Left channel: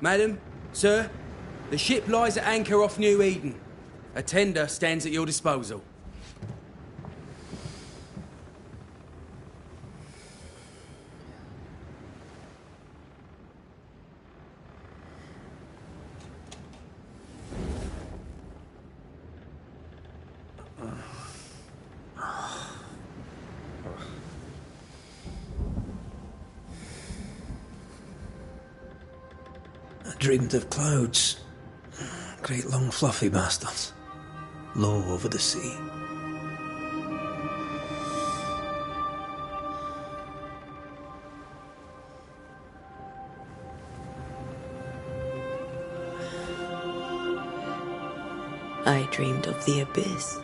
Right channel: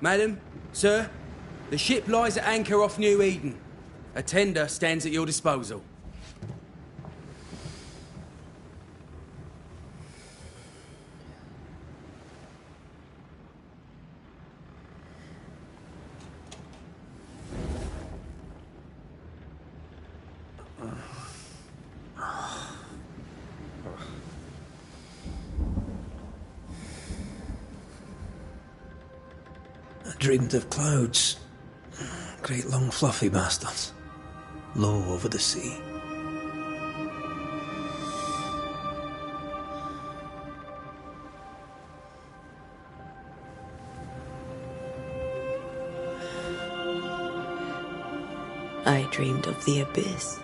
Madam, sir, the ship lies at anchor off New Eden. A tender stands at your disposal. I dreamed of clouds. Great long fluffy bastards. Low over the sea. I dreamed of the abyss,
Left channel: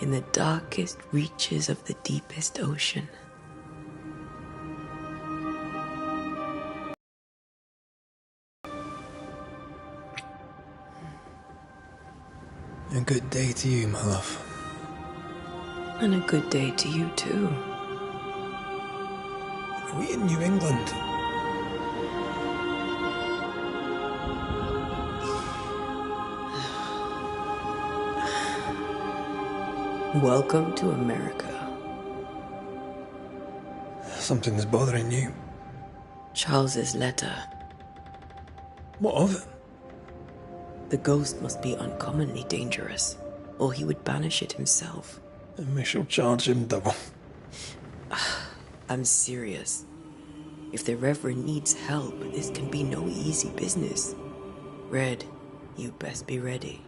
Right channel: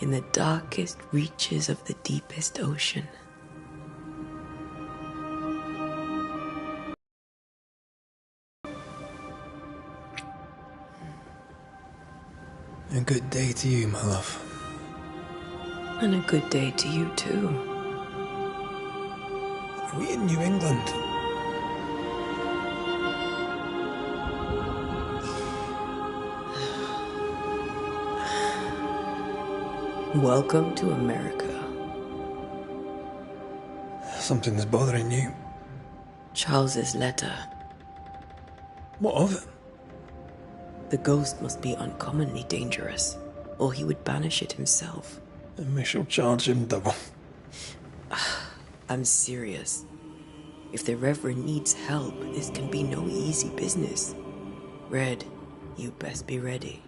in the darkest reaches of the deepest ocean. A good day to you, my love. And a good day to you, too. Are we in New England? Welcome to America. Something's bothering you. Charles's letter. What of it? The ghost must be uncommonly dangerous, or he would banish it himself. And we shall charge him double. I'm serious. If the Reverend needs help, this can be no easy business. Red, you best be ready.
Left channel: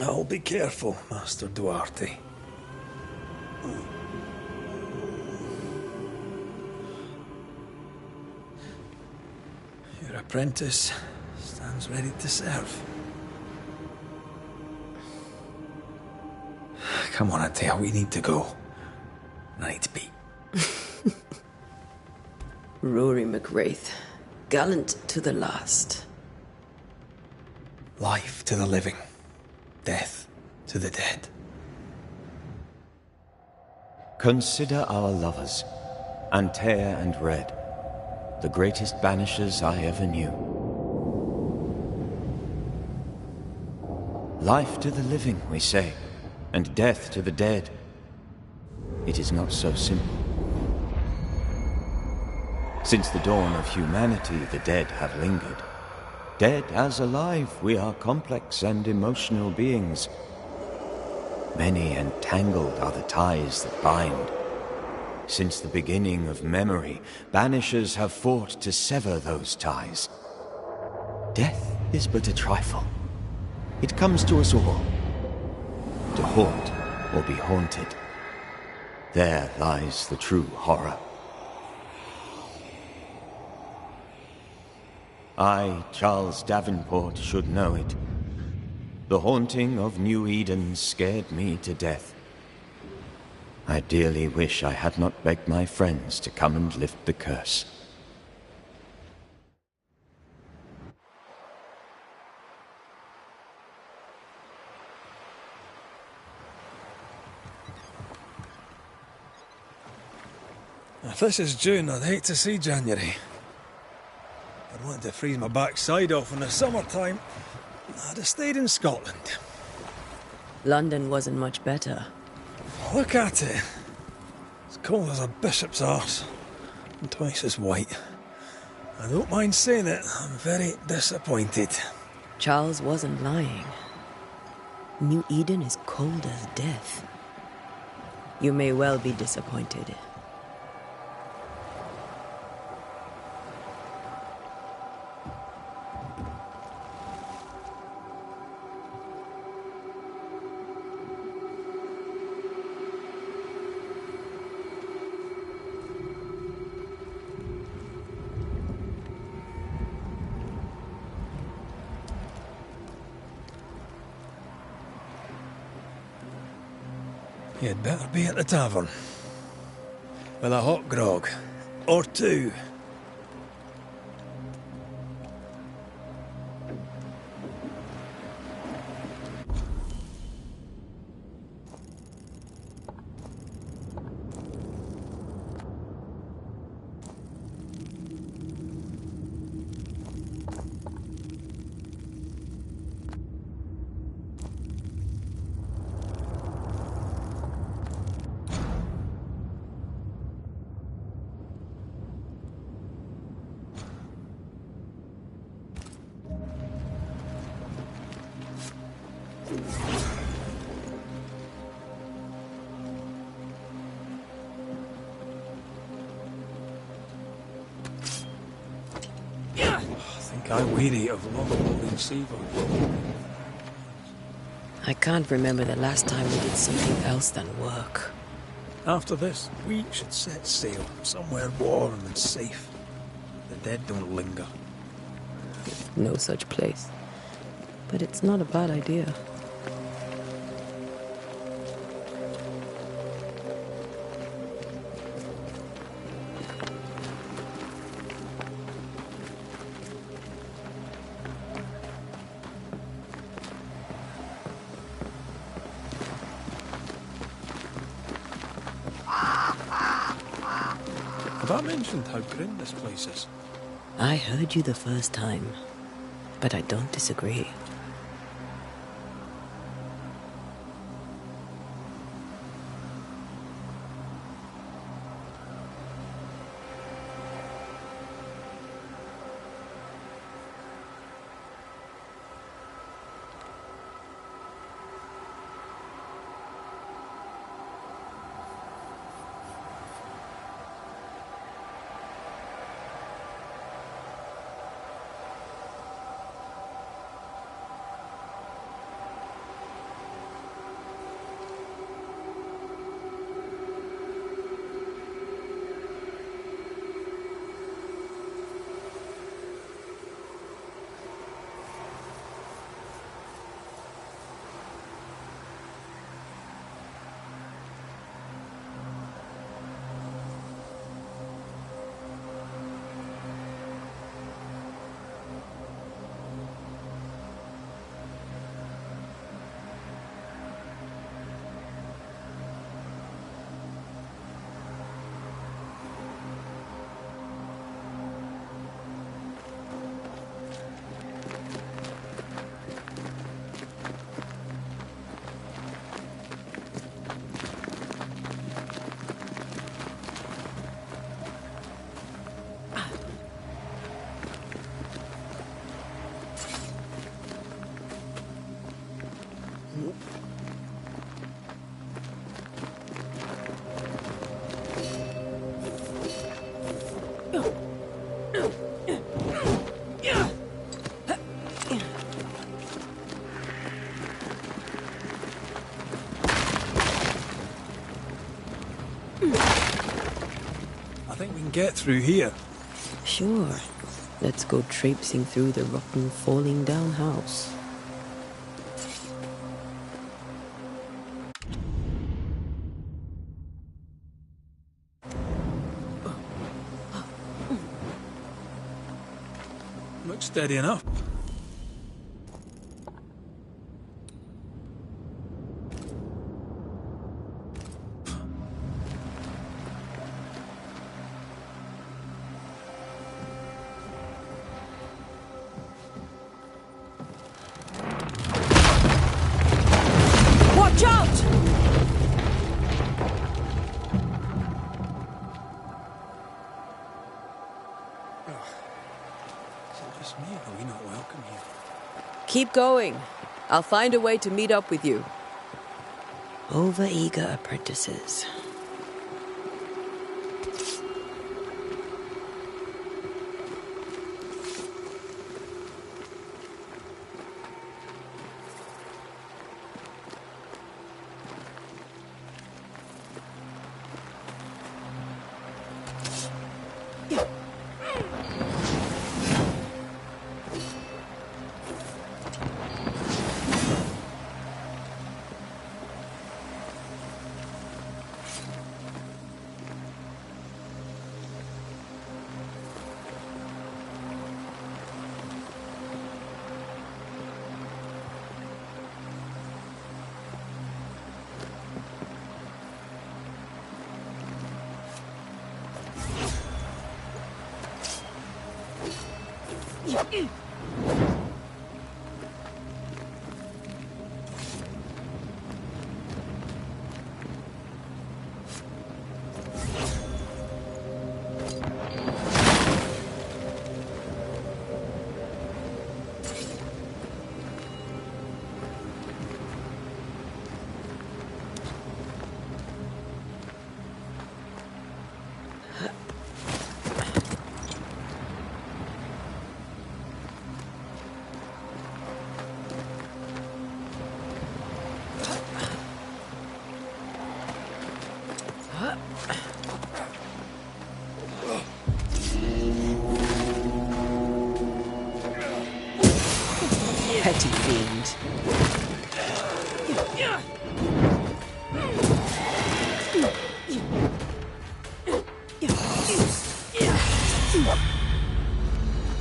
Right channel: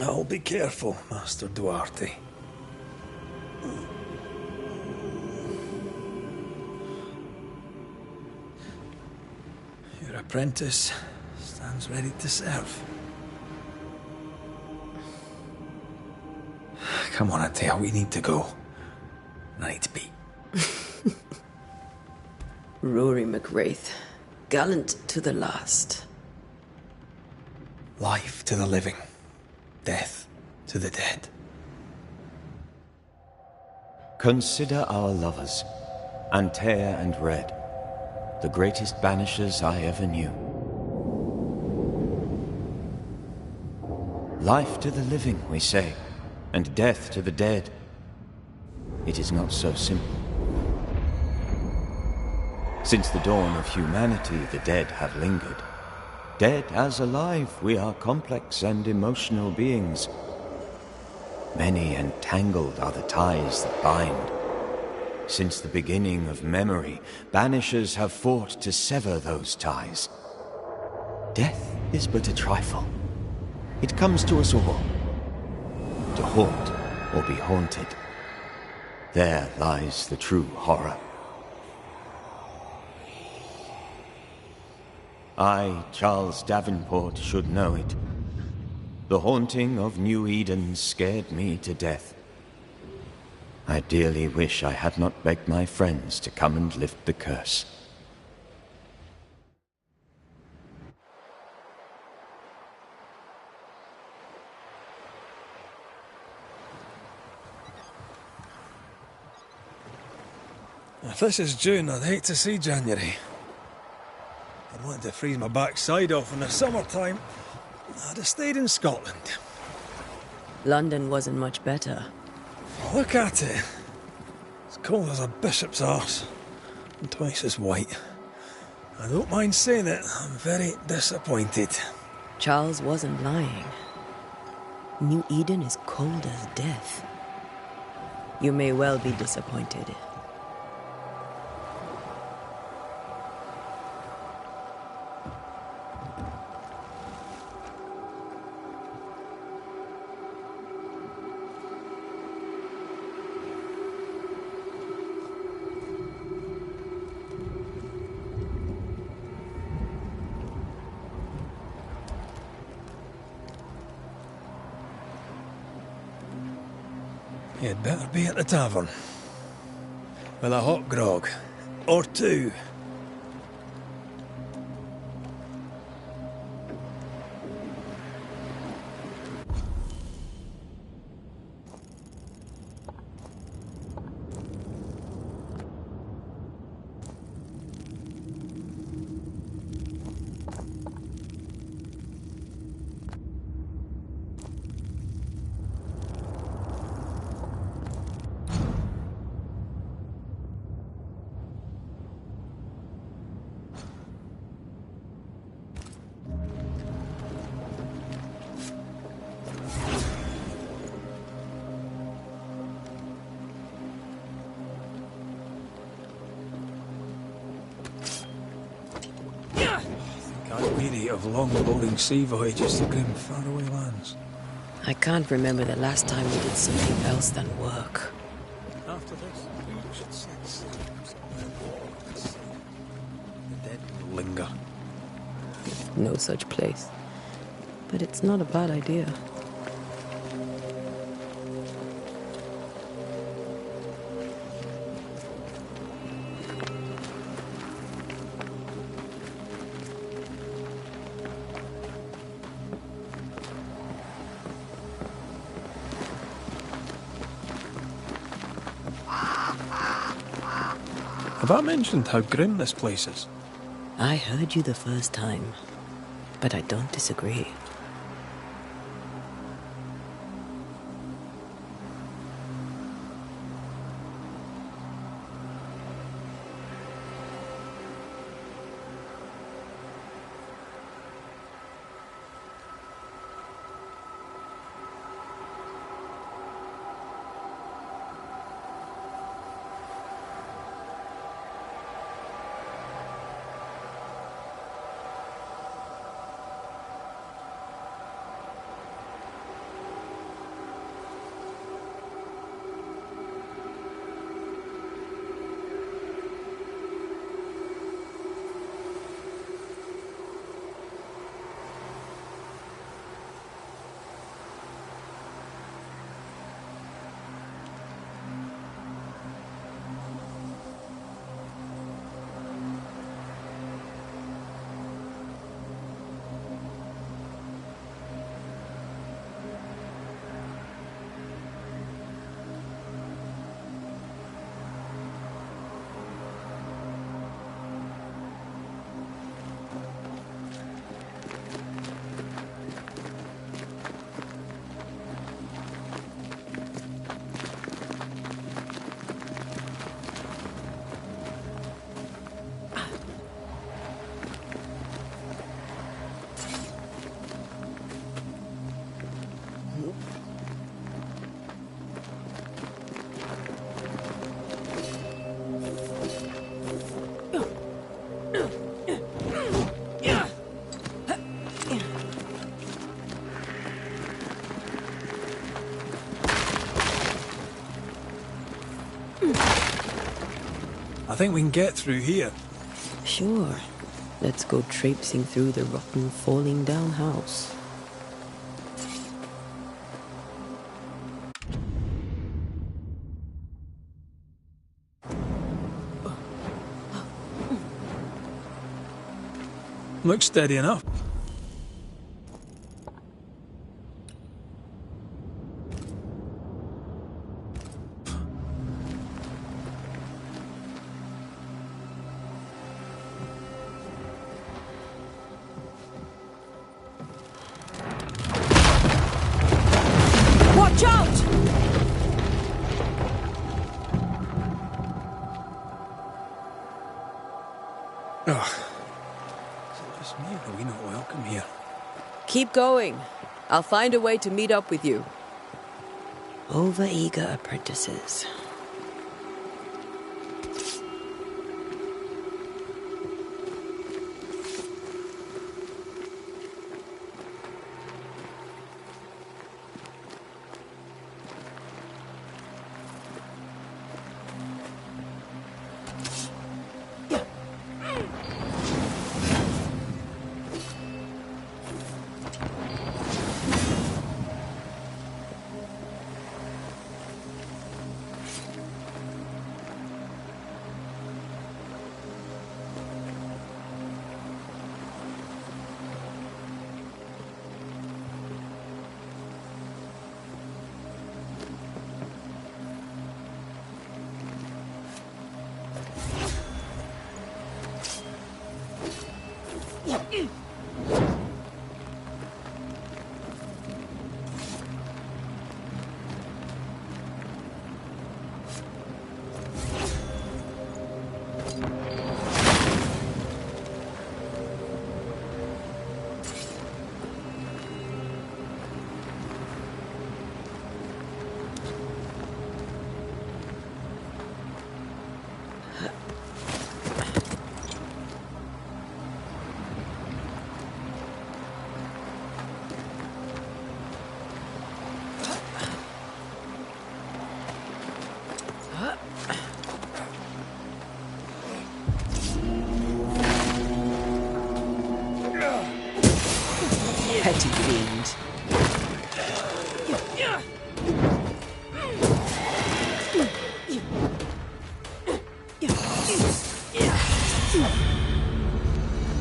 I'll be careful, Master Duarte. Your apprentice stands ready to serve. Come on, Atea, we need to go. I need to be. Rory McWraith, gallant to the last. Life to the living, death to the dead. Consider our lovers, Antea and Red, the greatest banishers I ever knew. Life to the living, we say, and death to the dead. It is not so simple. Since the dawn of humanity, the dead have lingered. Dead as alive, we are complex and emotional beings. Many and tangled are the ties that bind. Since the beginning of memory, banishers have fought to sever those ties. Death is but a trifle. It comes to us all. To haunt or be haunted. There lies the true horror. I, Charles Davenport, should know it. The haunting of New Eden scared me to death. I dearly wish I had not begged my friends to come and lift the curse. If this is June, I'd hate to see January. I'd want to freeze my backside off in the summertime. I'd have stayed in Scotland. London wasn't much better. Look at it. It's cold as a bishop's arse. And twice as white. I don't mind saying it, I'm very disappointed. Charles wasn't lying. New Eden is cold as death. You may well be disappointed. You'd better be at the tavern. With a hot grog. Or two. Guy weary of long, boring sea voyages looking faraway lands. I can't remember the last time we did something else than work. After this, we should set sail somewhere warm and safe. The dead don't linger. No such place. But it's not a bad idea. Have I mentioned how grim this place is? I heard you the first time, but I don't disagree. I think we can get through here. Sure. Let's go traipsing through the rotten, falling down house. Looks steady enough. Watch out! Ugh. Is it just me or are we not welcome here? Keep going. I'll find a way to meet up with you. Overeager apprentices. Petty fiend.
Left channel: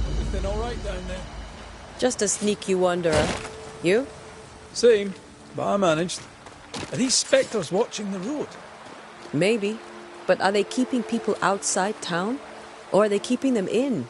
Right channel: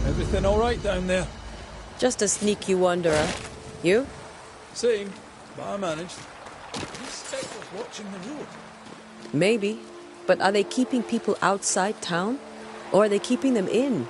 Everything all right down there? Just a sneaky wanderer. You? Same, but I managed. Are these spectres watching the road? Maybe. But are they keeping people outside town? Or are they keeping them in?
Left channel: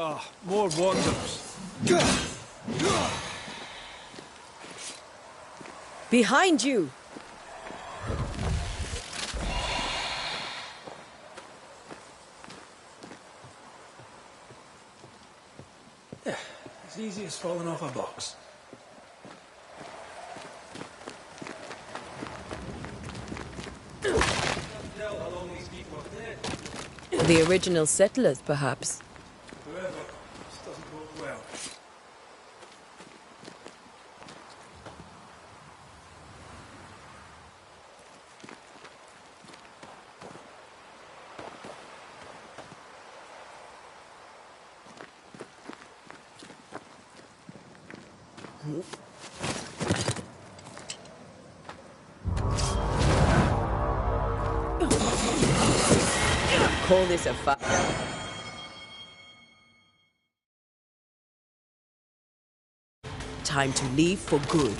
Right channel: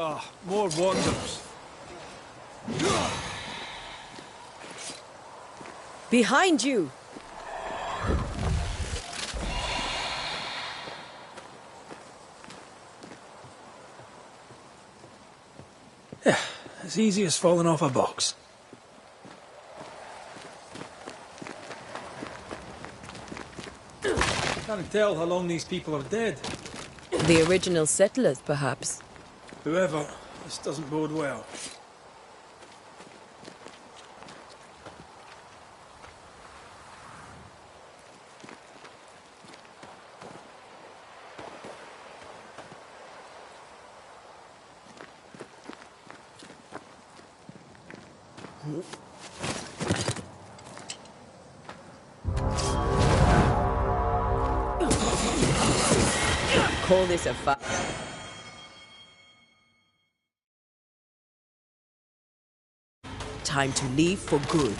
Ah, more wanderers. Behind you! As easy as falling off a box. Can't tell how long these people are dead. The original settlers, perhaps. Whoever, this doesn't bode well. Call this a fight. Time to leave for good.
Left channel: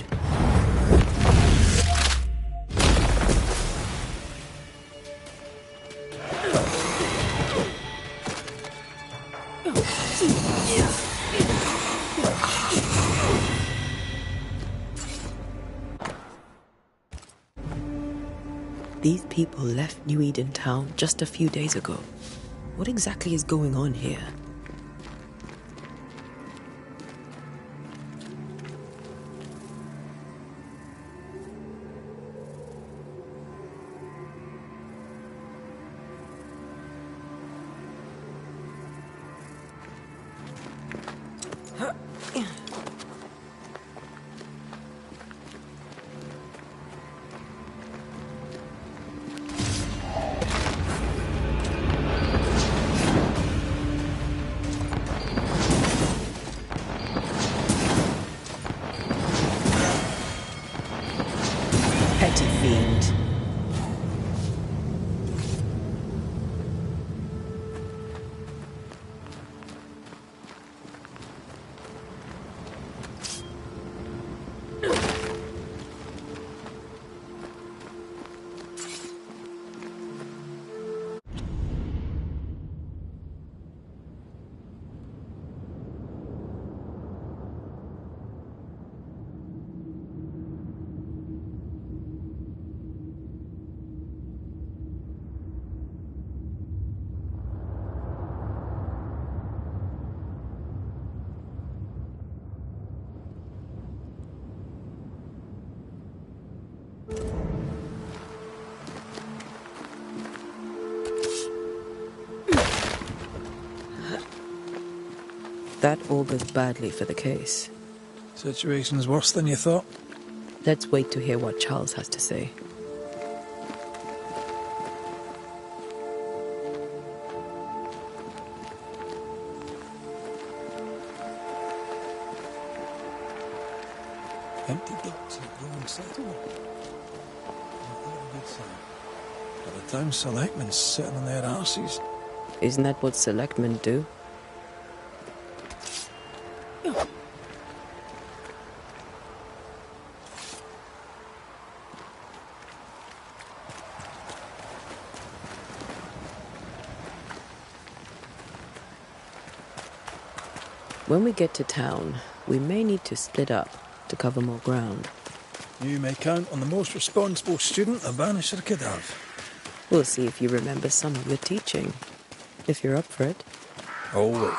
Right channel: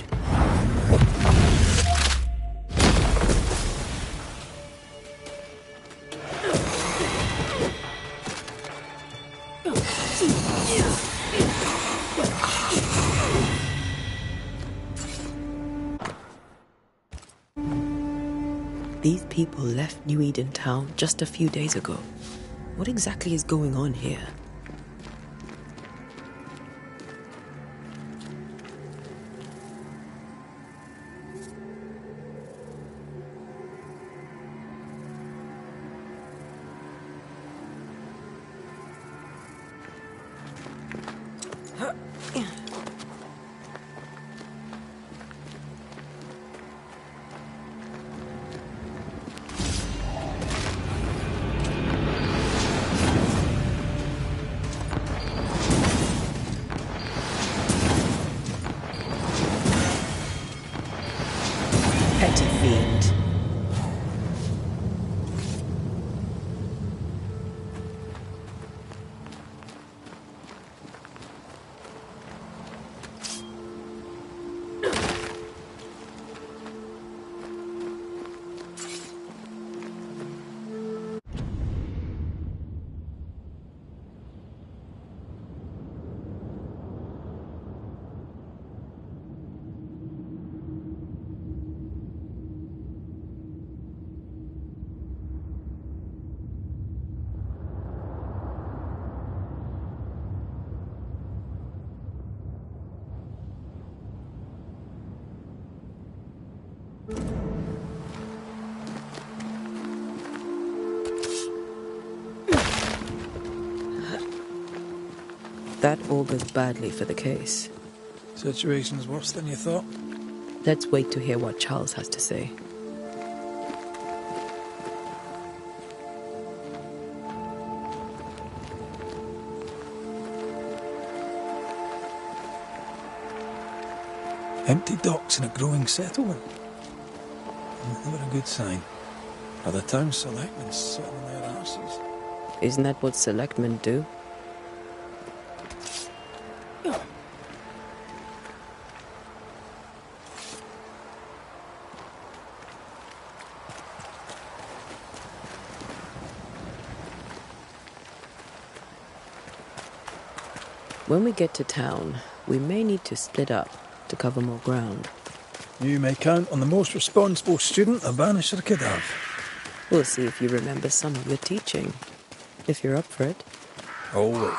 These people left New Eden town just a few days ago. What exactly is going on here? Petty fiend. That augurs badly for the case. Situation's worse than you thought. Let's wait to hear what Charles has to say. Empty docks in a growing settlement. Never a good sign. Are the town selectmen sitting on their arses? Isn't that what selectmen do? When we get to town, we may need to split up to cover more ground. You may count on the most responsible student a Banisher could have. We'll see if you remember some of your teaching, if you're up for it. Always.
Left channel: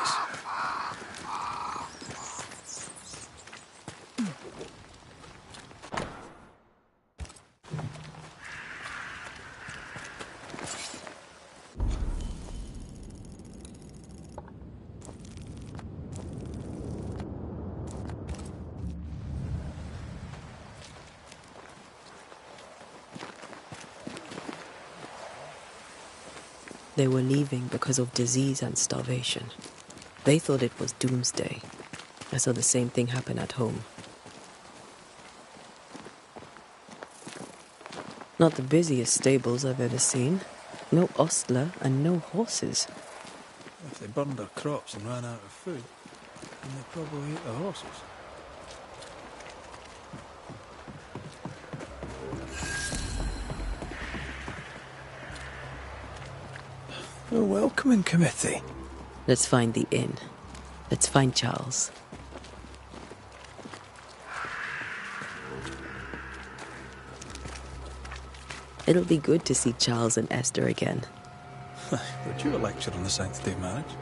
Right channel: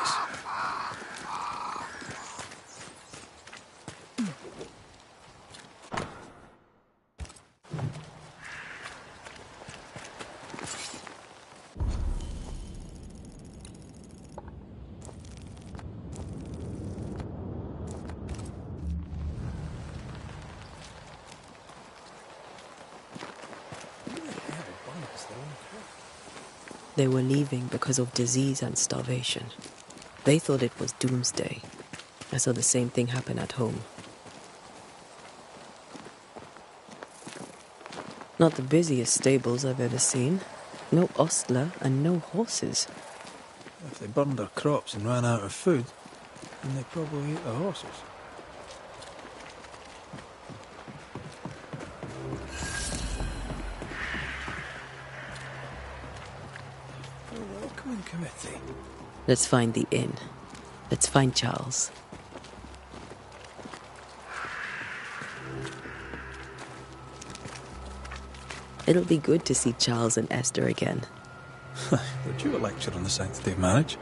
They were leaving because of disease and starvation. They thought it was doomsday. I saw the same thing happen at home. Not the busiest stables I've ever seen. No ostler and no horses. If they burned their crops and ran out of food, then they probably ate the horses. A welcoming committee. Let's find the inn. Let's find Charles. It'll be good to see Charles and Esther again. Would you a lecture on the sanctity of marriage?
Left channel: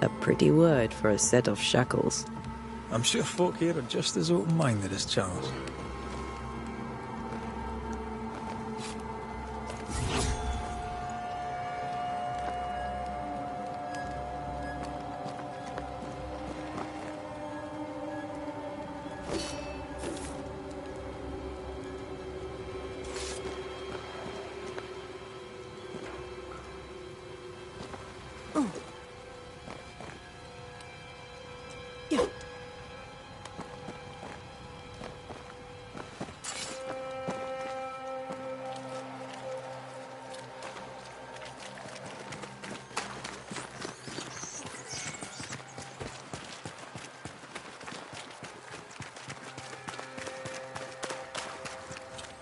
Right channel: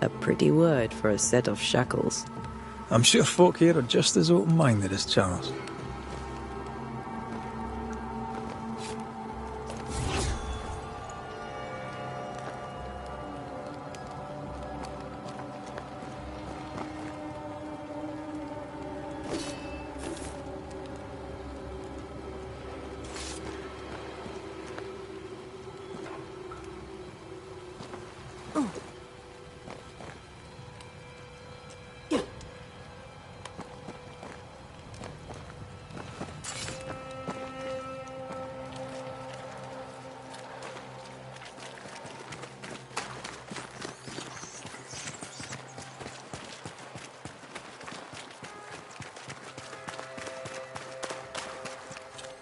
A pretty word for a set of shackles. I'm sure folk here are just as open-minded as Charles.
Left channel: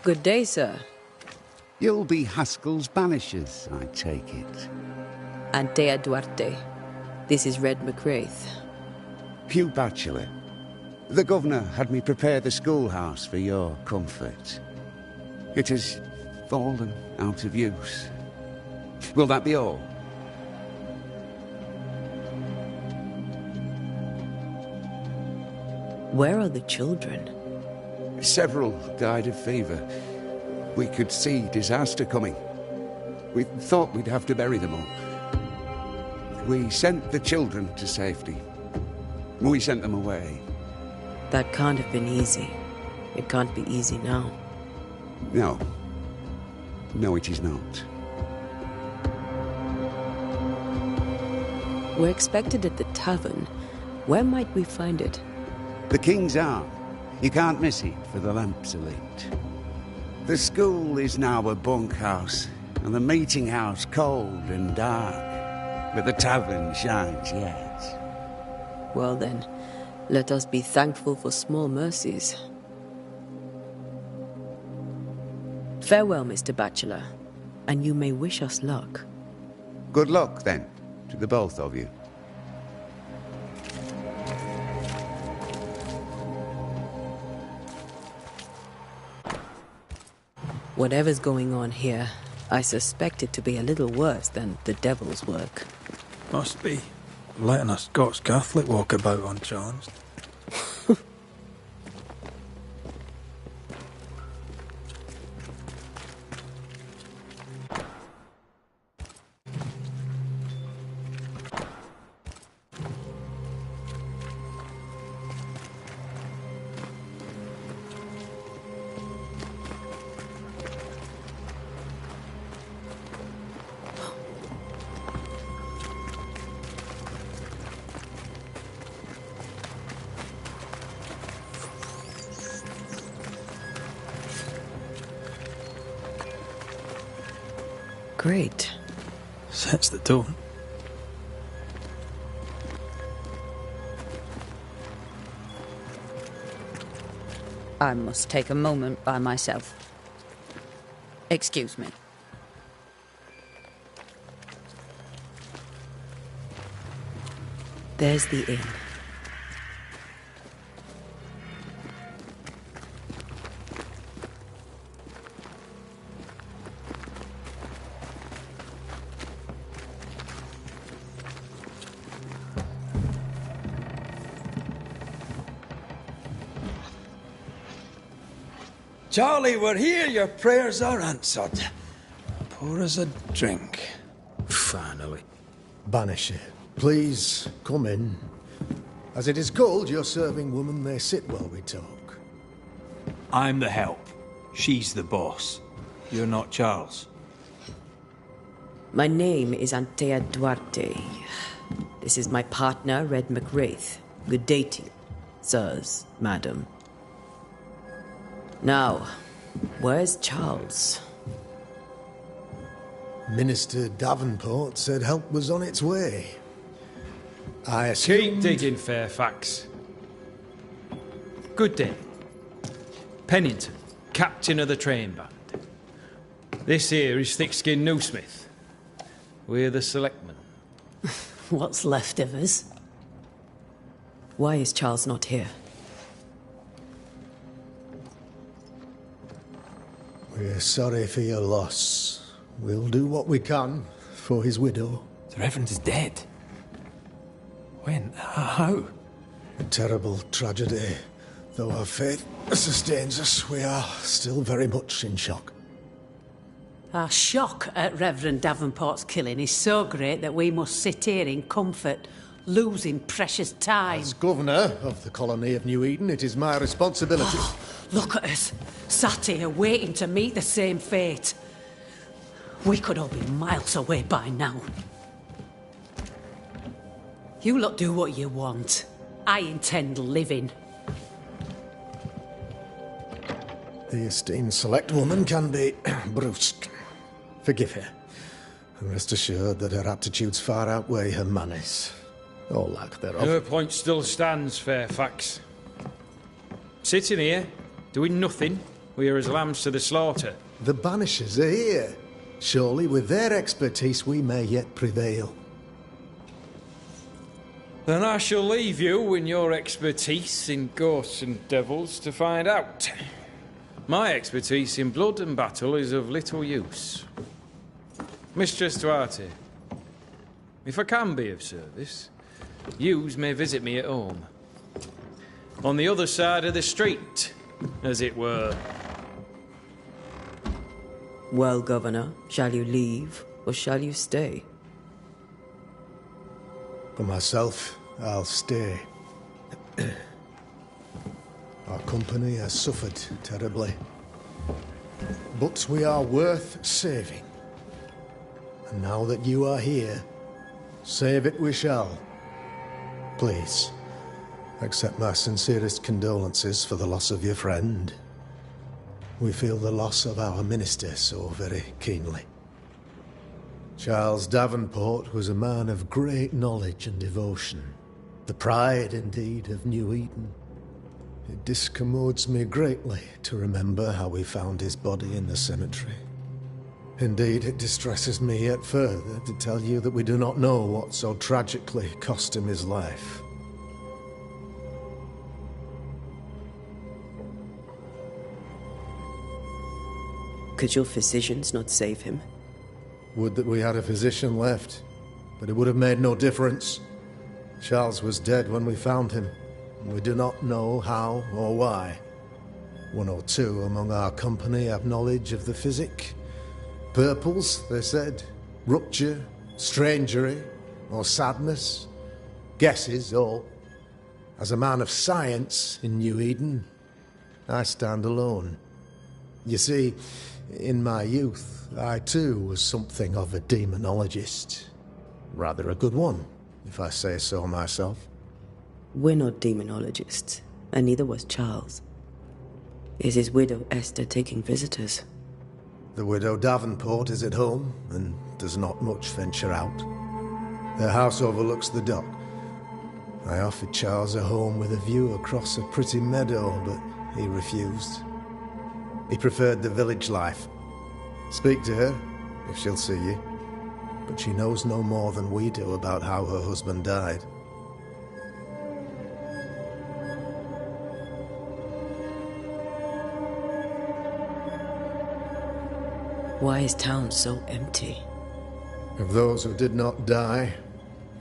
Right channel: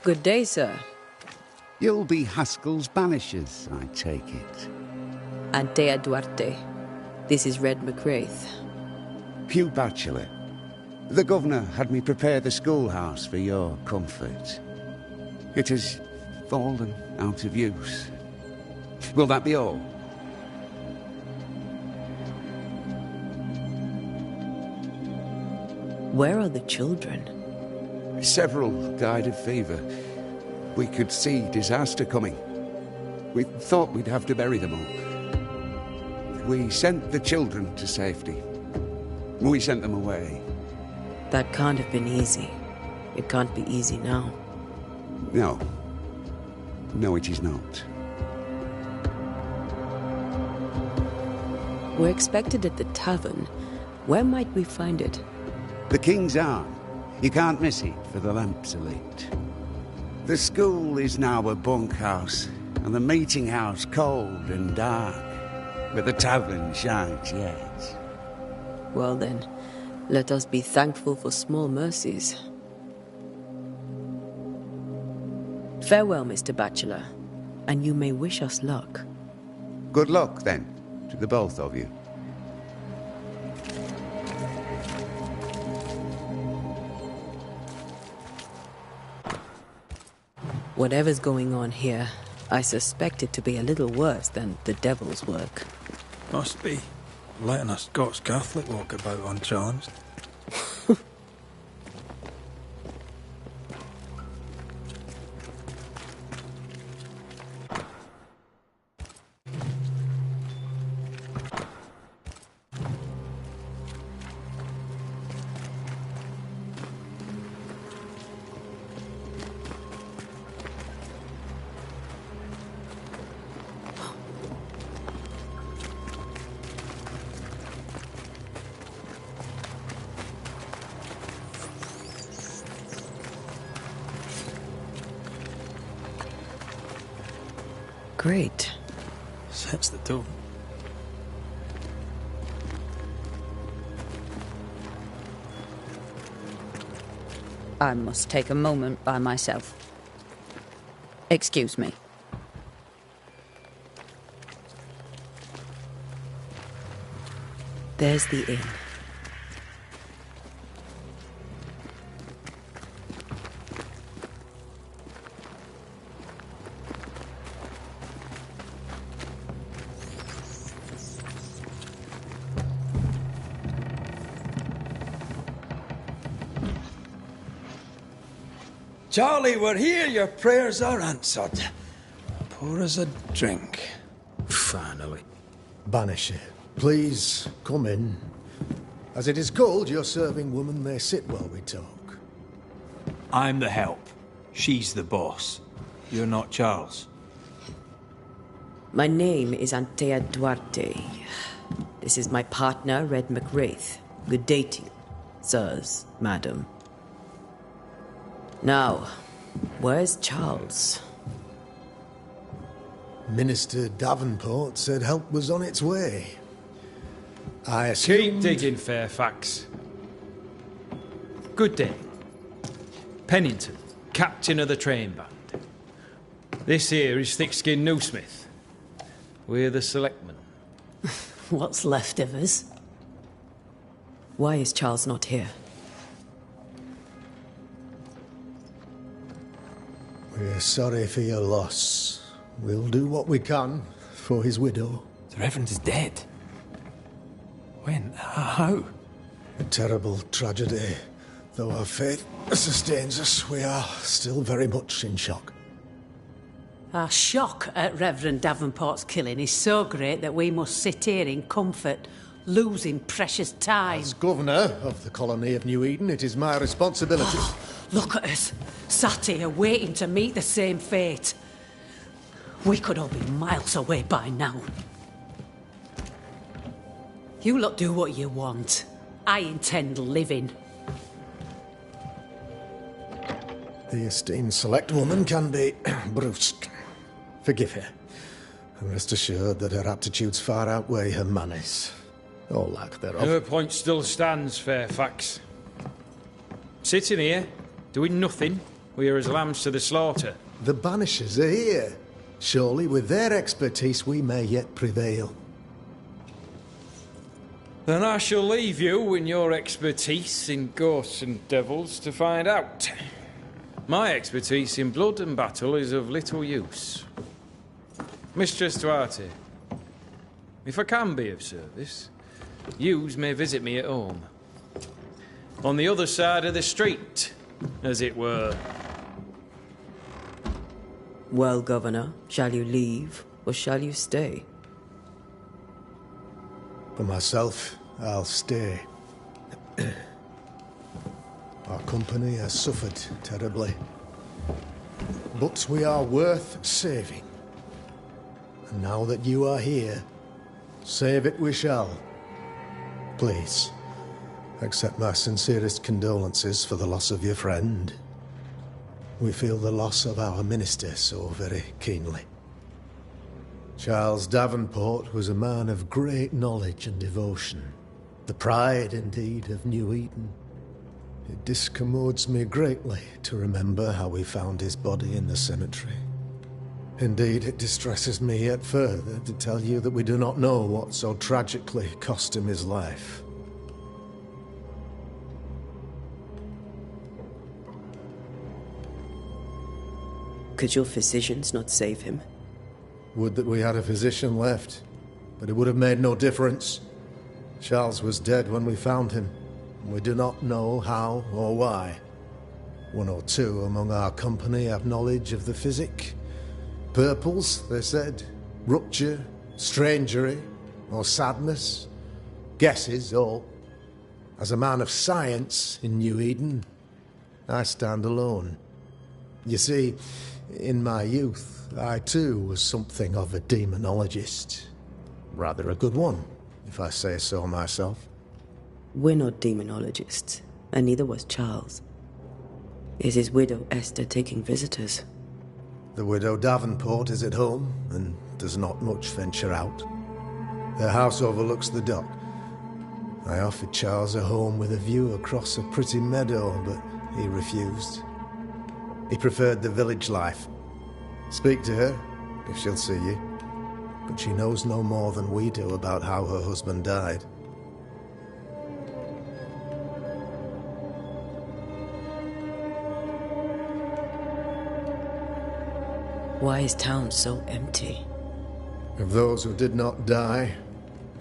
Good day, sir. You'll be Haskell's Banishers, I take it. Antea Duarte. This is Red McWraith. Hugh Batchelor. The governor had me prepare the schoolhouse for your comfort. It has fallen out of use. Will that be all? Where are the children? Several died of fever. We could see disaster coming. We thought we'd have to bury them all. We sent the children to safety. We sent them away. That can't have been easy. It can't be easy now. No. No, it is not. We're expected at the tavern. Where might we find it? The King's Arm. You can't miss it, for the lamps are lit. The school is now a bunkhouse, and the meeting house cold and dark. But the tavern shines yet. Well then, let us be thankful for small mercies. Farewell, Mr. Batchelor, and you may wish us luck. Good luck, then, to the both of you. Whatever's going on here, I suspect it to be a little worse than the devil's work. Must be. Letting a Scots Catholic walk about unchallenged. Great. Sets the tone. I must take a moment by myself. Excuse me. There's the inn. Charlie, we're here. Your prayers are answered. Pour us a drink. Finally. Banisher, please come in. As it is called, your serving woman may sit while we talk. I'm the help. She's the boss. You're not Charles. My name is Antea Duarte. This is my partner, Red McWraith. Good day to you, sirs, madam. Now, where's Charles? Minister Davenport said help was on its way. I Keep assumed... digging, Fairfax. Good day. Pennington, captain of the train band. This here is Thick-Skinned Newsmith. We're the selectmen. What's left of us? Why is Charles not here? We're sorry for your loss. We'll do what we can for his widow. The Reverend is dead. When? How? A terrible tragedy. Though our faith sustains us, we are still very much in shock. Our shock at Reverend Davenport's killing is so great that we must sit here in comfort, losing precious time. As governor of the colony of New Eden, it is my responsibility... Look at us, sat here waiting to meet the same fate. We could all be miles away by now. You lot do what you want. I intend living. The esteemed select woman can be brusque. Forgive her. And rest assured that her aptitudes far outweigh her manners. Or lack thereof. Her point still stands, Fairfax. Sitting here, doing nothing, we are as lambs to the slaughter. The Banishers are here. Surely with their expertise we may yet prevail. Then I shall leave you in your expertise in ghosts and devils to find out. My expertise in blood and battle is of little use. Mistress Duarte, if I can be of service, yous may visit me at home. On the other side of the street, as it were. Well, Governor, shall you leave or shall you stay? For myself, I'll stay. Our company has suffered terribly. But we are worth saving. And now that you are here, save it we shall. Please, accept my sincerest condolences for the loss of your friend. We feel the loss of our minister so very keenly. Charles Davenport was a man of great knowledge and devotion. The pride, indeed, of New Eden. It discommodes me greatly to remember how we found his body in the cemetery. Indeed, it distresses me yet further to tell you that we do not know what so tragically cost him his life. Could your physicians not save him? Would that we had a physician left, but it would have made no difference. Charles was dead when we found him, and we do not know how or why. One or two among our company have knowledge of the physic. Purples, they said, rupture, strangery, or sadness. Guesses, all. As a man of science in New Eden, I stand alone. You see, in my youth, I too was something of a demonologist. Rather a good one, if I say so myself. We're not demonologists, and neither was Charles. Is his widow Esther taking visitors? The widow Davenport is at home and does not much venture out. Their house overlooks the dock. I offered Charles a home with a view across a pretty meadow, but he refused. He preferred the village life. Speak to her, if she'll see you. But she knows no more than we do about how her husband died. Why is town so empty? Of those who did not die,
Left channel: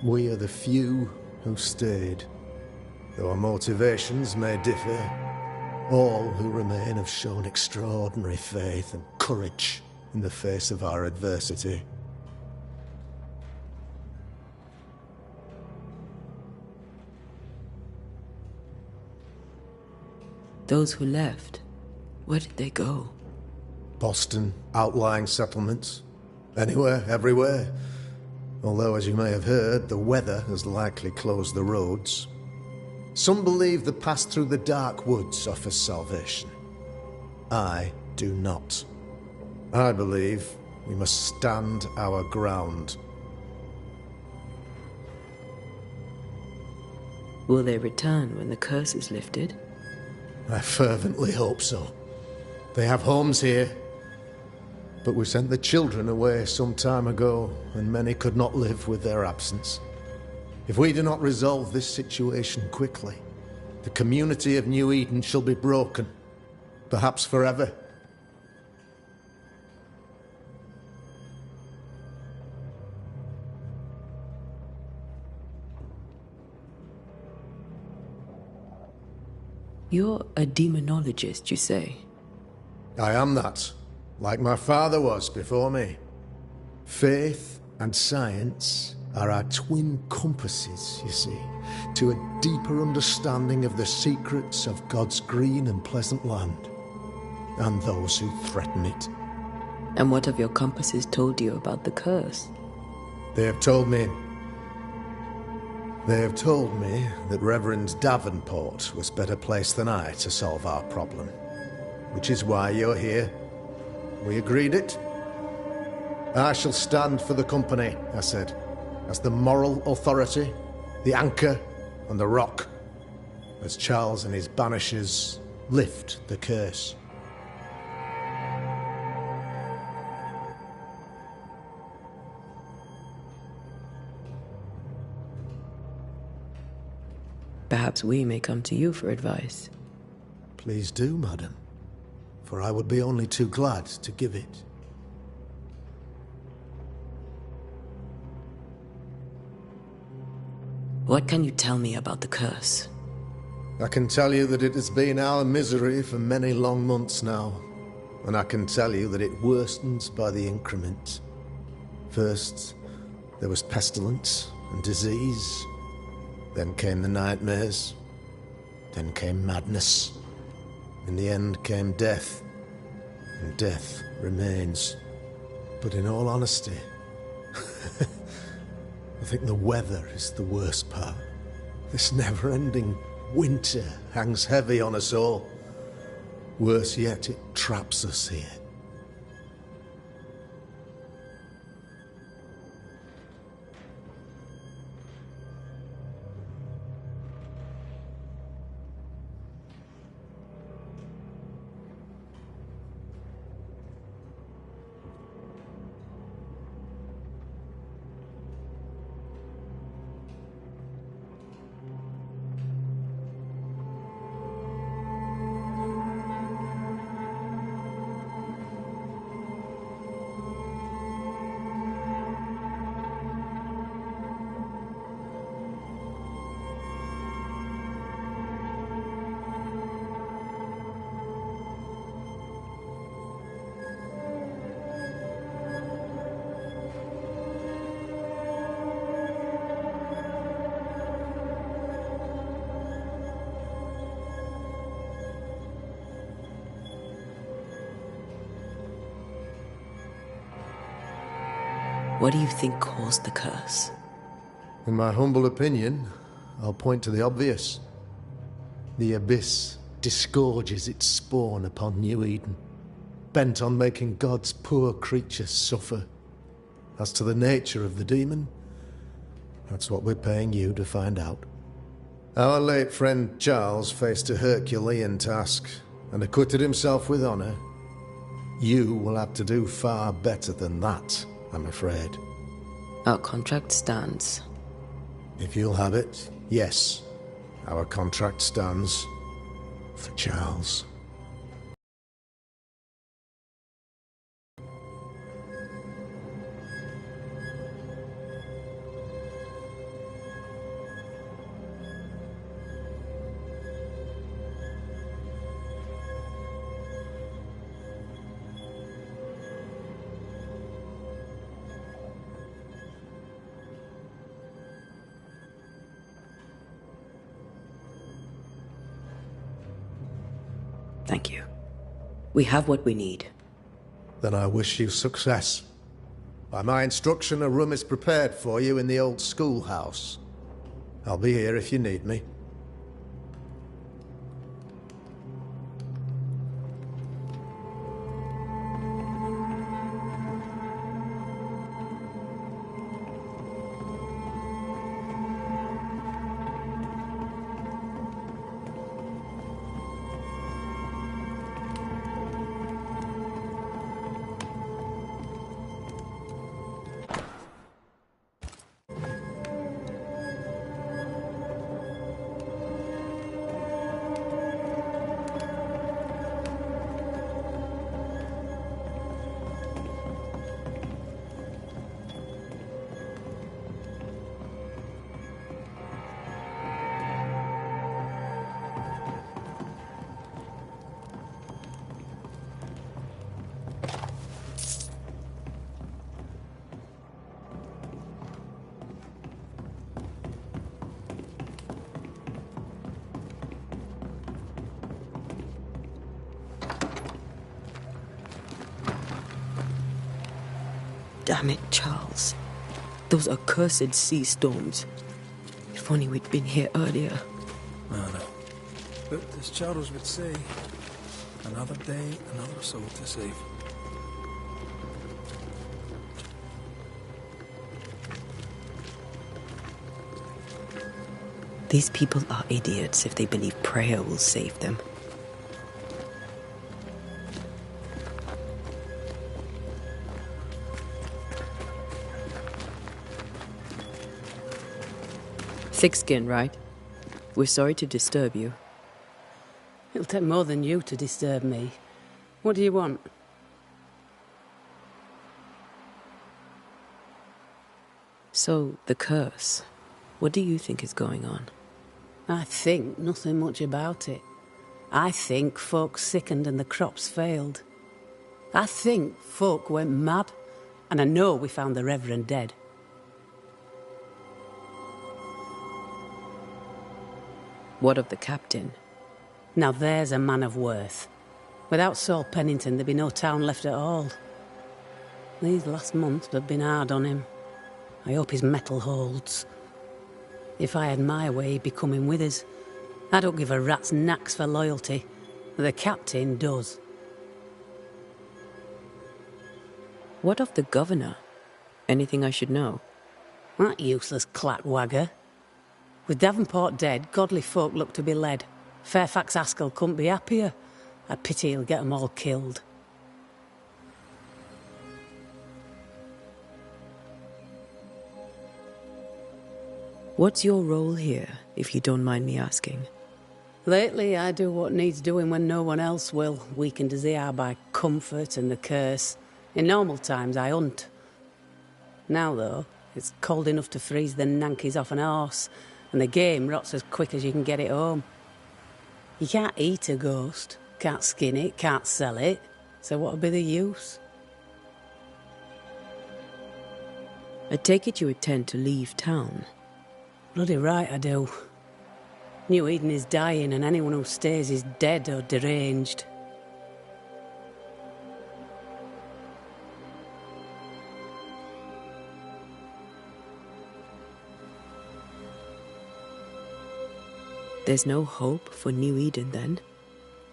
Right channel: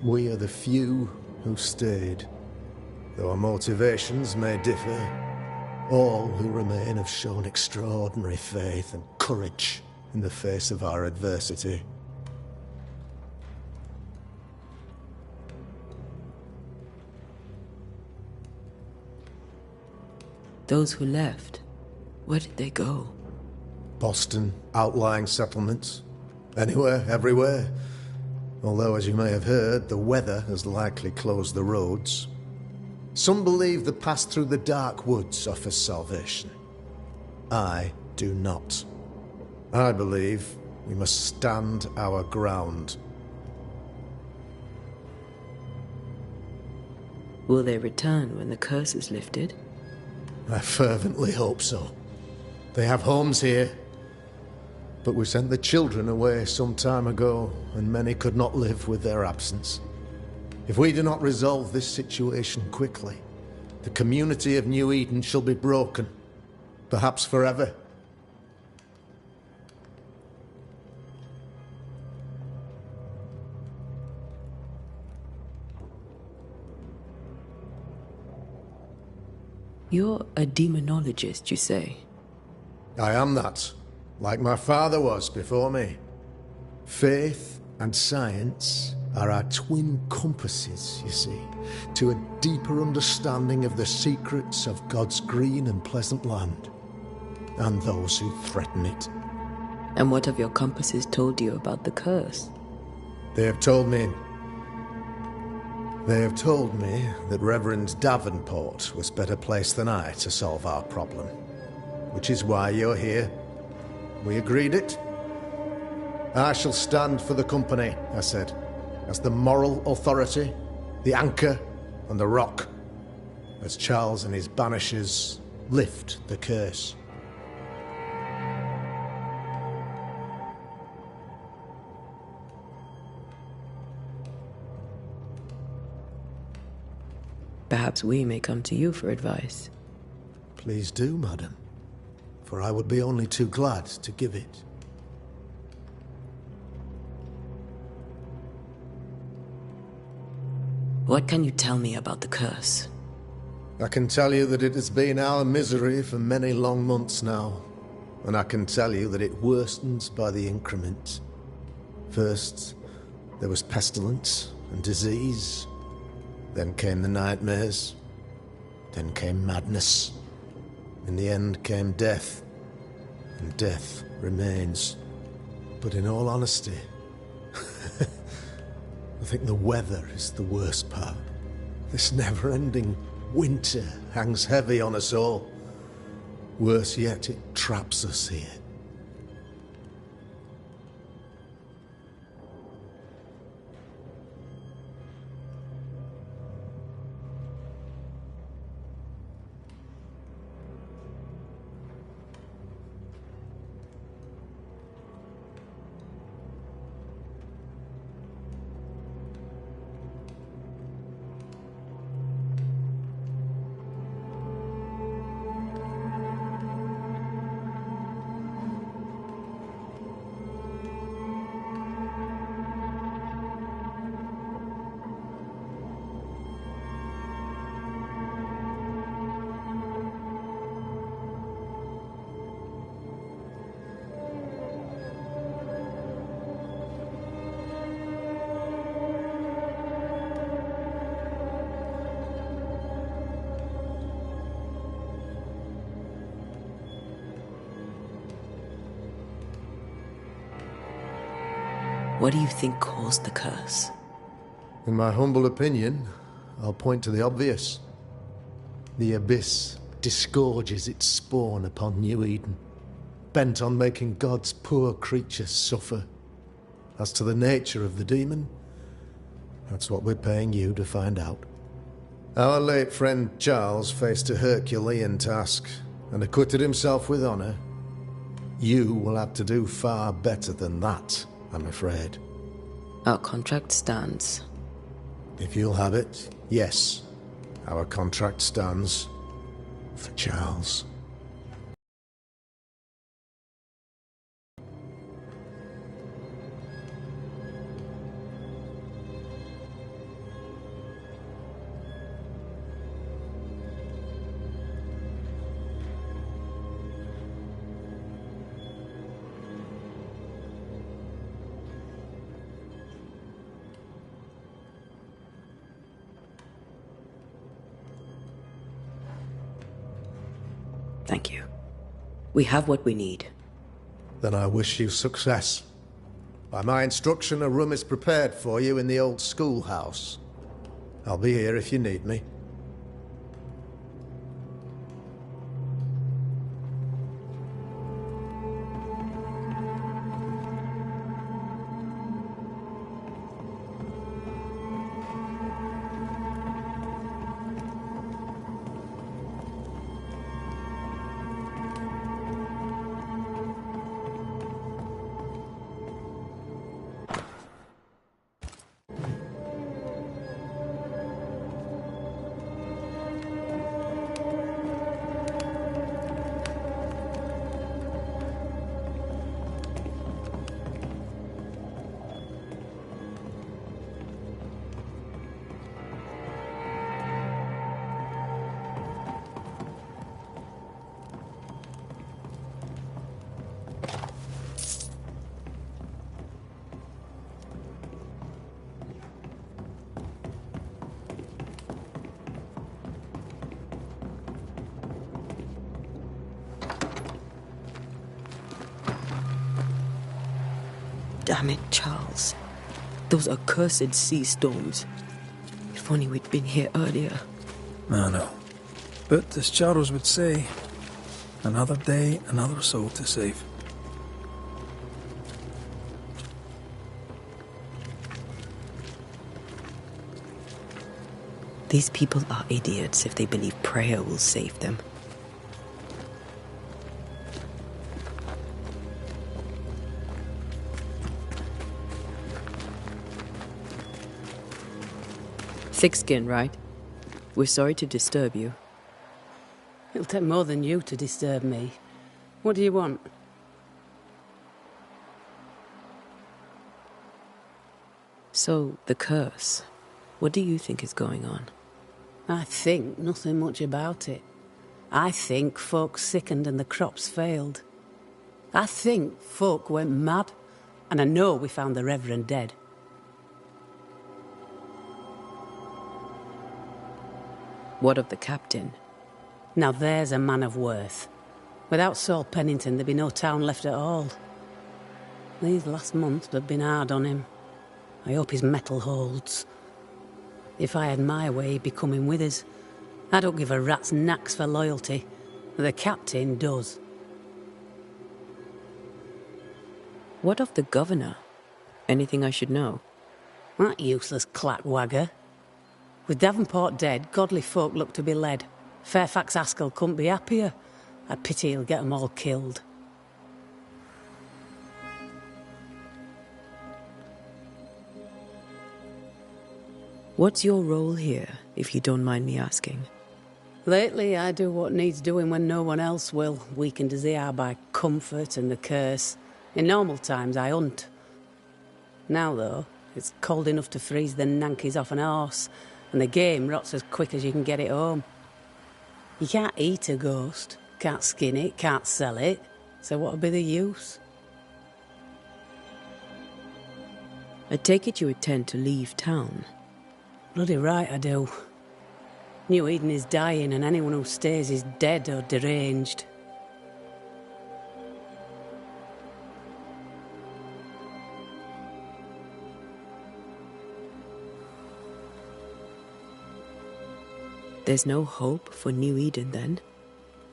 we are the few who stayed. Though our motivations may differ, all who remain have shown extraordinary faith and courage in the face of our adversity. Those who left, where did they go? Boston, outlying settlements. Anywhere, everywhere. Although, as you may have heard, the weather has likely closed the roads. Some believe the path through the dark woods offers salvation. I do not. I believe we must stand our ground. Will they return when the curse is lifted? I fervently hope so. They have homes here. But we sent the children away some time ago, and many could not live with their absence. If we do not resolve this situation quickly, the community of New Eden shall be broken, perhaps forever. You're a demonologist, you say? I am that, like my father was before me. Faith and science are our twin compasses, you see, to a deeper understanding of the secrets of God's green and pleasant land, and those who threaten it. And what have your compasses told you about the curse? They have told me that Reverend Davenport was better placed than I to solve our problem. Which is why you're here. We agreed it. I shall stand for the company, I said, as the moral authority, the anchor, and the rock, as Charles and his Banishers lift the curse. Perhaps we may come to you for advice. Please do, madam, for I would be only too glad to give it. What can you tell me about the curse? I can tell you that it has been our misery for many long months now, and I can tell you that it worsens by the increment. First, there was pestilence and disease. Then came the nightmares. Then came madness. In the end came death. And death remains. But in all honesty, I think the weather is the worst part. This never-ending winter hangs heavy on us all. Worse yet, it traps us here. What do you think caused the curse? In my humble opinion, I'll point to the obvious. The abyss disgorges its spawn upon New Eden. bent on making God's poor creatures suffer. As to the nature of the demon, that's what we're paying you to find out. Our late friend Charles faced a Herculean task and acquitted himself with honor. You will have to do far better than that, I'm afraid. Our contract stands. If you'll have it, yes. Our contract stands for Charles. Thank you. We have what we need. Then I wish you success. By my instruction, a room is prepared for you in the old schoolhouse. I'll be here if you need me. Damn it, Charles. Those accursed sea storms. If only we'd been here earlier. I know. But as Charles would say, another day, another soul to save. These people are idiots if they believe prayer will save them. Thick skin, right? We're sorry to disturb you. It'll take more than you to disturb me. What do you want? So, the curse. What do you think is going on? I think nothing much about it. I think folk sickened and the crops failed. I think folk went mad, and I know we found the Reverend dead. What of the captain? Now there's a man of worth. Without Saul Pennington, there'd be no town left at all. These last months have been hard on him. I hope his mettle holds. If I had my way, he'd be coming with us. I don't give a rat's knacks for loyalty. The captain does. What of the governor? Anything I should know? That useless clackwagger. With Davenport dead, godly folk look to be led. Fairfax Askell couldn't be happier. I pity he'll get 'em all killed. What's your role here, if you don't mind me asking? Lately, I do what needs doing when no one else will, weakened as they are by comfort and the curse. In normal times, I hunt. Now, though, it's cold enough to freeze the nankies off an horse, and the game rots as quick as you can get it home. You can't eat a ghost, can't skin it, can't sell it, so what would be the use? I take it you intend to leave town. Bloody right I do. New Eden is dying, and anyone who stays is dead or deranged. There's no hope for New Eden, then?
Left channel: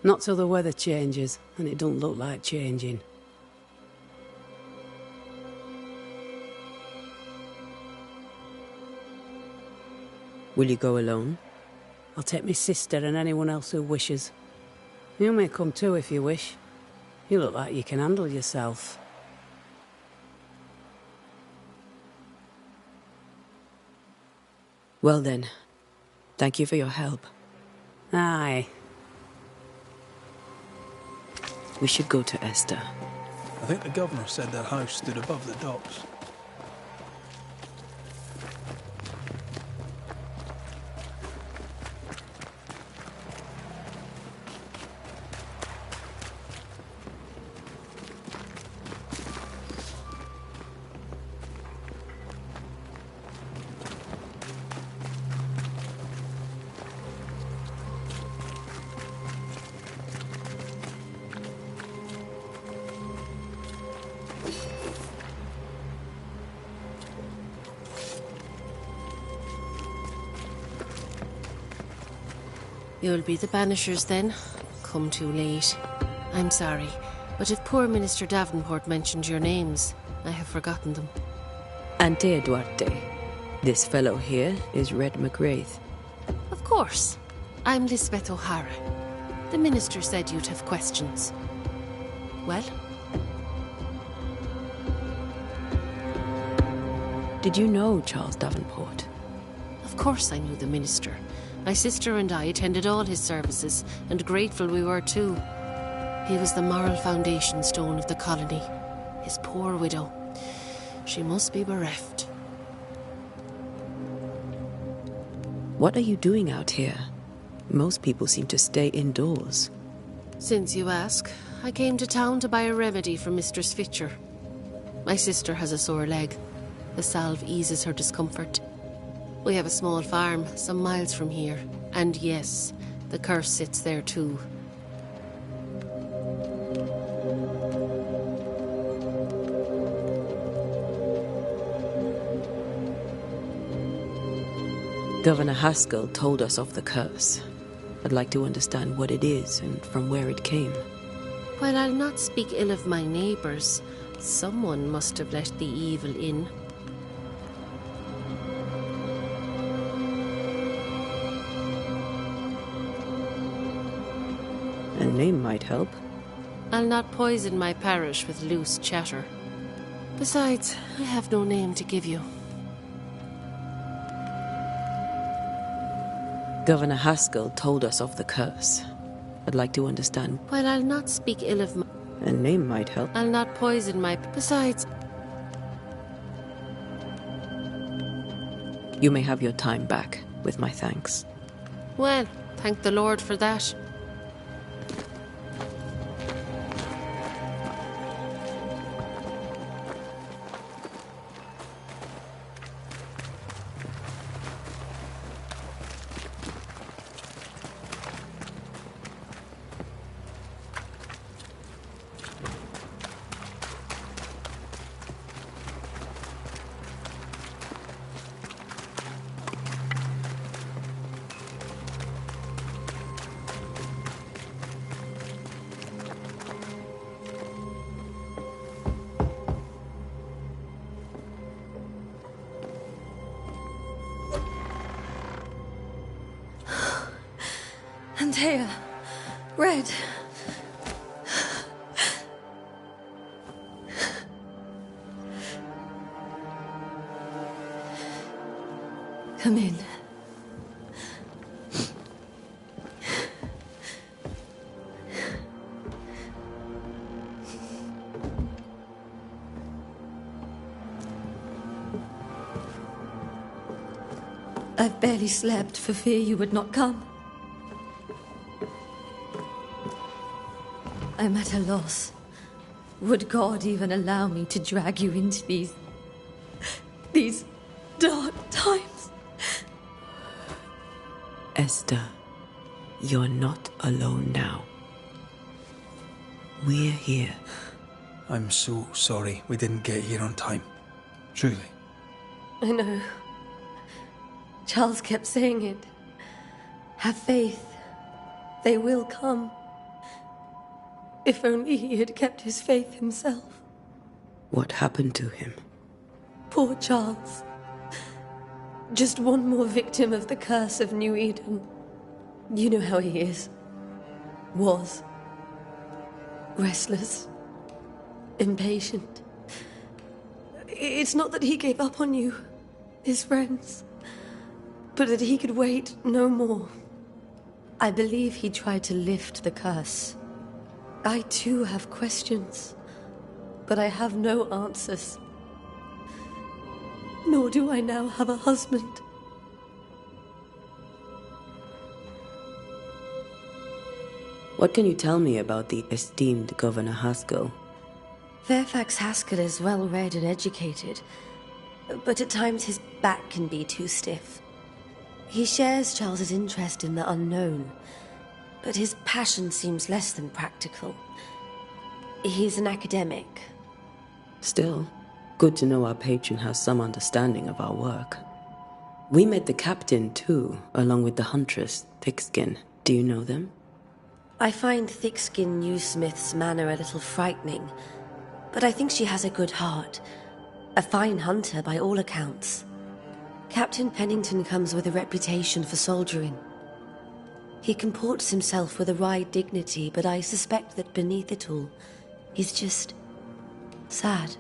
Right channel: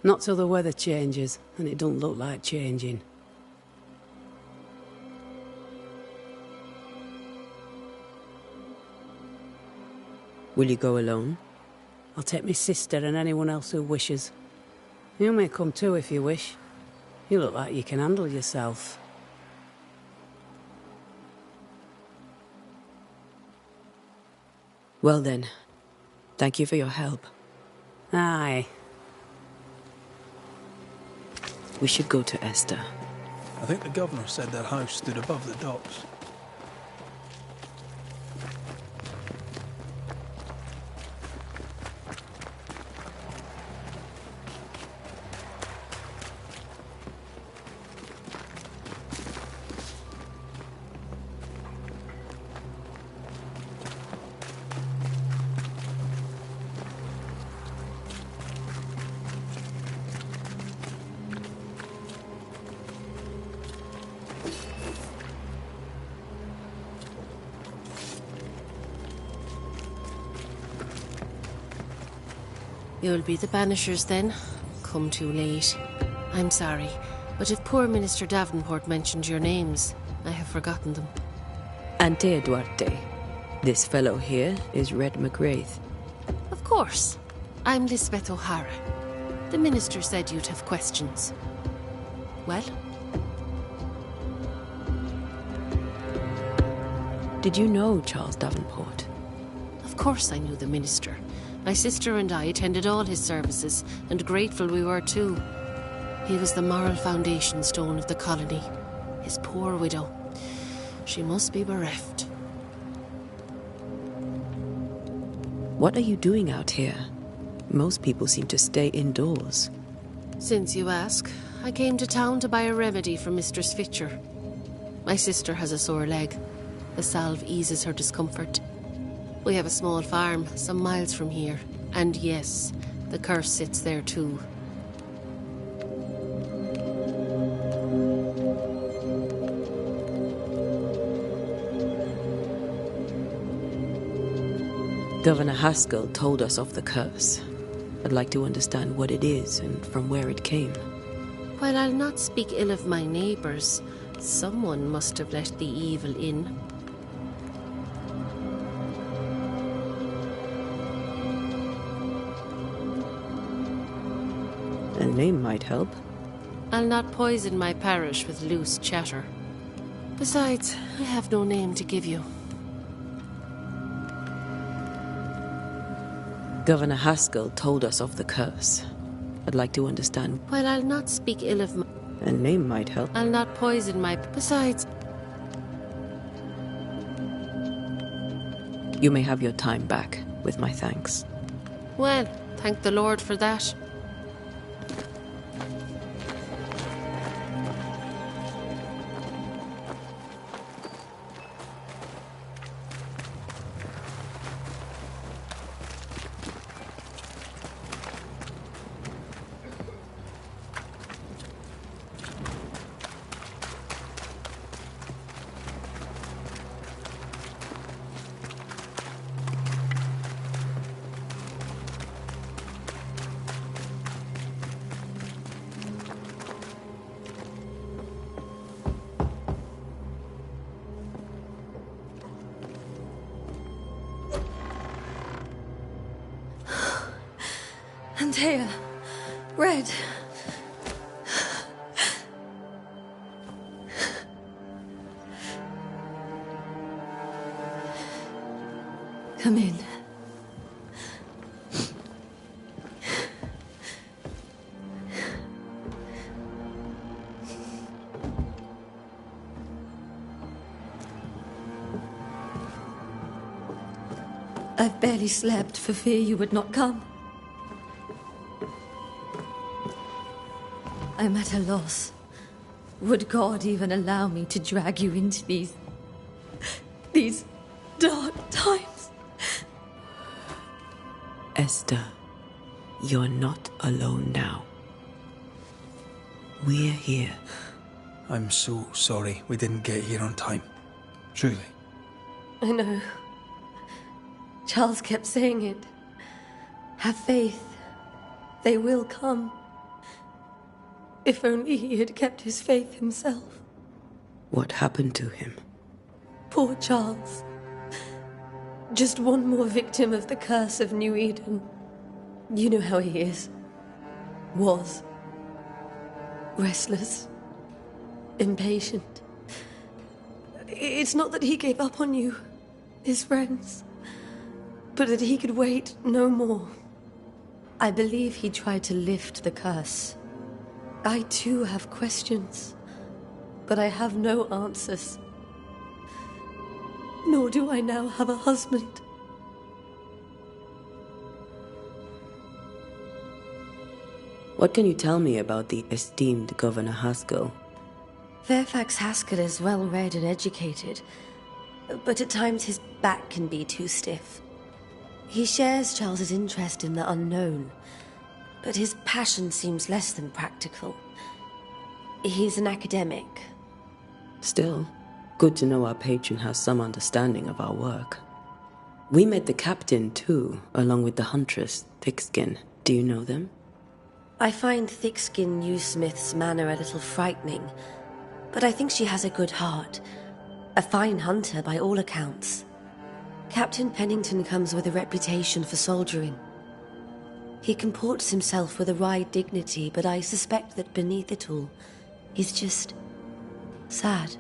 Not till the weather changes, and it don't look like changing. Will you go alone? I'll take my sister and anyone else who wishes. You may come too if you wish. You look like you can handle yourself. Well then, thank you for your help. Aye. We should go to Esther. I think the governor said their house stood above the docks. You'll be the Banishers then? Come too late. I'm sorry, but if poor Minister Davenport mentioned your names, I have forgotten them. Antea Duarte. This fellow here is Red McWraith. Of course. I'm Lisbeth O'Hara. The Minister said you'd have questions. Well? Did you know Charles Davenport? Of course I knew the Minister. My sister and I attended all his services, and grateful we were too. He was the moral foundation stone of the colony. His poor widow. She must be bereft. What are you doing out here? Most people seem to stay indoors. Since you ask, I came to town to buy a remedy for Mistress Fitcher. My sister has a sore leg. The salve eases her discomfort. We have a small farm, some miles from here. And yes, the curse sits there too. Governor Haskell told us of the curse. I'd like to understand what it is and from where it came. While I'll not speak ill of my neighbours, someone must have let the evil in. A name might help. I'll not poison my parish with loose chatter. Besides, I have no name to give you. Governor Haskell told us of the curse. I'd like to understand. While I'll not speak ill of my... A name might help. I'll not poison my... Besides... You may have your time back, with my thanks. Well, thank the Lord for that. Antea, Red. Come in. I've barely slept for fear you would not come. I'm at a loss. Would God even allow me to drag you into these dark times? Esther, you're not alone now. We're here. I'm so sorry we didn't get here on time. Truly. I know. Charles kept saying it. Have faith. They will come. If only he had kept his faith himself. What happened to him? Poor Charles. Just one more victim of the curse of New Eden. You know how he is. Was. Restless. Impatient. It's not that he gave up on you, his friends, but that he could wait no more. I believe he tried to lift the curse. I too have questions, but I have no answers. Nor do I now have a husband. What can you tell me about the esteemed Governor Haskell? Fairfax Haskell is well-read and educated, but at times his back can be too stiff. He shares Charles's interest in the unknown, but his passion seems less than practical. He's an academic. Still, good to know our patron has some understanding of our work. We met the captain, too, along with the huntress, Thickskin. Do you know them? I find Thickskin Newsmith's manner a little frightening, but I think she has a good heart. A fine hunter by all accounts. Captain Pennington comes with a reputation for soldiering. He comports himself with a wry dignity, but I suspect that beneath it all, he's just sad.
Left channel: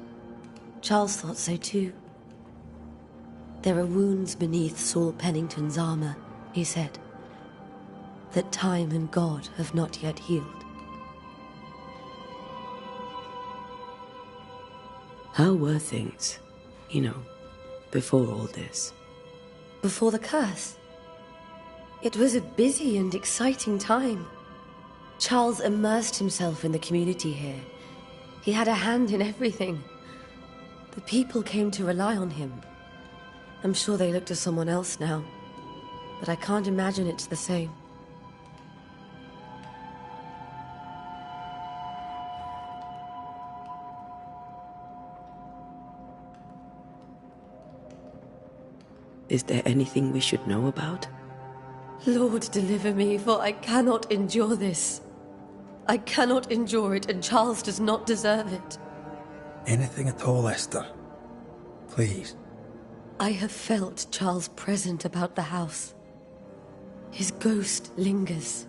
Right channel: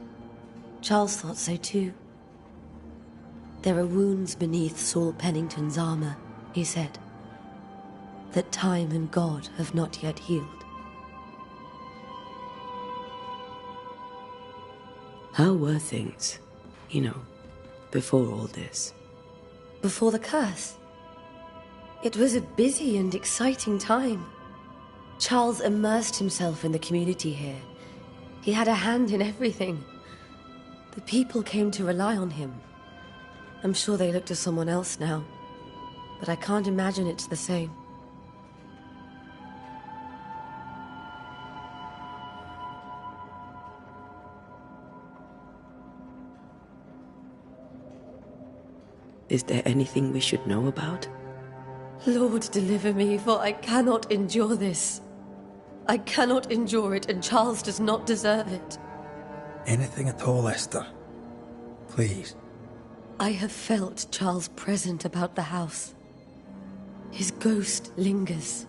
Charles thought so too. There are wounds beneath Saul Pennington's armor, he said, that time and God have not yet healed. How were things, before all this? Before the curse? It was a busy and exciting time. Charles immersed himself in the community here. He had a hand in everything. The people came to rely on him. I'm sure they look to someone else now, but I can't imagine it's the same. Is there anything we should know about? Lord, deliver me, for I cannot endure this. I cannot endure it, and Charles does not deserve it. Anything at all, Esther. Please. I have felt Charles present about the house. His ghost lingers.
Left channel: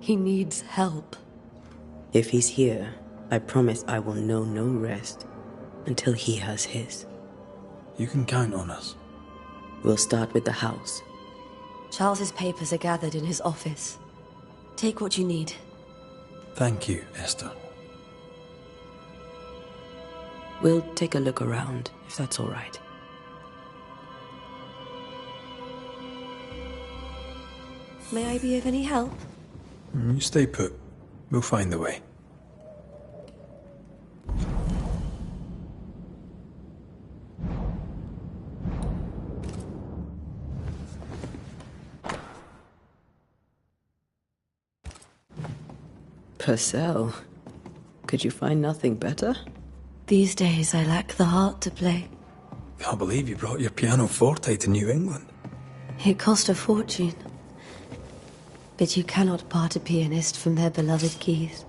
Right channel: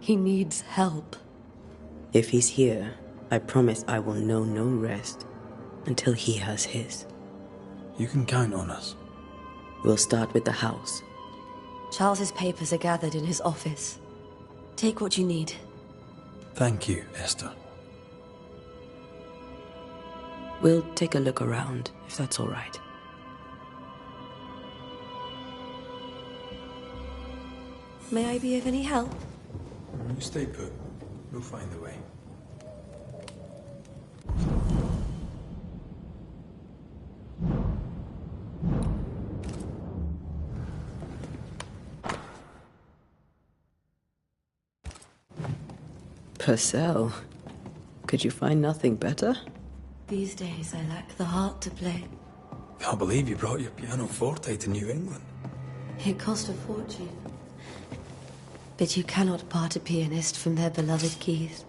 He needs help. If he's here, I promise I will know no rest until he has his. You can count on us. We'll start with the house. Charles's papers are gathered in his office. Take what you need. Thank you, Esther. We'll take a look around, if that's all right. May I be of any help? You stay put. We'll find the way. Purcell, could you find nothing better? These days I lack the heart to play. Can't believe you brought your pianoforte to New England. It cost a fortune. But you cannot part a pianist from their beloved keys.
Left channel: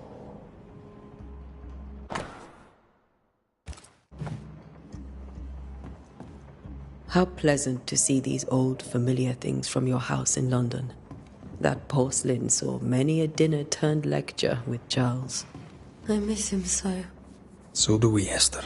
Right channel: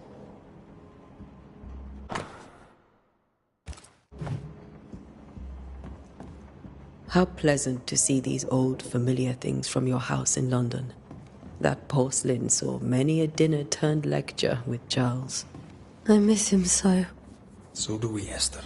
How pleasant to see these old familiar things from your house in London. That porcelain saw many a dinner-turned-lecture with Charles. I miss him so. So do we, Esther.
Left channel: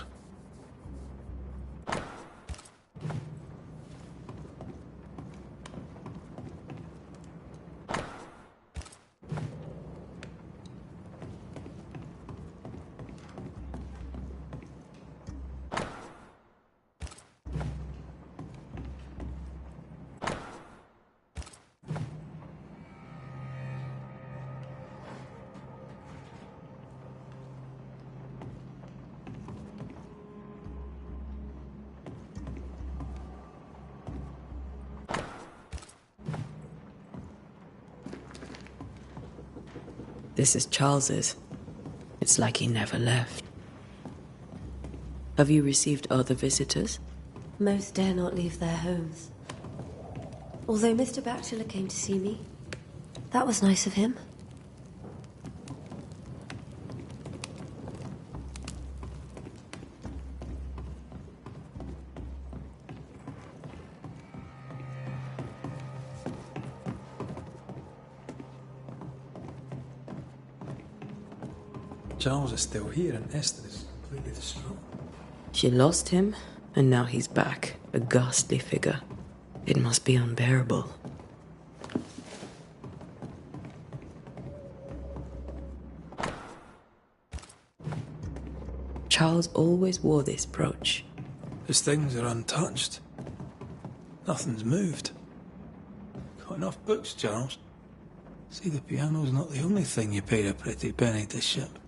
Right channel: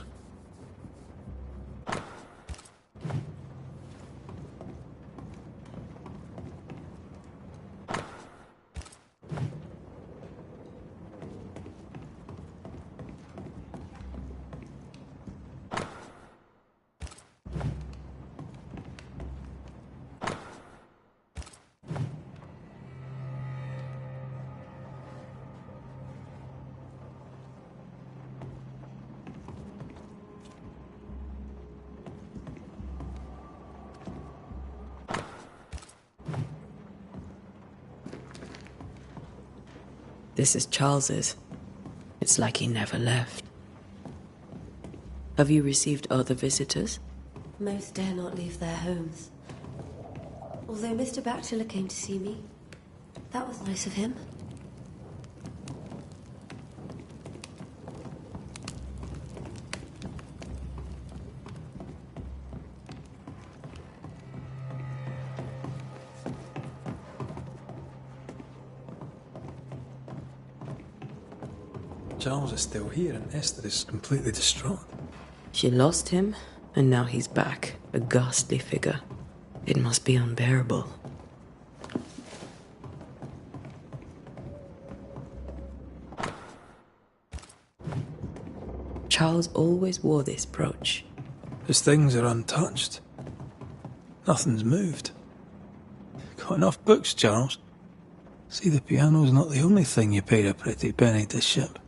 This is Charles's. It's like he never left. Have you received other visitors? Most dare not leave their homes. Although Mr. Bachelor came to see me. That was nice of him. Charles is still here and Esther is completely distraught. She lost him, and now he's back, a ghastly figure. It must be unbearable. Charles always wore this brooch. His things are untouched. Nothing's moved. Got enough books, Charles? See, the piano's not the only thing you paid a pretty penny to ship.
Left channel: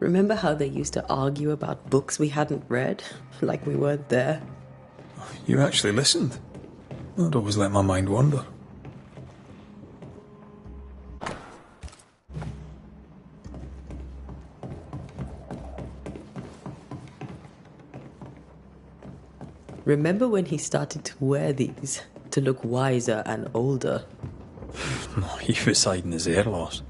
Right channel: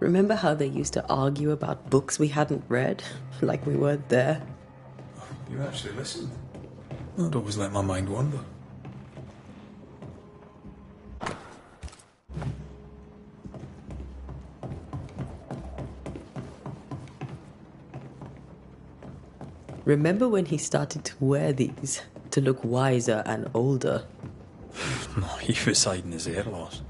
Remember how they used to argue about books we hadn't read? Like we weren't there? You actually listened. I'd always let my mind wander. Remember when he started to wear these to look wiser and older? No, he was hiding his hair loss.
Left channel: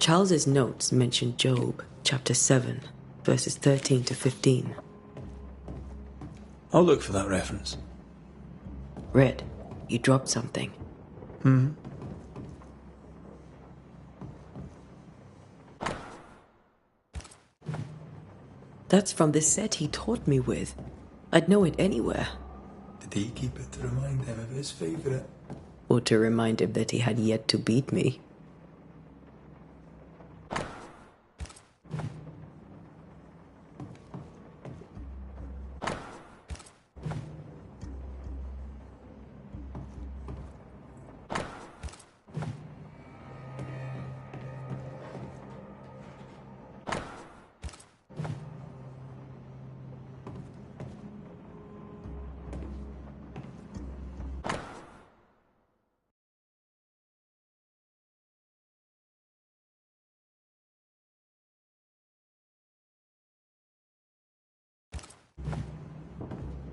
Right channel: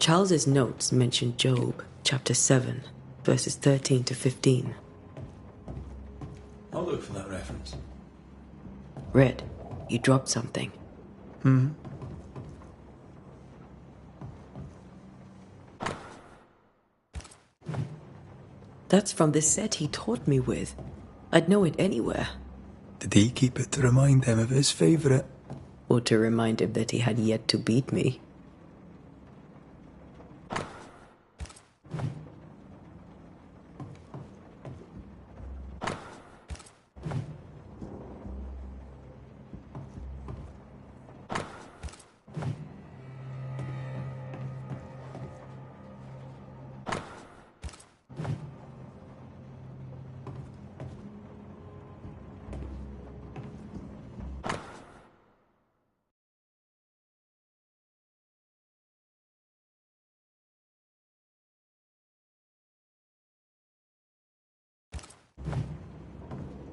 Charles's notes mention Job, chapter 7, verses 13 to 15. I'll look for that reference. Red, you dropped something. That's from the set he taught me with. I'd know it anywhere. Did he keep it to remind him of his favourite? Or to remind him that he had yet to beat me.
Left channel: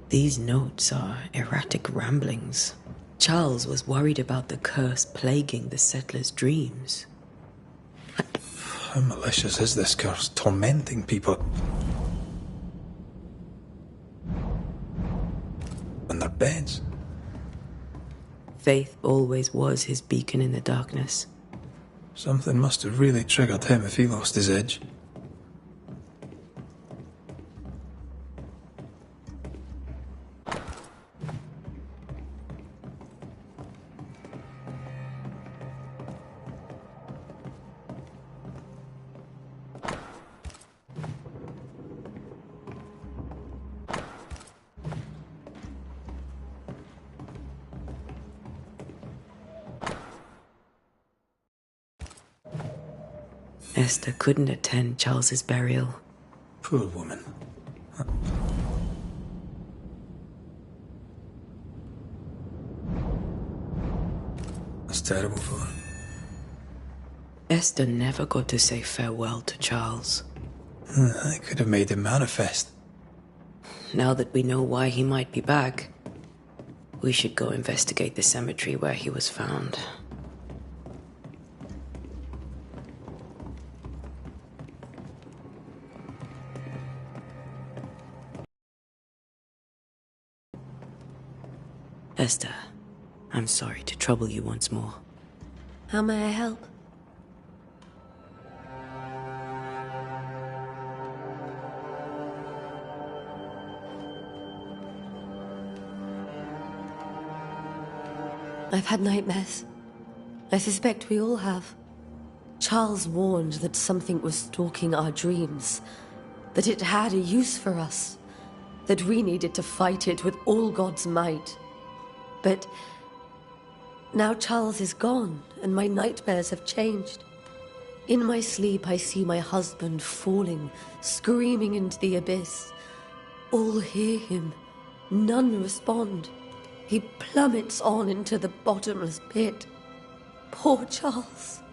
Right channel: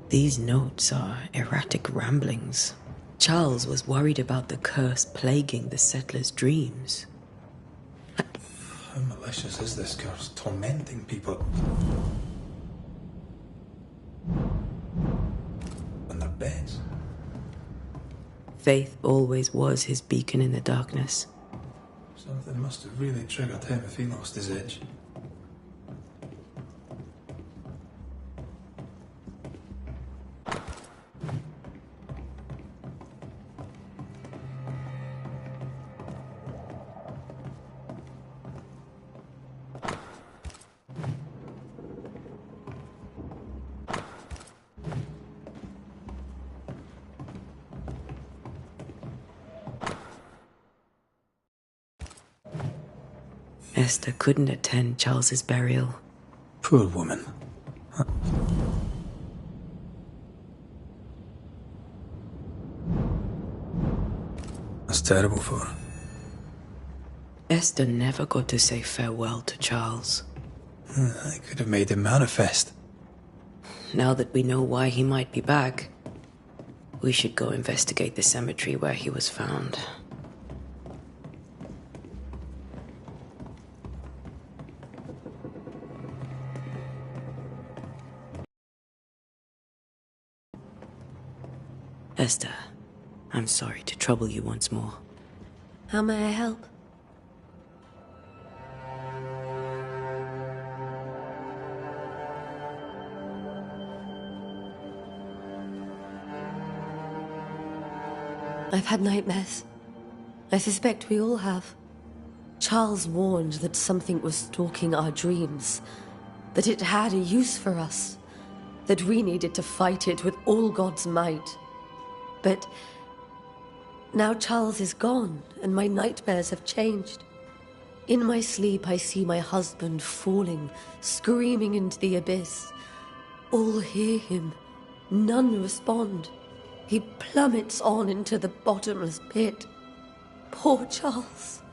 These notes are erratic ramblings. Charles was worried about the curse plaguing the settlers' dreams. How malicious is this curse, tormenting people? On their beds. Faith always was his beacon in the darkness. Something must have really triggered him if he lost his edge. Esther couldn't attend Charles's burial. Poor woman. That's terrible for her. Esther never got to say farewell to Charles. I could have made him manifest. Now that we know why he might be back, we should go investigate the cemetery where he was found. Esther, I'm sorry to trouble you once more. How may I help? I've had nightmares. I suspect we all have. Charles warned that something was stalking our dreams, that it had a use for us, that we needed to fight it with all God's might. But now Charles is gone, and my nightmares have changed. In my sleep, I see my husband falling, screaming into the abyss. All hear him. None respond. He plummets on into the bottomless pit. Poor Charles.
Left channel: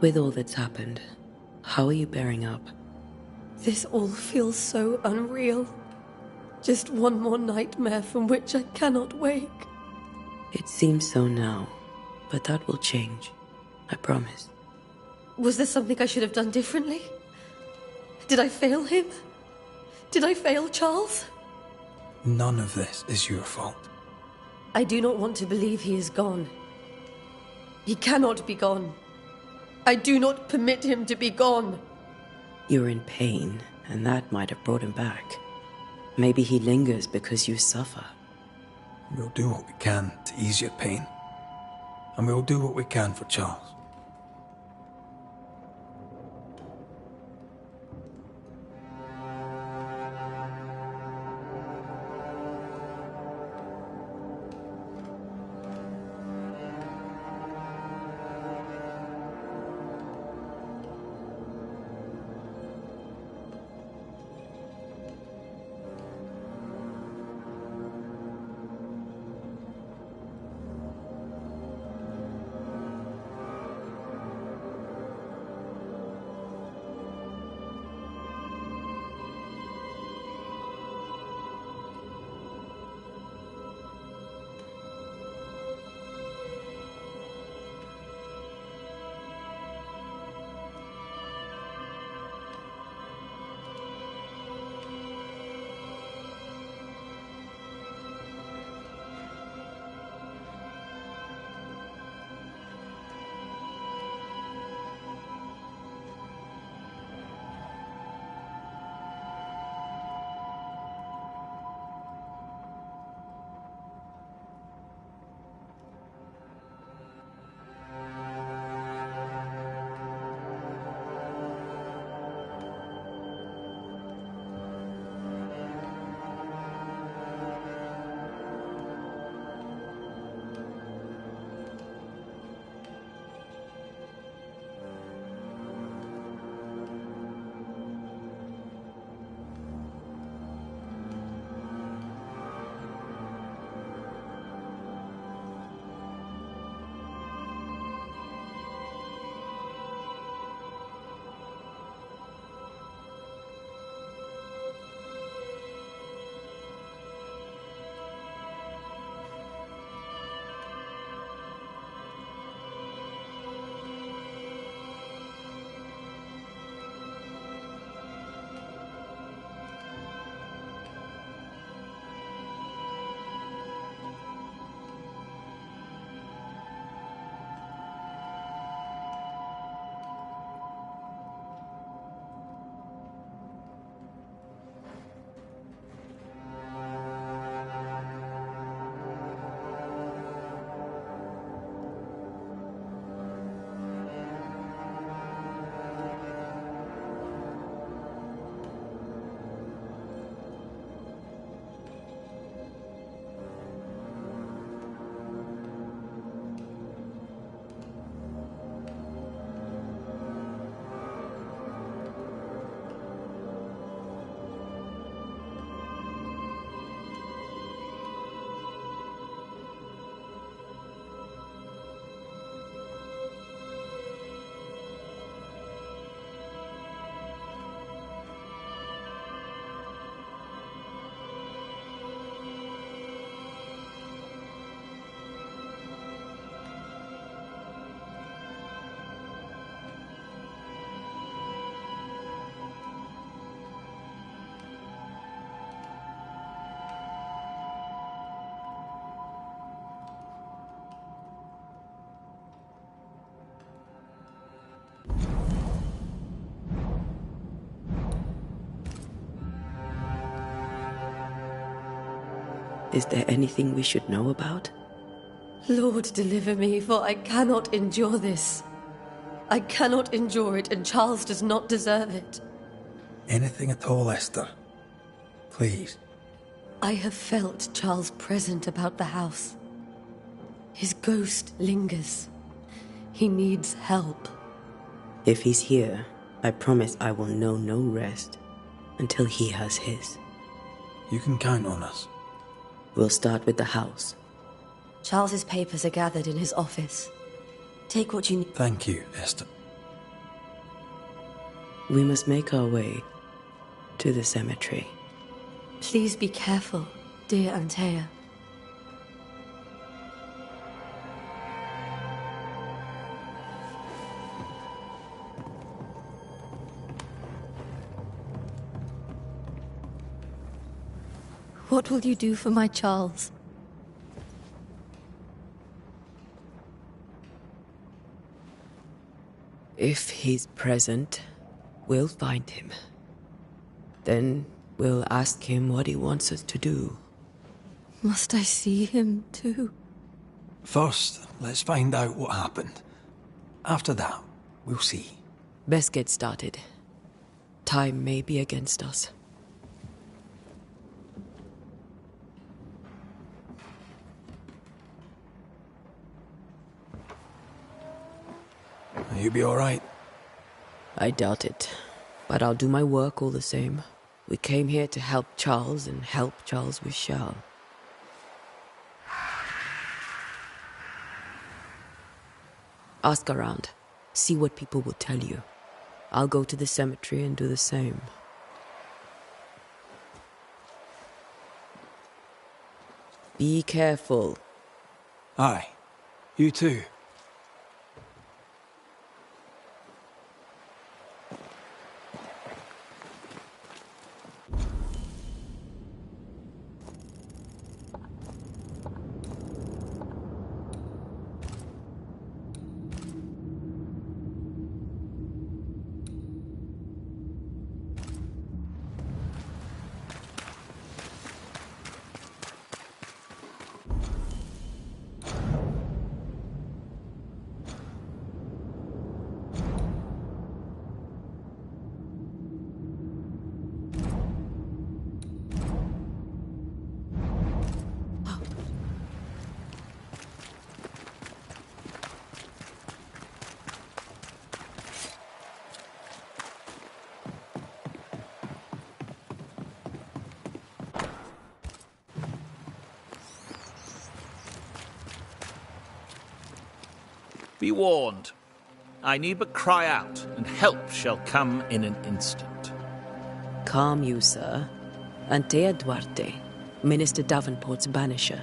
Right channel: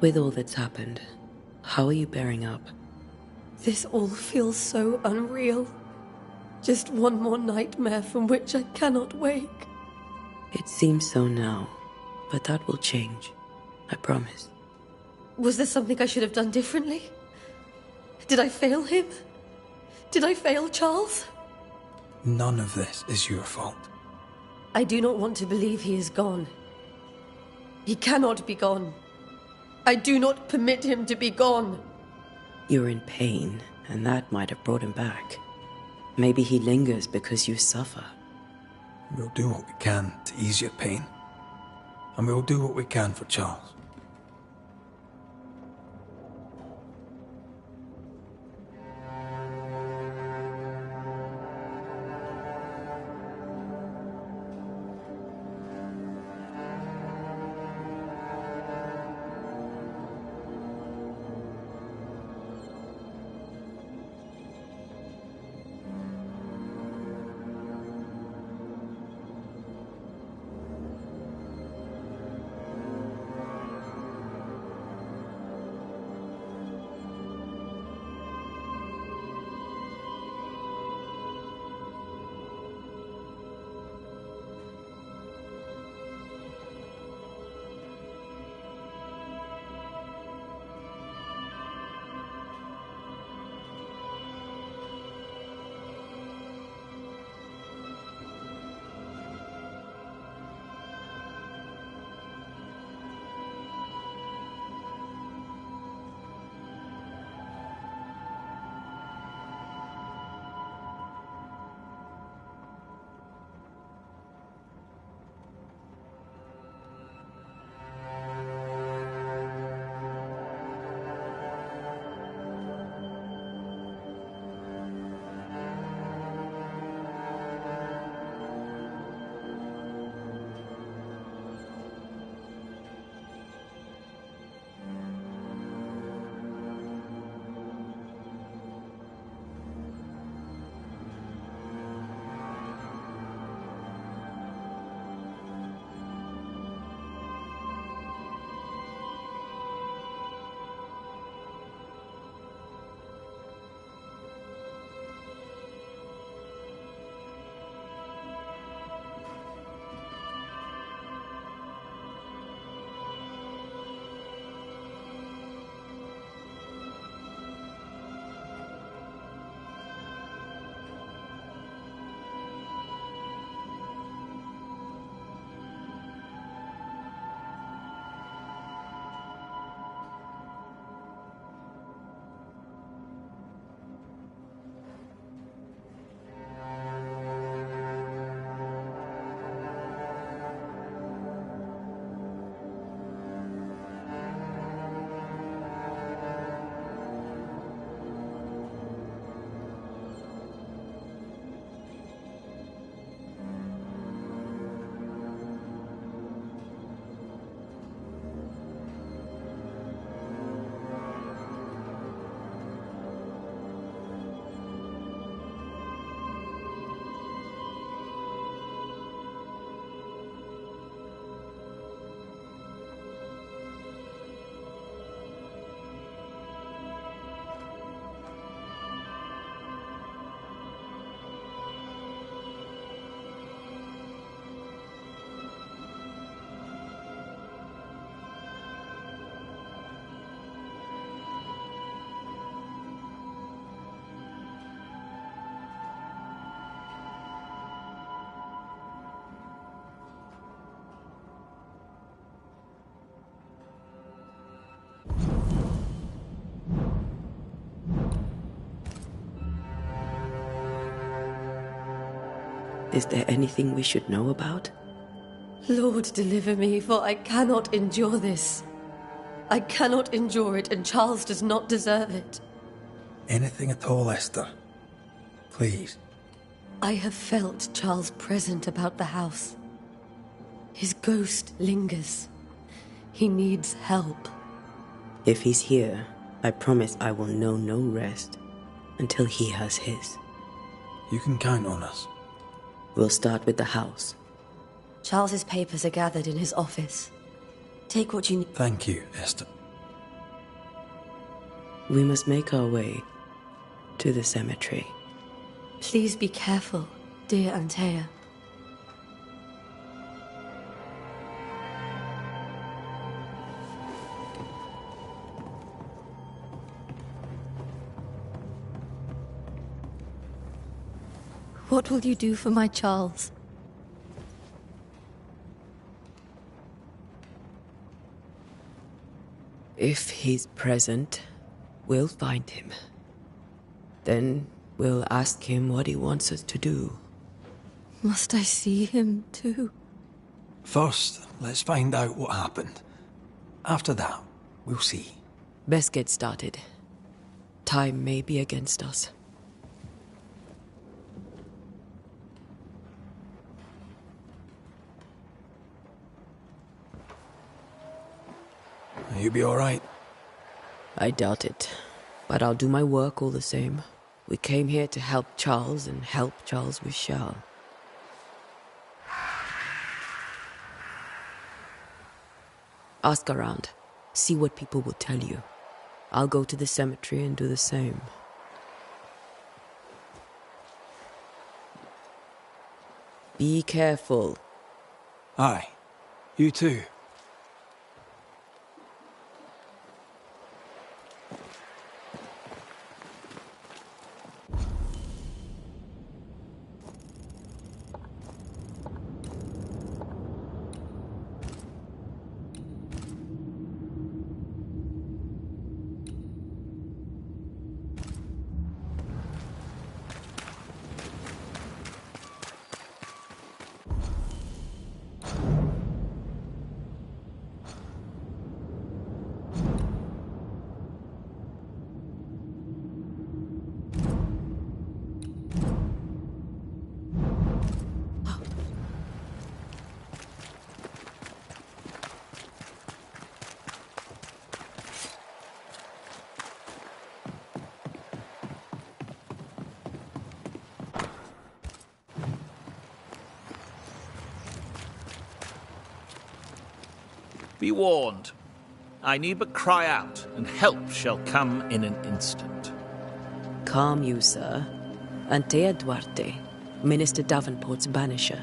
With all that's happened, how are you bearing up? This all feels so unreal. Just one more nightmare from which I cannot wake. It seems so now, but that will change. I promise. Was there something I should have done differently? Did I fail him? Did I fail Charles? None of this is your fault. I do not want to believe he is gone. He cannot be gone. I do not permit him to be gone. You're in pain, and that might have brought him back. Maybe he lingers because you suffer. We'll do what we can to ease your pain. And we'll do what we can for Charles. Is there anything we should know about? Lord, deliver me, for I cannot endure this. I cannot endure it, and Charles does not deserve it. Anything at all, Esther. Please. I have felt Charles present about the house. His ghost lingers. He needs help. If he's here, I promise I will know no rest until he has his. You can count on us. We'll start with the house. Charles's papers are gathered in his office. Take what you need. Thank you, Esther. We must make our way to the cemetery. Please be careful, dear Antea. What will you do for my Charles? If he's present, we'll find him. Then we'll ask him what he wants us to do. Must I see him too? First, let's find out what happened. After that, we'll see. Best get started. Time may be against us. You be all right? I doubt it, but I'll do my work all the same. We came here to help Charles, and help Charles we shall. Ask around. See what people will tell you. I'll go to the cemetery and do the same. Be careful. Aye. You too. Be warned. I need but cry out, and help shall come in an instant. Calm you, sir. Antea Duarte, Minister Davenport's banisher.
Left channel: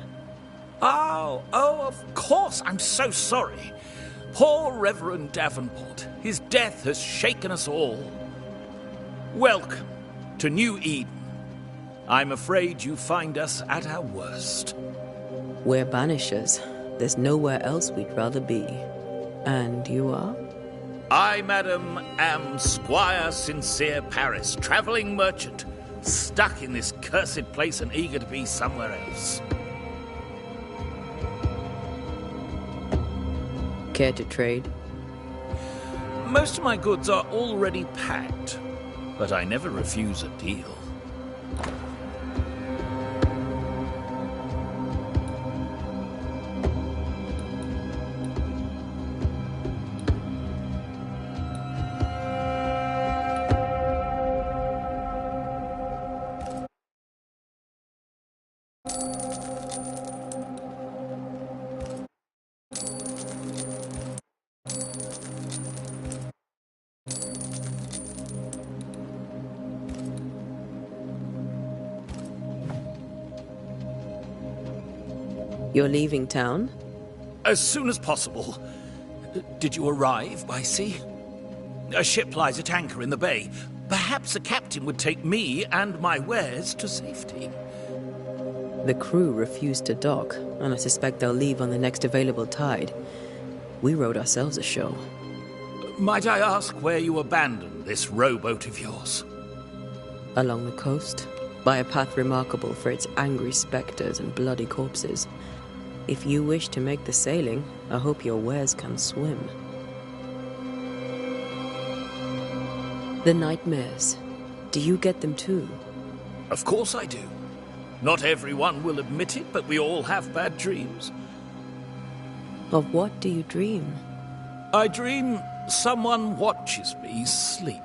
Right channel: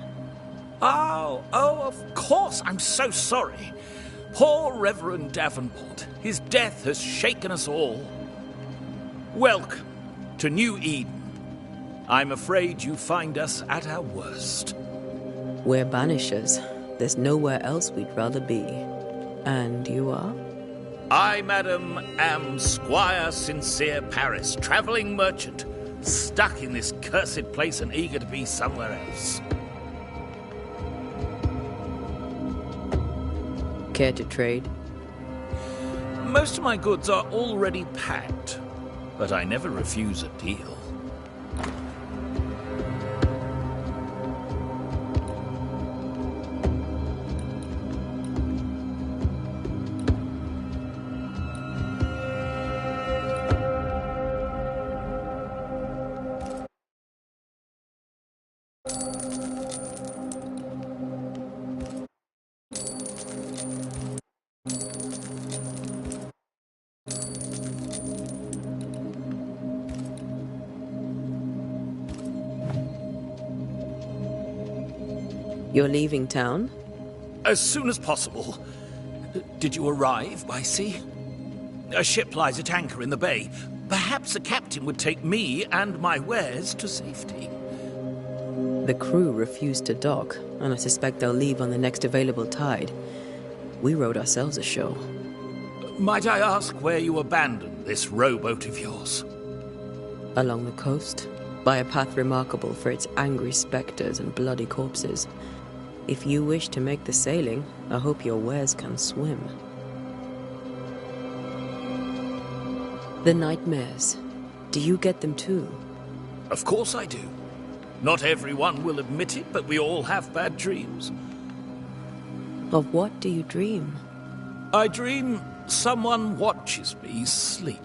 Oh, of course. I'm so sorry. Poor Reverend Davenport. His death has shaken us all. Welcome to New Eden. I'm afraid you find us at our worst. We're banishers. There's nowhere else we'd rather be. And you are? I, madam, am Squire Sincere Paris, travelling merchant, stuck in this cursed place and eager to be somewhere else. Care to trade? Most of my goods are already packed, but I never refuse a deal. You're leaving town? As soon as possible. Did you arrive by sea? A ship lies at anchor in the bay. Perhaps the captain would take me and my wares to safety. The crew refused to dock, and I suspect they'll leave on the next available tide. We rowed ourselves ashore. Might I ask where you abandoned this rowboat of yours? Along the coast, by a path remarkable for its angry spectres and bloody corpses. If you wish to make the sailing, I hope your wares can swim. The nightmares. Do you get them too? Of course I do. Not everyone will admit it, but we all have bad dreams. Of what do you dream? I dream someone watches me sleep.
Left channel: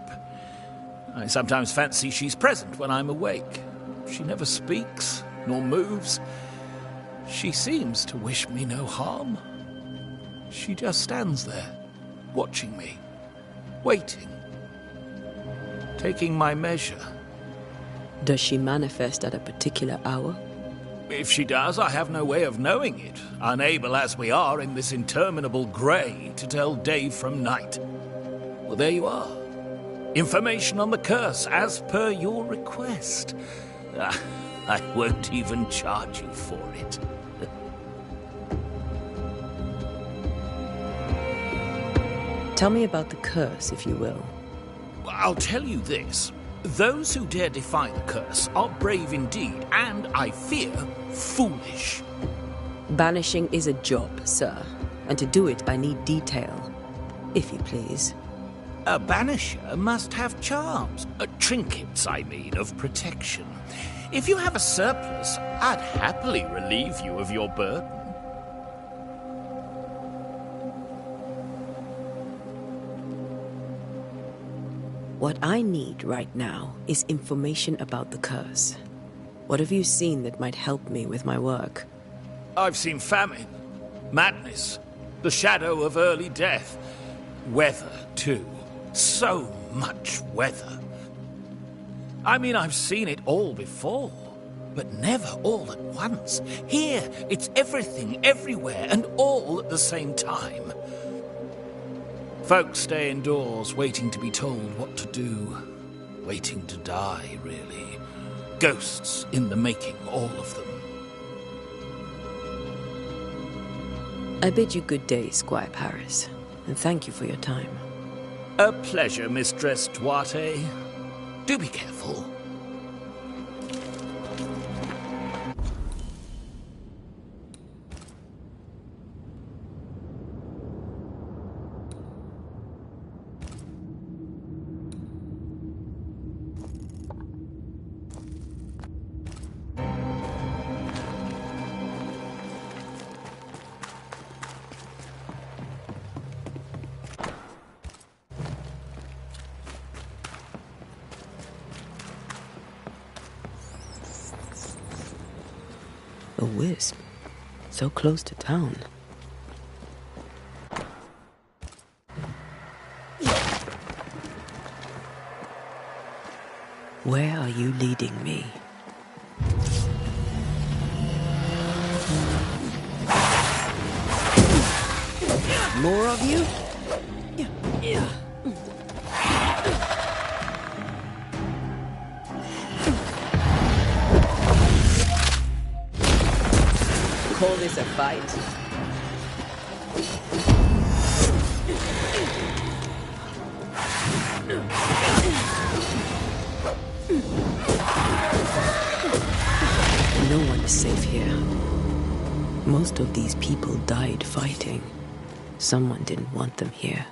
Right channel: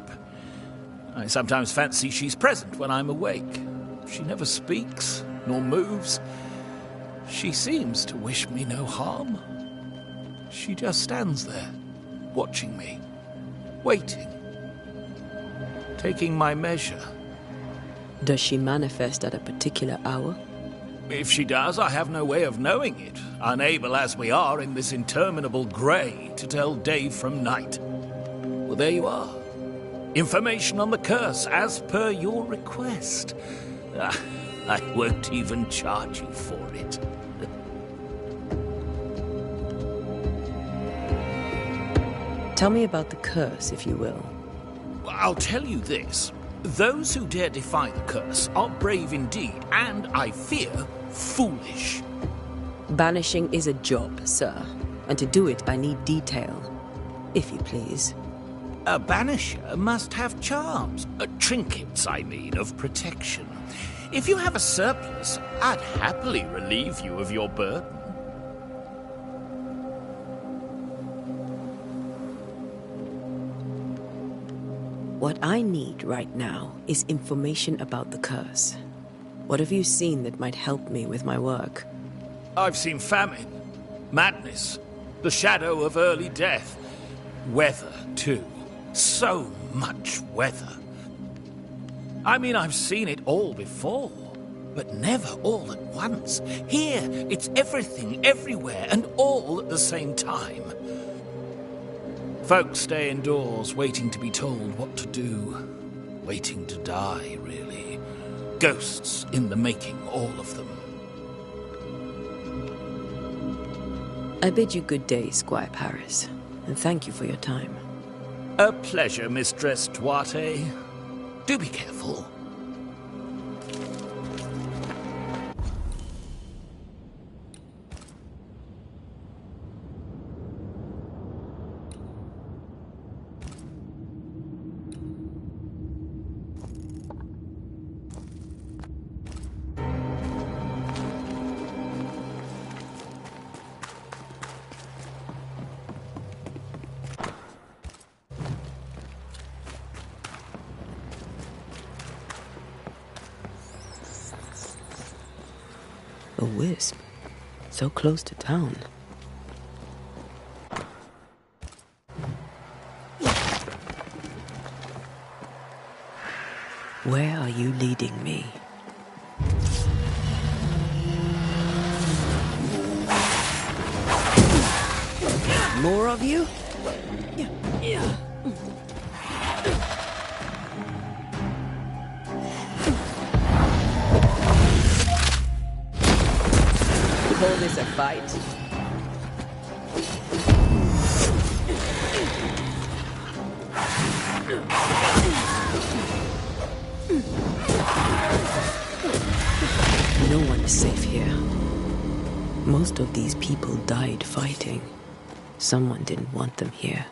I sometimes fancy she's present when I'm awake. She never speaks, nor moves. She seems to wish me no harm. She just stands there, watching me, waiting. taking my measure. Does she manifest at a particular hour? If she does, I have no way of knowing it, unable as we are in this interminable grey to tell day from night. Well, there you are. Information on the curse, as per your request. I won't even charge you for it. Tell me about the curse, if you will. I'll tell you this. Those who dare defy the curse are brave indeed, and, I fear, foolish. Banishing is a job, sir. And to do it, I need detail. If you please. A banisher must have charms. Trinkets, I mean, of protection. If you have a surplus, I'd happily relieve you of your burden. What I need right now is information about the curse. What have you seen that might help me with my work? I've seen famine, madness, the shadow of early death. Weather, too. So much weather. I mean, I've seen it all before, but never all at once. Here, it's everything, everywhere, and all at the same time. Folks stay indoors, waiting to be told what to do. Waiting to die, really. Ghosts in the making, all of them. I bid you good day, Squire Paris, and thank you for your time. A pleasure, Mistress Duarte. Do be careful. A wisp. So close to town. Where are you leading me? More of you? Yeah. Call this a fight? No one is safe here. Most of these people died fighting. Someone didn't want them here.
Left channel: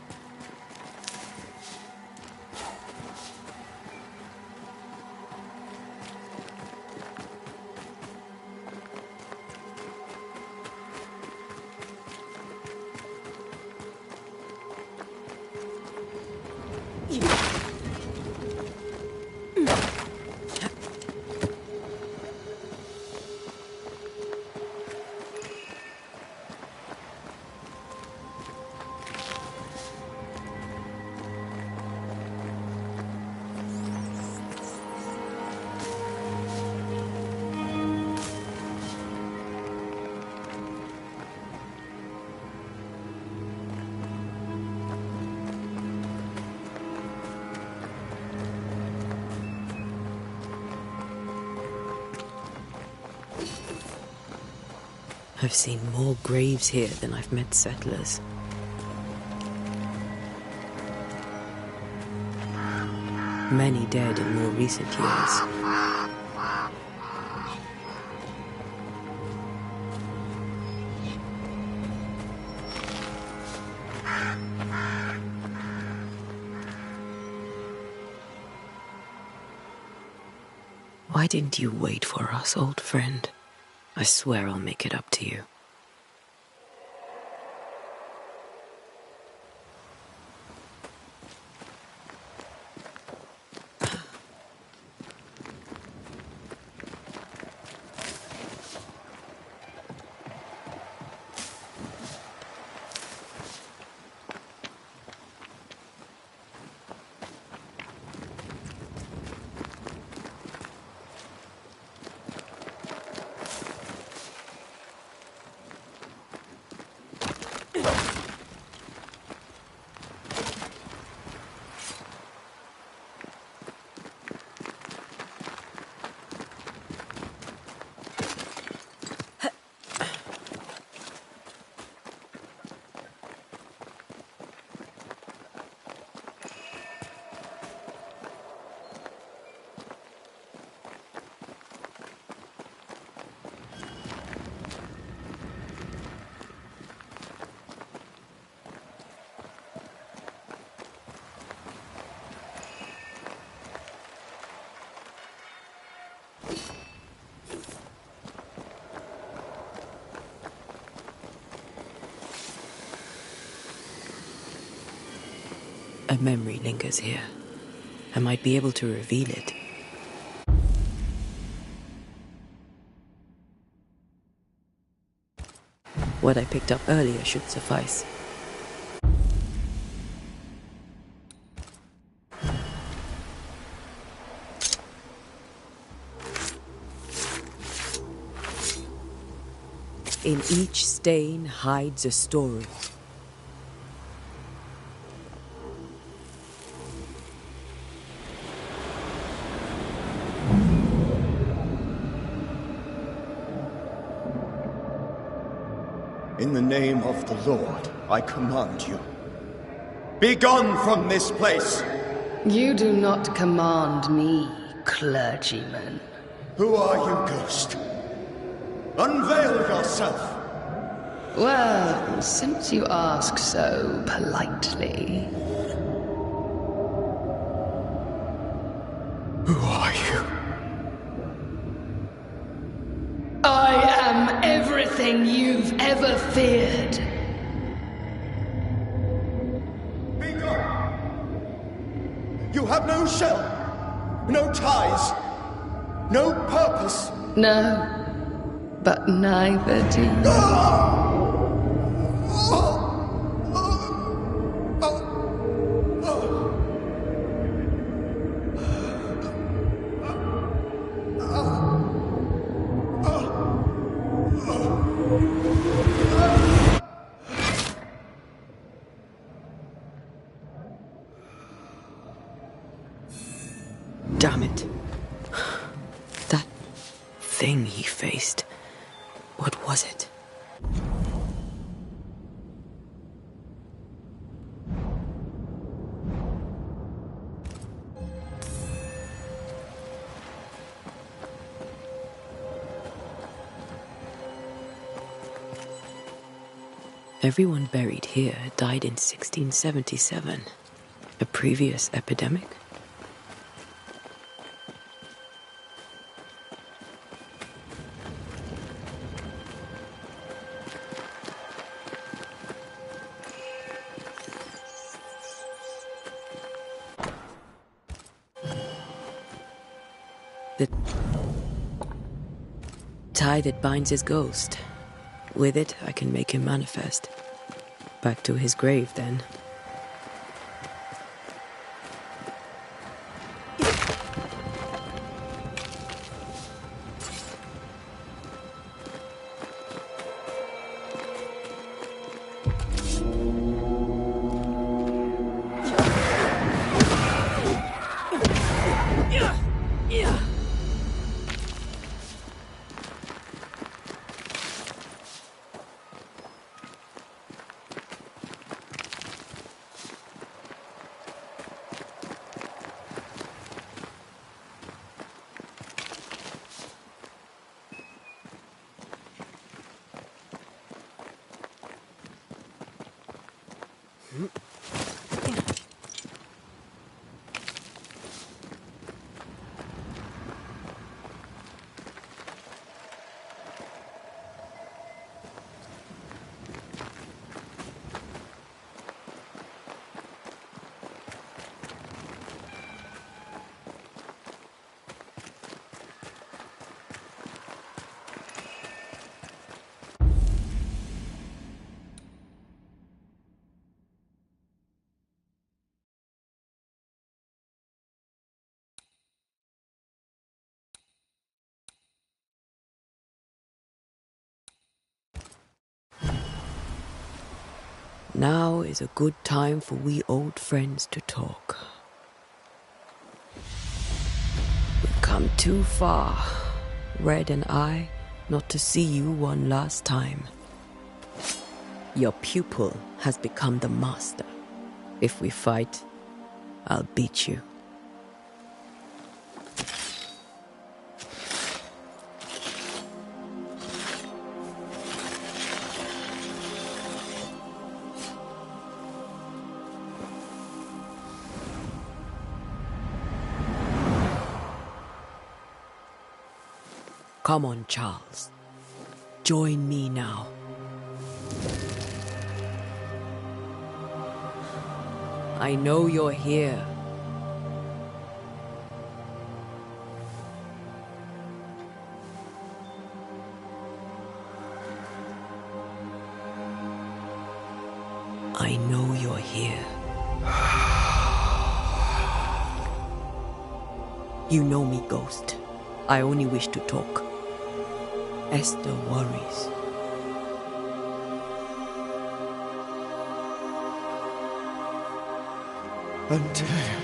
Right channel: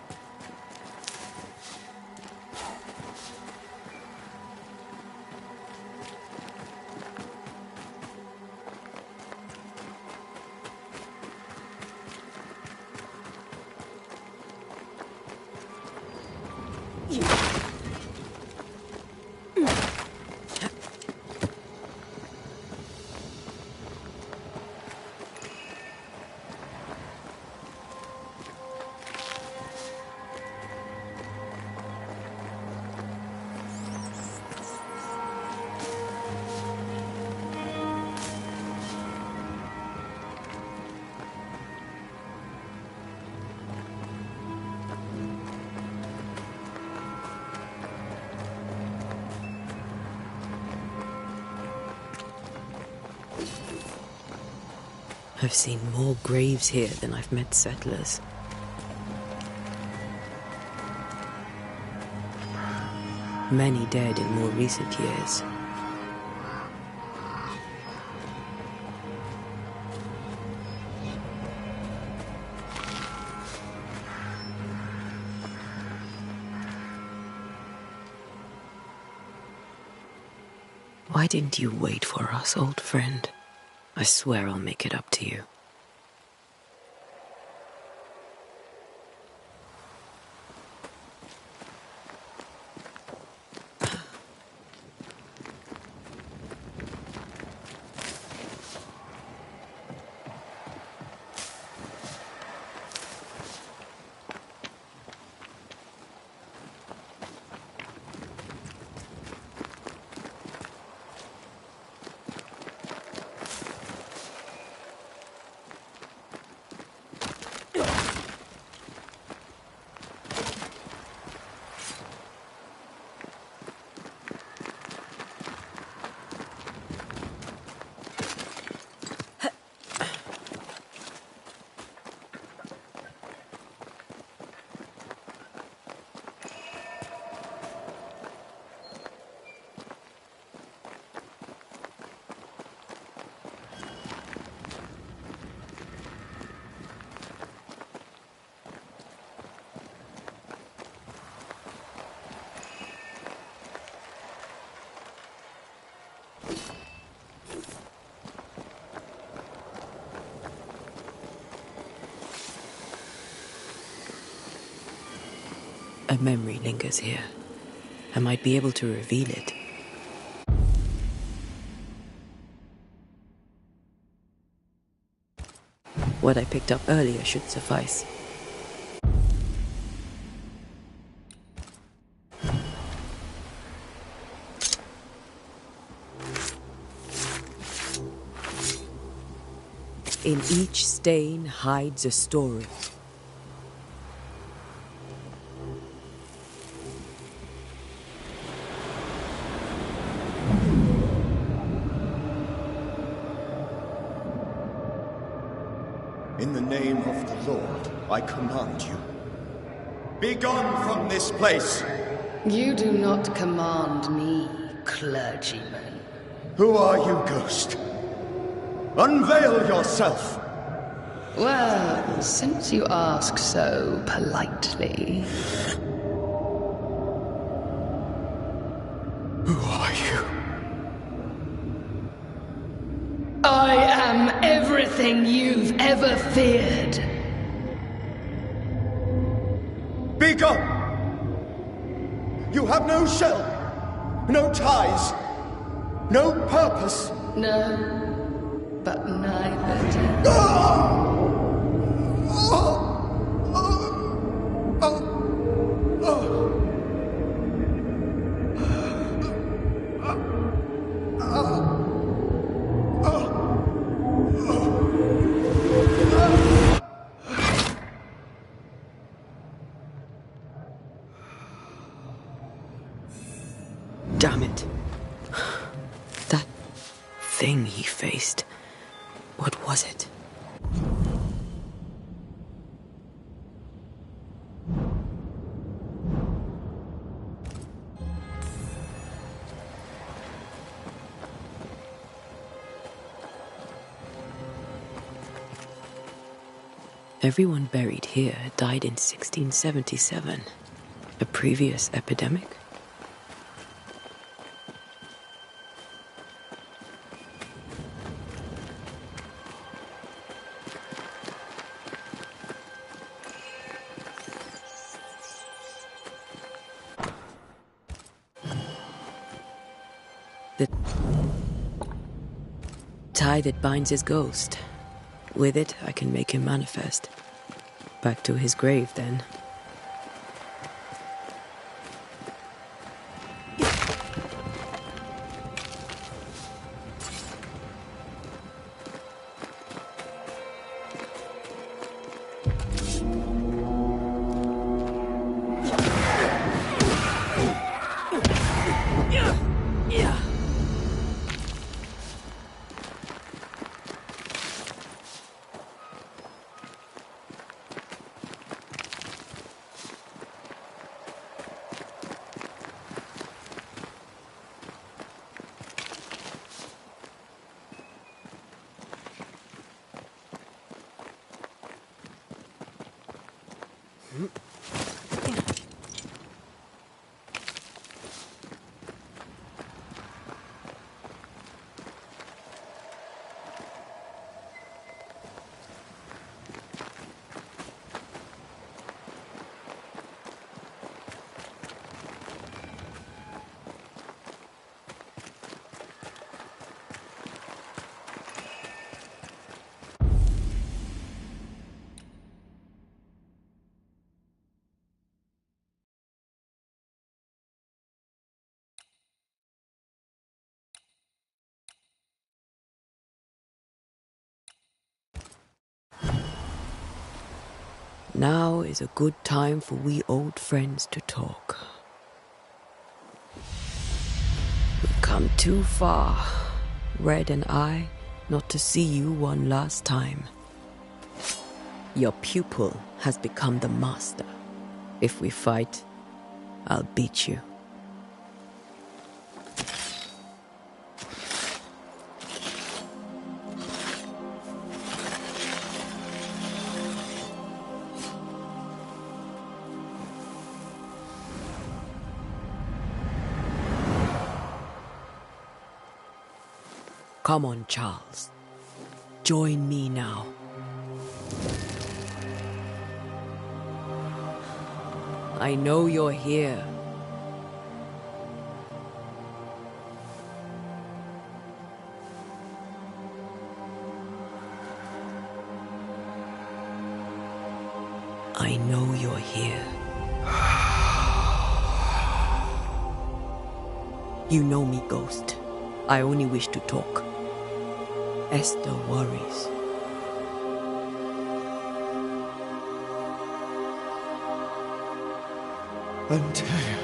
I've seen more graves here than I've met settlers. Many dead in more recent years. Why didn't you wait for us, old friend? I swear I'll make it up to you. A memory lingers here. I might be able to reveal it. What I picked up earlier should suffice. In each stain hides a story. In the name of the Lord, I command you. Be gone from this place! You do not command me, clergyman. Who are you, ghost? Unveil yourself! Well, since you ask so politely... Who are you? I am everything you've ever feared. Be gone! You have no shell, no ties, no purpose. No, but neither do you. Damn it. That thing he faced. What was it? Everyone buried here died in 1677. A previous epidemic? The tie that binds his ghost. With it, I can make him manifest. Back to his grave, then. Now is a good time for we old friends to talk. We've come too far, Red and I, not to see you one last time. Your pupil has become the master. If we fight, I'll beat you. Come on, Charles. Join me now. I know you're here. I know you're here. You know me, Ghost. I only wish to talk. Esther worries. Antea.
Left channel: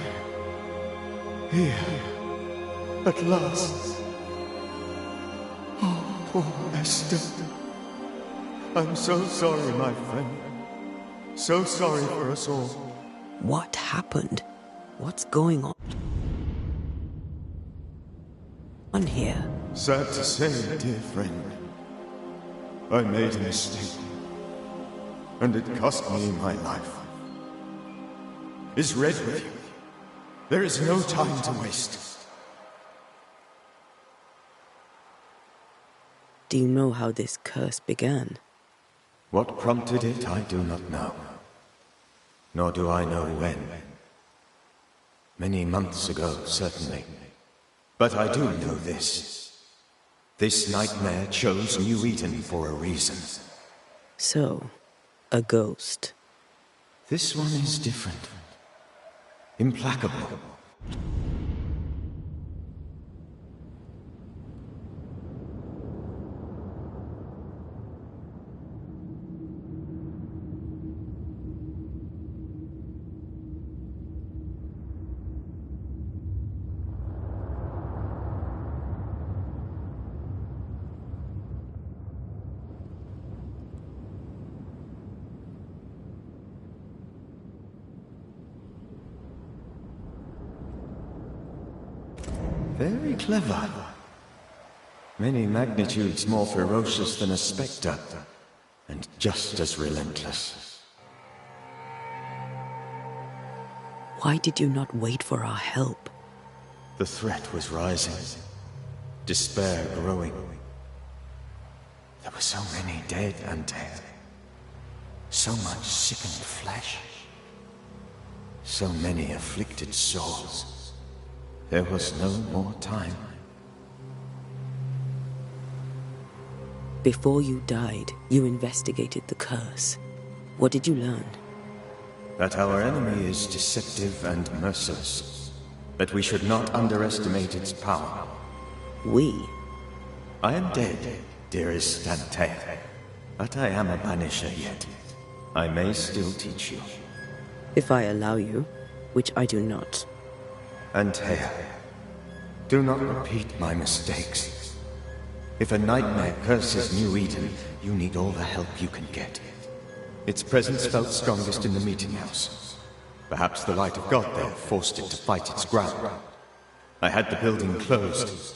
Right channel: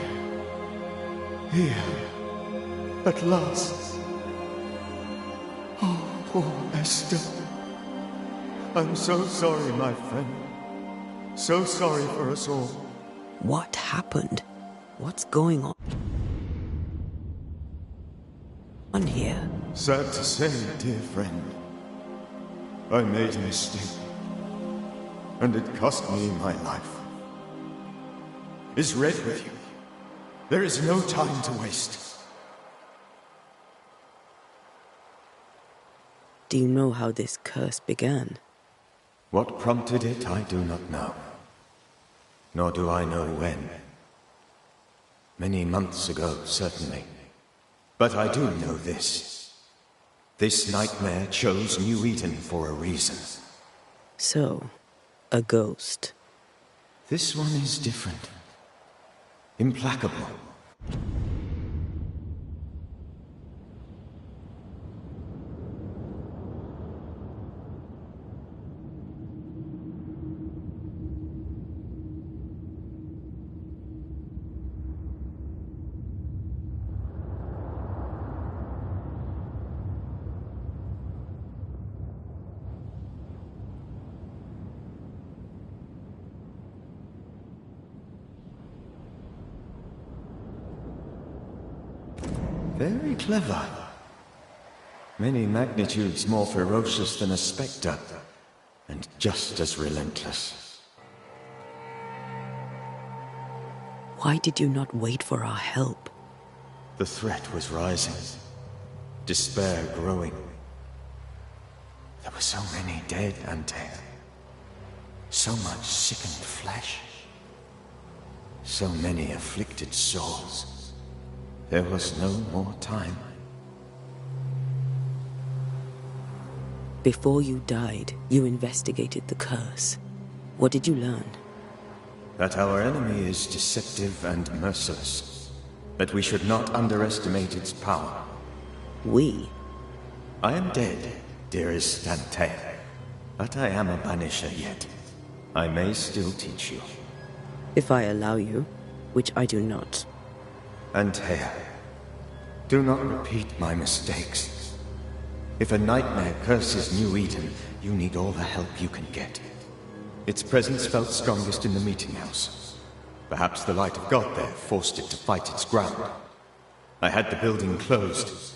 Here. At last. Oh, poor Esther. I'm so sorry, my friend. So sorry for us all. What happened? What's going on here? Sad to say, dear friend, I made a mistake. And it cost me my life. Is Red with you? There is no time to waste. Do you know how this curse began? What prompted it, I do not know. Nor do I know when. Many months ago, certainly. But I do know this. This nightmare chose New Eden for a reason. So, a ghost. This one is different. Implacable. Very clever. Many magnitudes more ferocious than a spectre, and just as relentless. Why did you not wait for our help? The threat was rising. Despair growing. There were so many dead, Antea. So much sickened flesh. So many afflicted souls. There was no more time. Before you died, you investigated the curse. What did you learn? That our enemy is deceptive and merciless. That we should not underestimate its power. We? I am dead, dearest Antea. But I am a Banisher yet. I may still teach you. If I allow you, which I do not. Antea, do not repeat my mistakes. If a nightmare curses New Eden, you need all the help you can get. Its presence felt strongest in the meeting house. Perhaps the light of God there forced it to fight its ground. I had the building closed.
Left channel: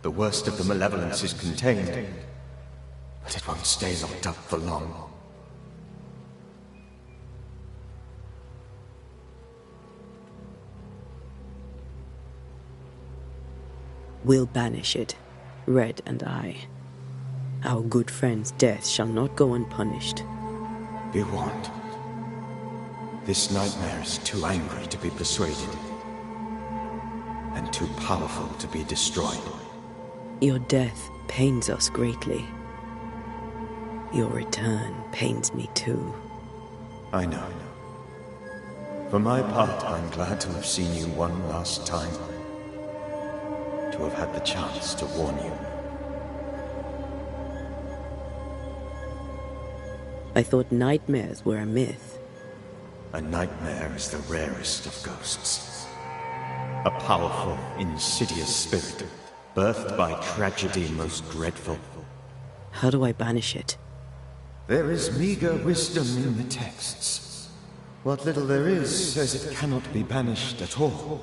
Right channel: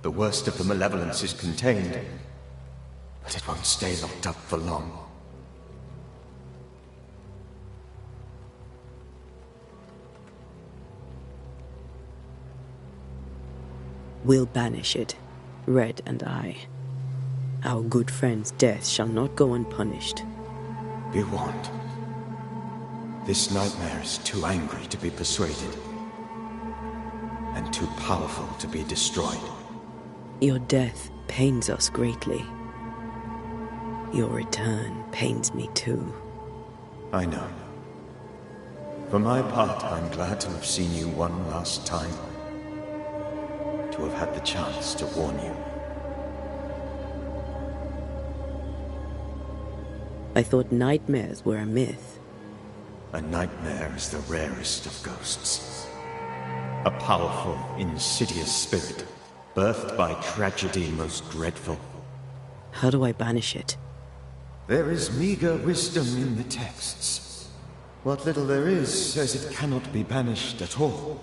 The worst of the malevolence is contained, but it won't stay locked up for long. We'll banish it, Red and I. Our good friend's death shall not go unpunished. Be warned. This nightmare is too angry to be persuaded, and too powerful to be destroyed. Your death pains us greatly. Your return pains me too. I know. For my part, I'm glad to have seen you one last time. To have had the chance to warn you. I thought nightmares were a myth. A nightmare is the rarest of ghosts. A powerful, insidious spirit, birthed by tragedy most dreadful. How do I banish it? There is meager wisdom in the texts. What little there is says it cannot be banished at all.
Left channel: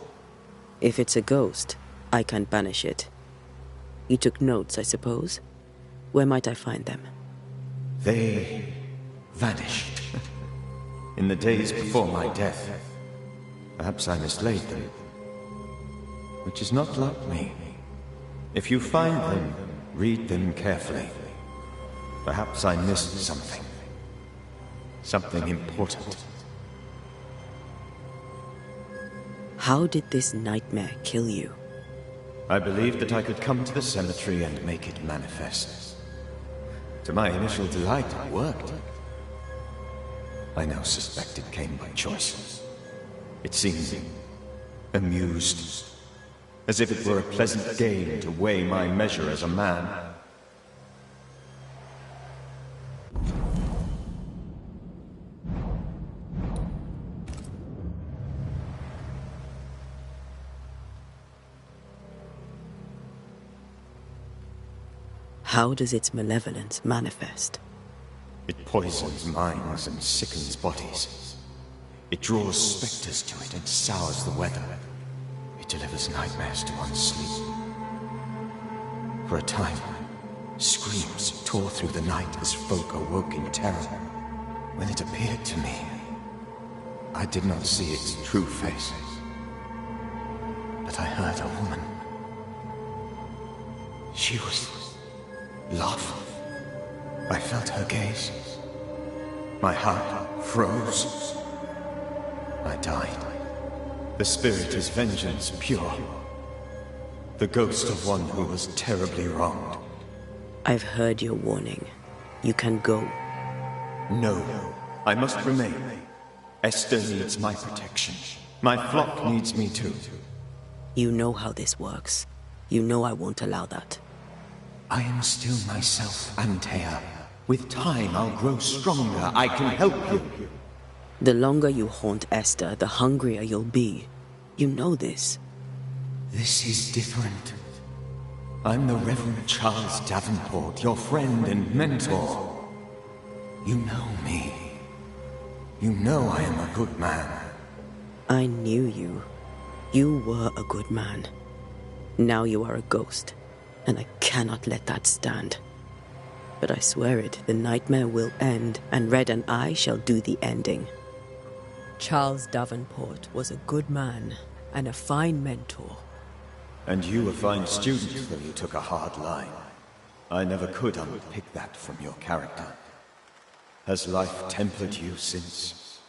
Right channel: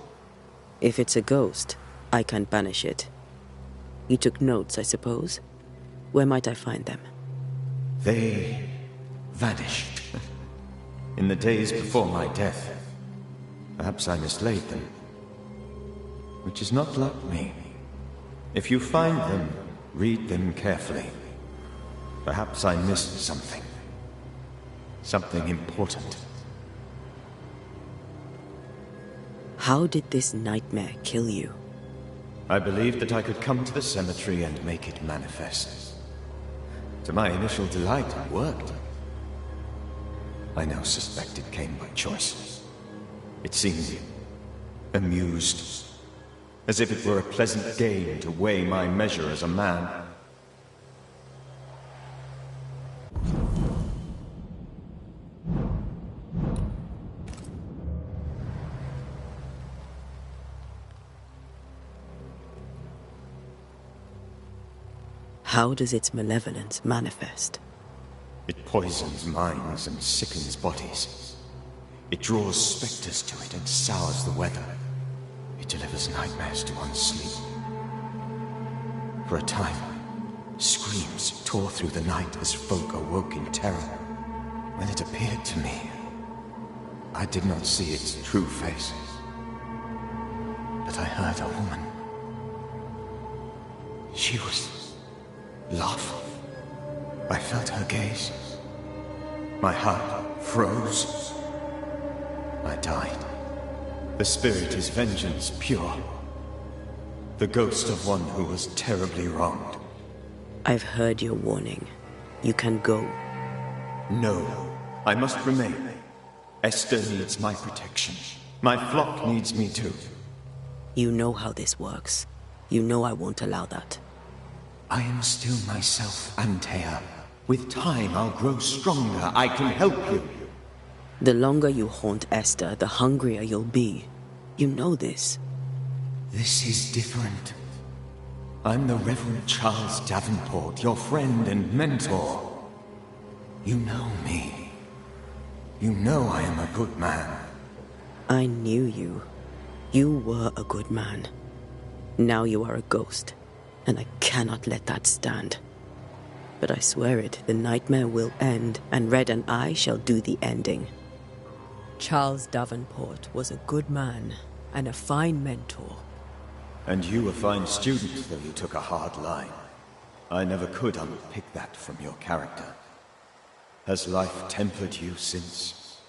If it's a ghost, I can't banish it. You took notes, I suppose? Where might I find them? They vanished. In the days before my death. Perhaps I mislaid them. Which is not like me. If you find them, read them carefully. Perhaps I missed something. Something important. How did this nightmare kill you? I believed that I could come to the cemetery and make it manifest. To my initial delight, it worked. I now suspect it came by choice. It seemed amused, as if it were a pleasant game to weigh my measure as a man. How does its malevolence manifest? It poisons minds and sickens bodies. It draws specters to it and sours the weather. It delivers nightmares to one's sleep. For a time, screams tore through the night as folk awoke in terror. When it appeared to me, I did not see its true face. But I heard a woman. She was laughing. I felt her gaze. My heart froze. I died. The spirit is vengeance pure. The ghost of one who was terribly wronged. I've heard your warning. You can go. No, I must remain. Esther needs my protection. My flock needs me too. You know how this works. You know I won't allow that. I am still myself, Antea. With time, I'll grow stronger. I can help you. The longer you haunt Esther, the hungrier you'll be. You know this. This is different. I'm the Reverend Charles Davenport, your friend and mentor. You know me. You know I am a good man. I knew you. You were a good man. Now you are a ghost, and I cannot let that stand. But I swear it, the nightmare will end, and Red and I shall do the ending. Charles Davenport was a good man, and a fine mentor. And you a fine student, though you took a hard line. I never could unpick that from your character. Has life tempered you since?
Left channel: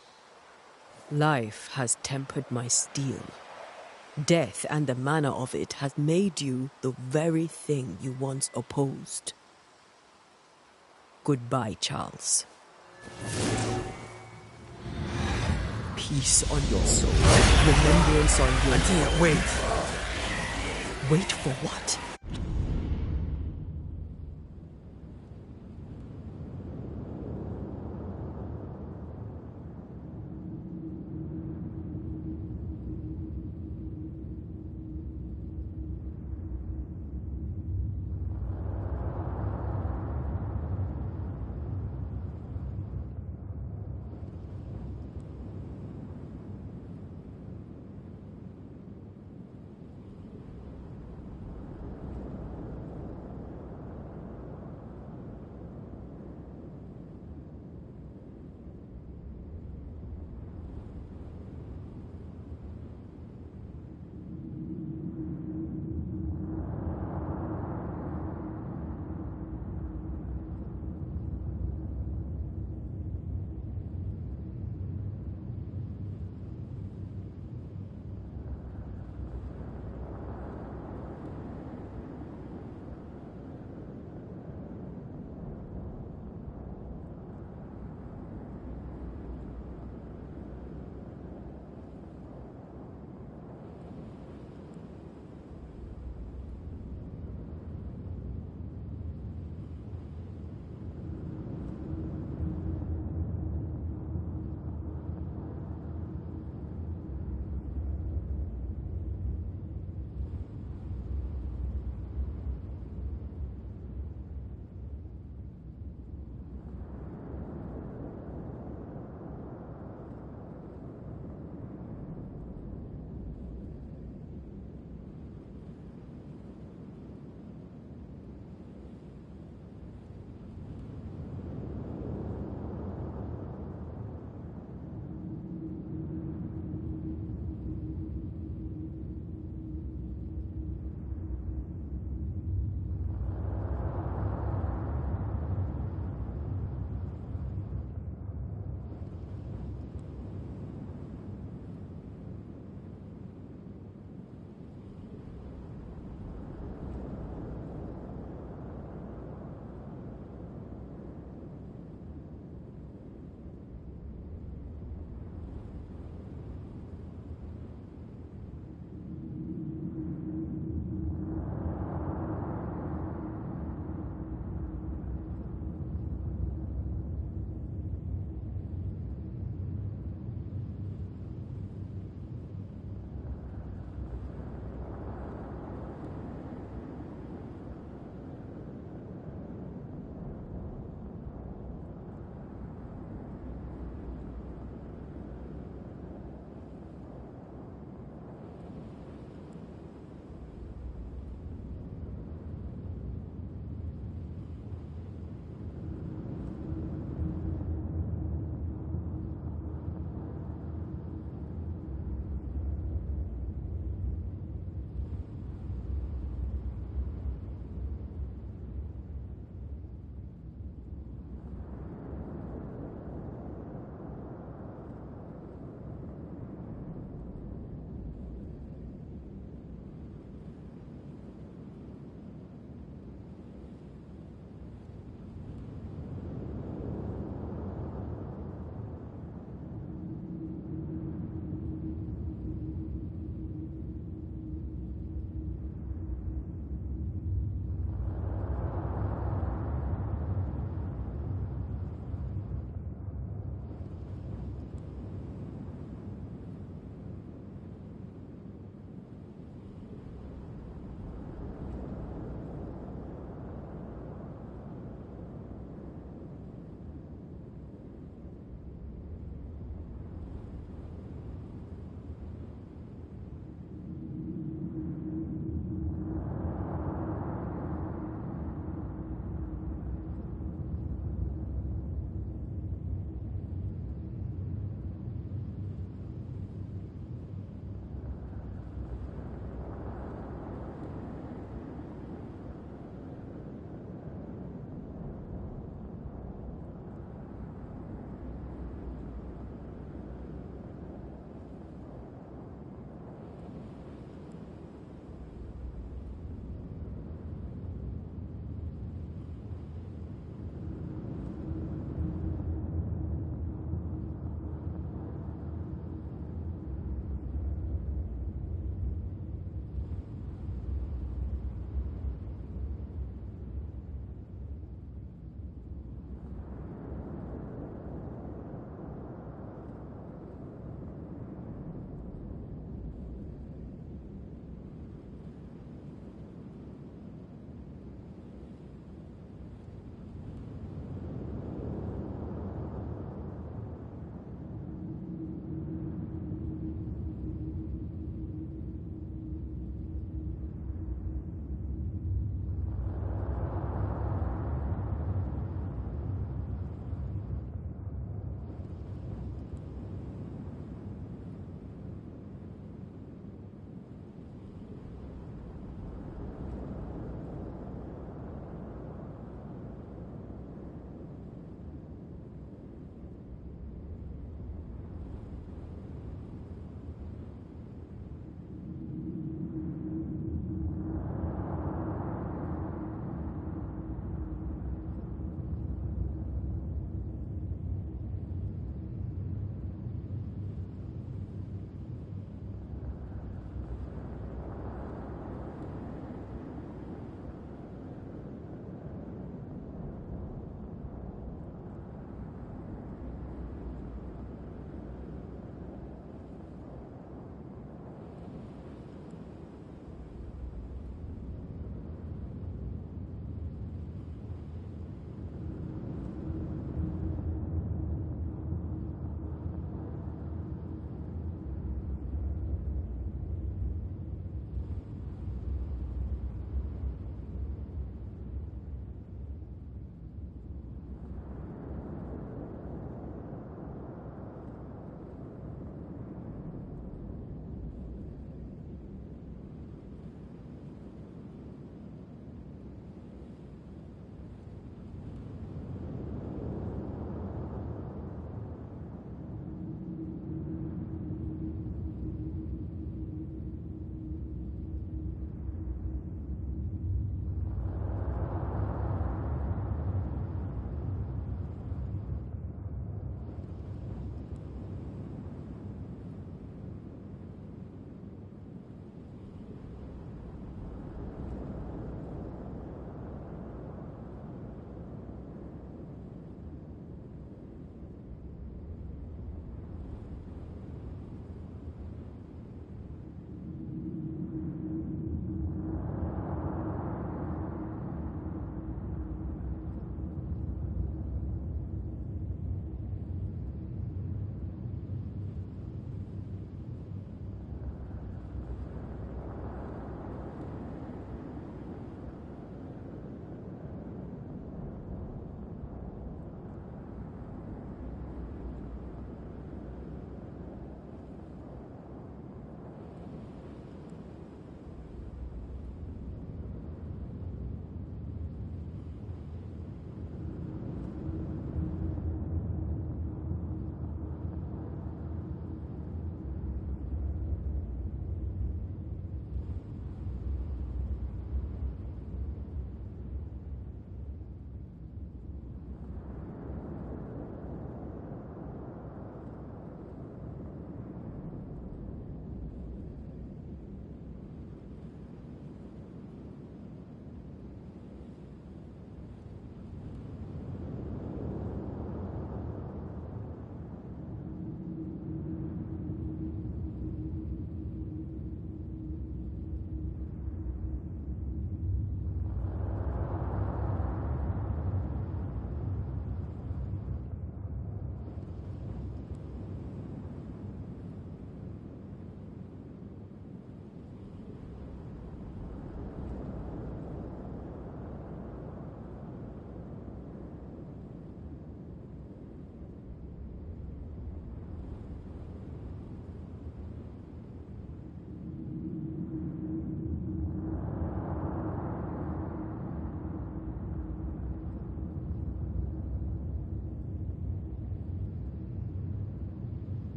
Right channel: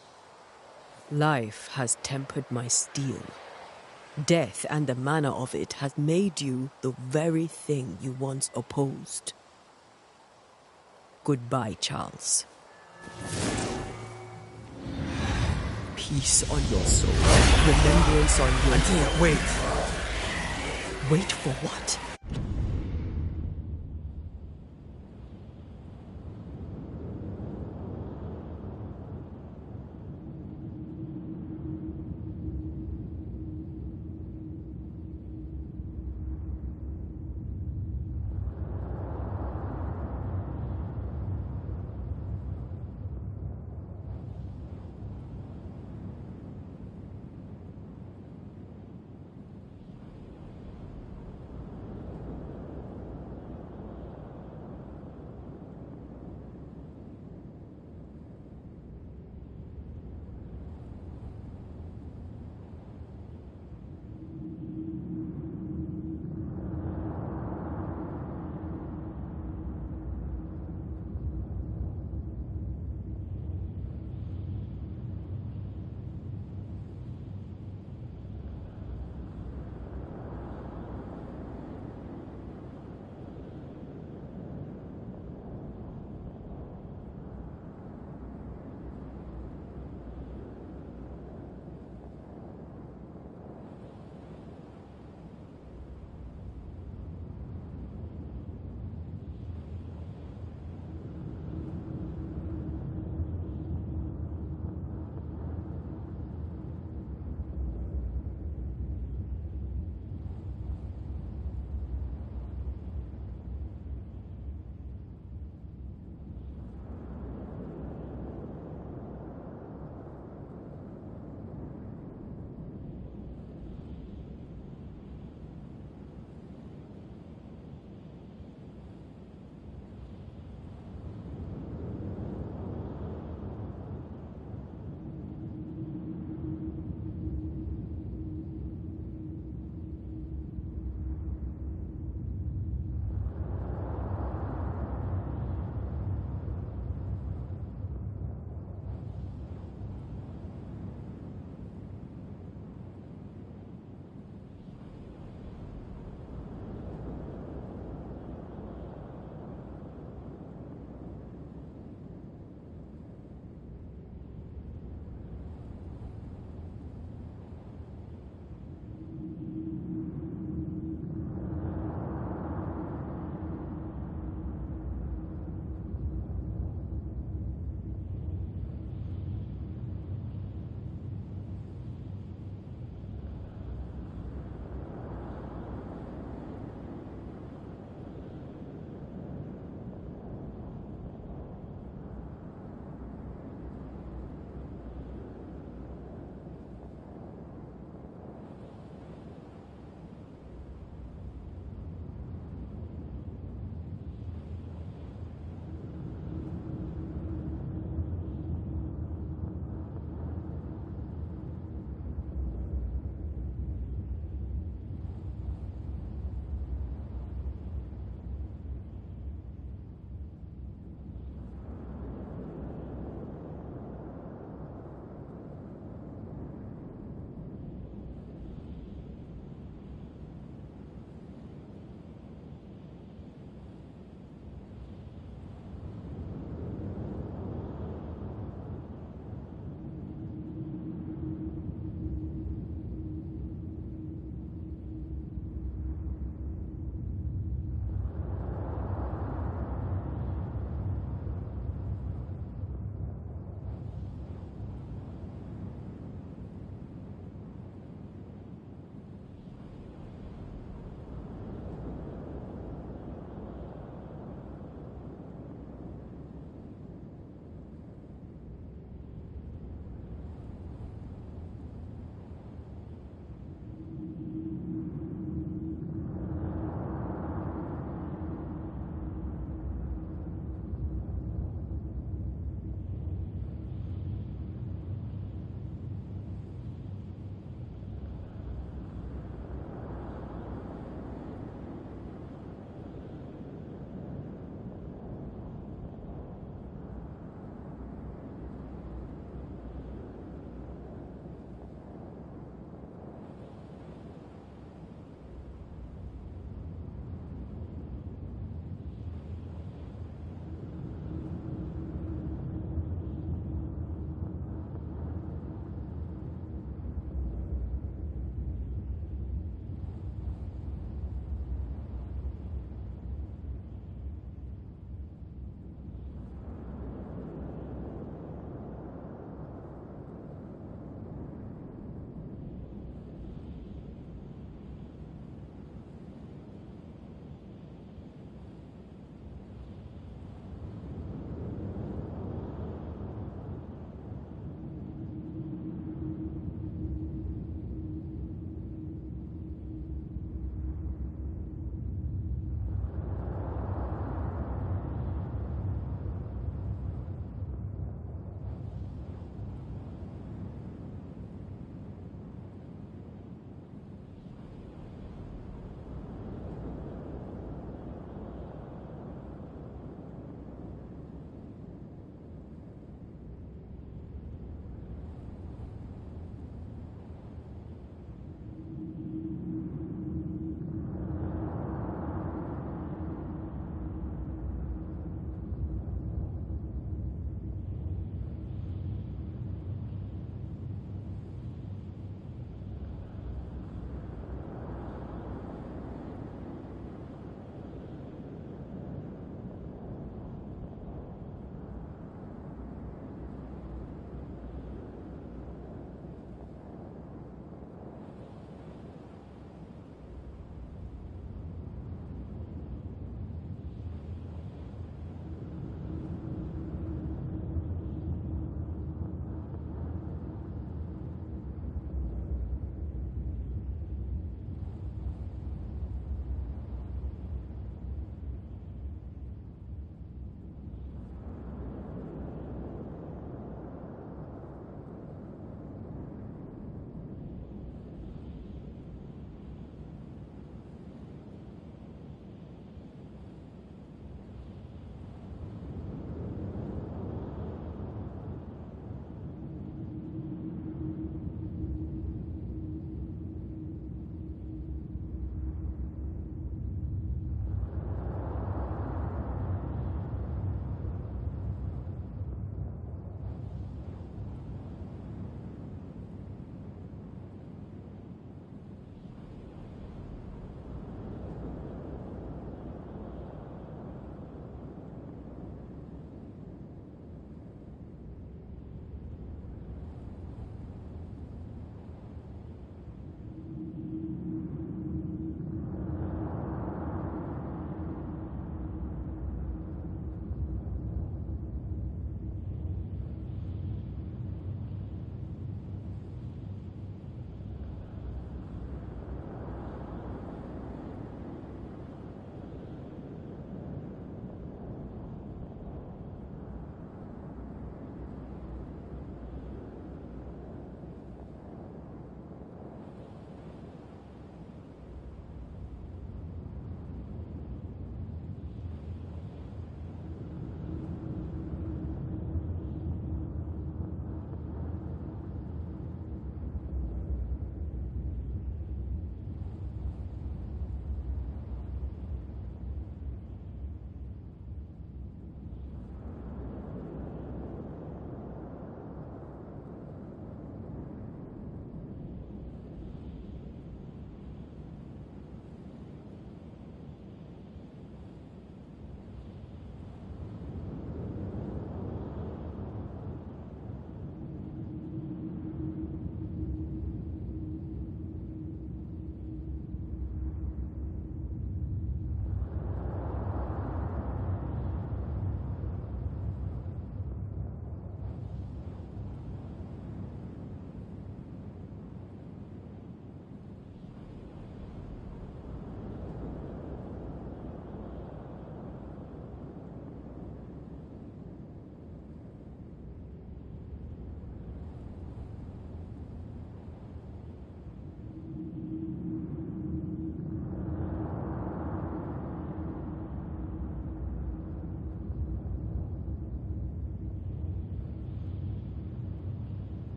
Life has tempered my steel. Death and the manner of it has made you the very thing you once opposed. Goodbye, Charles. Peace on your soul. Remembrance on your... Antea, wait. Wait for what?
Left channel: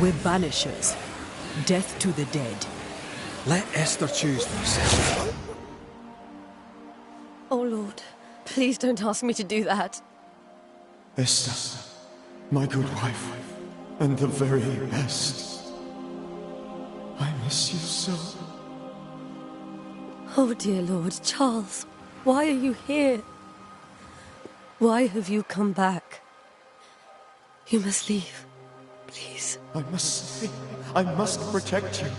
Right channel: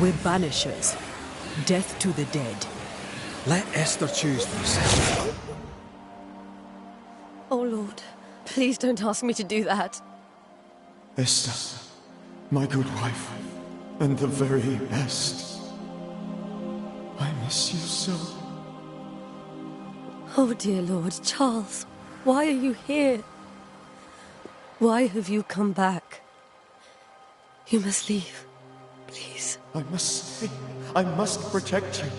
We're Banishers. Death to the dead. Let Esther choose for herself. Oh, Lord. Please don't ask me to do that. Esther, my good wife, and the very best. I miss you so. Oh, dear Lord, Charles, why are you here? Why have you come back? You must leave, please. I must stay. I must protect you.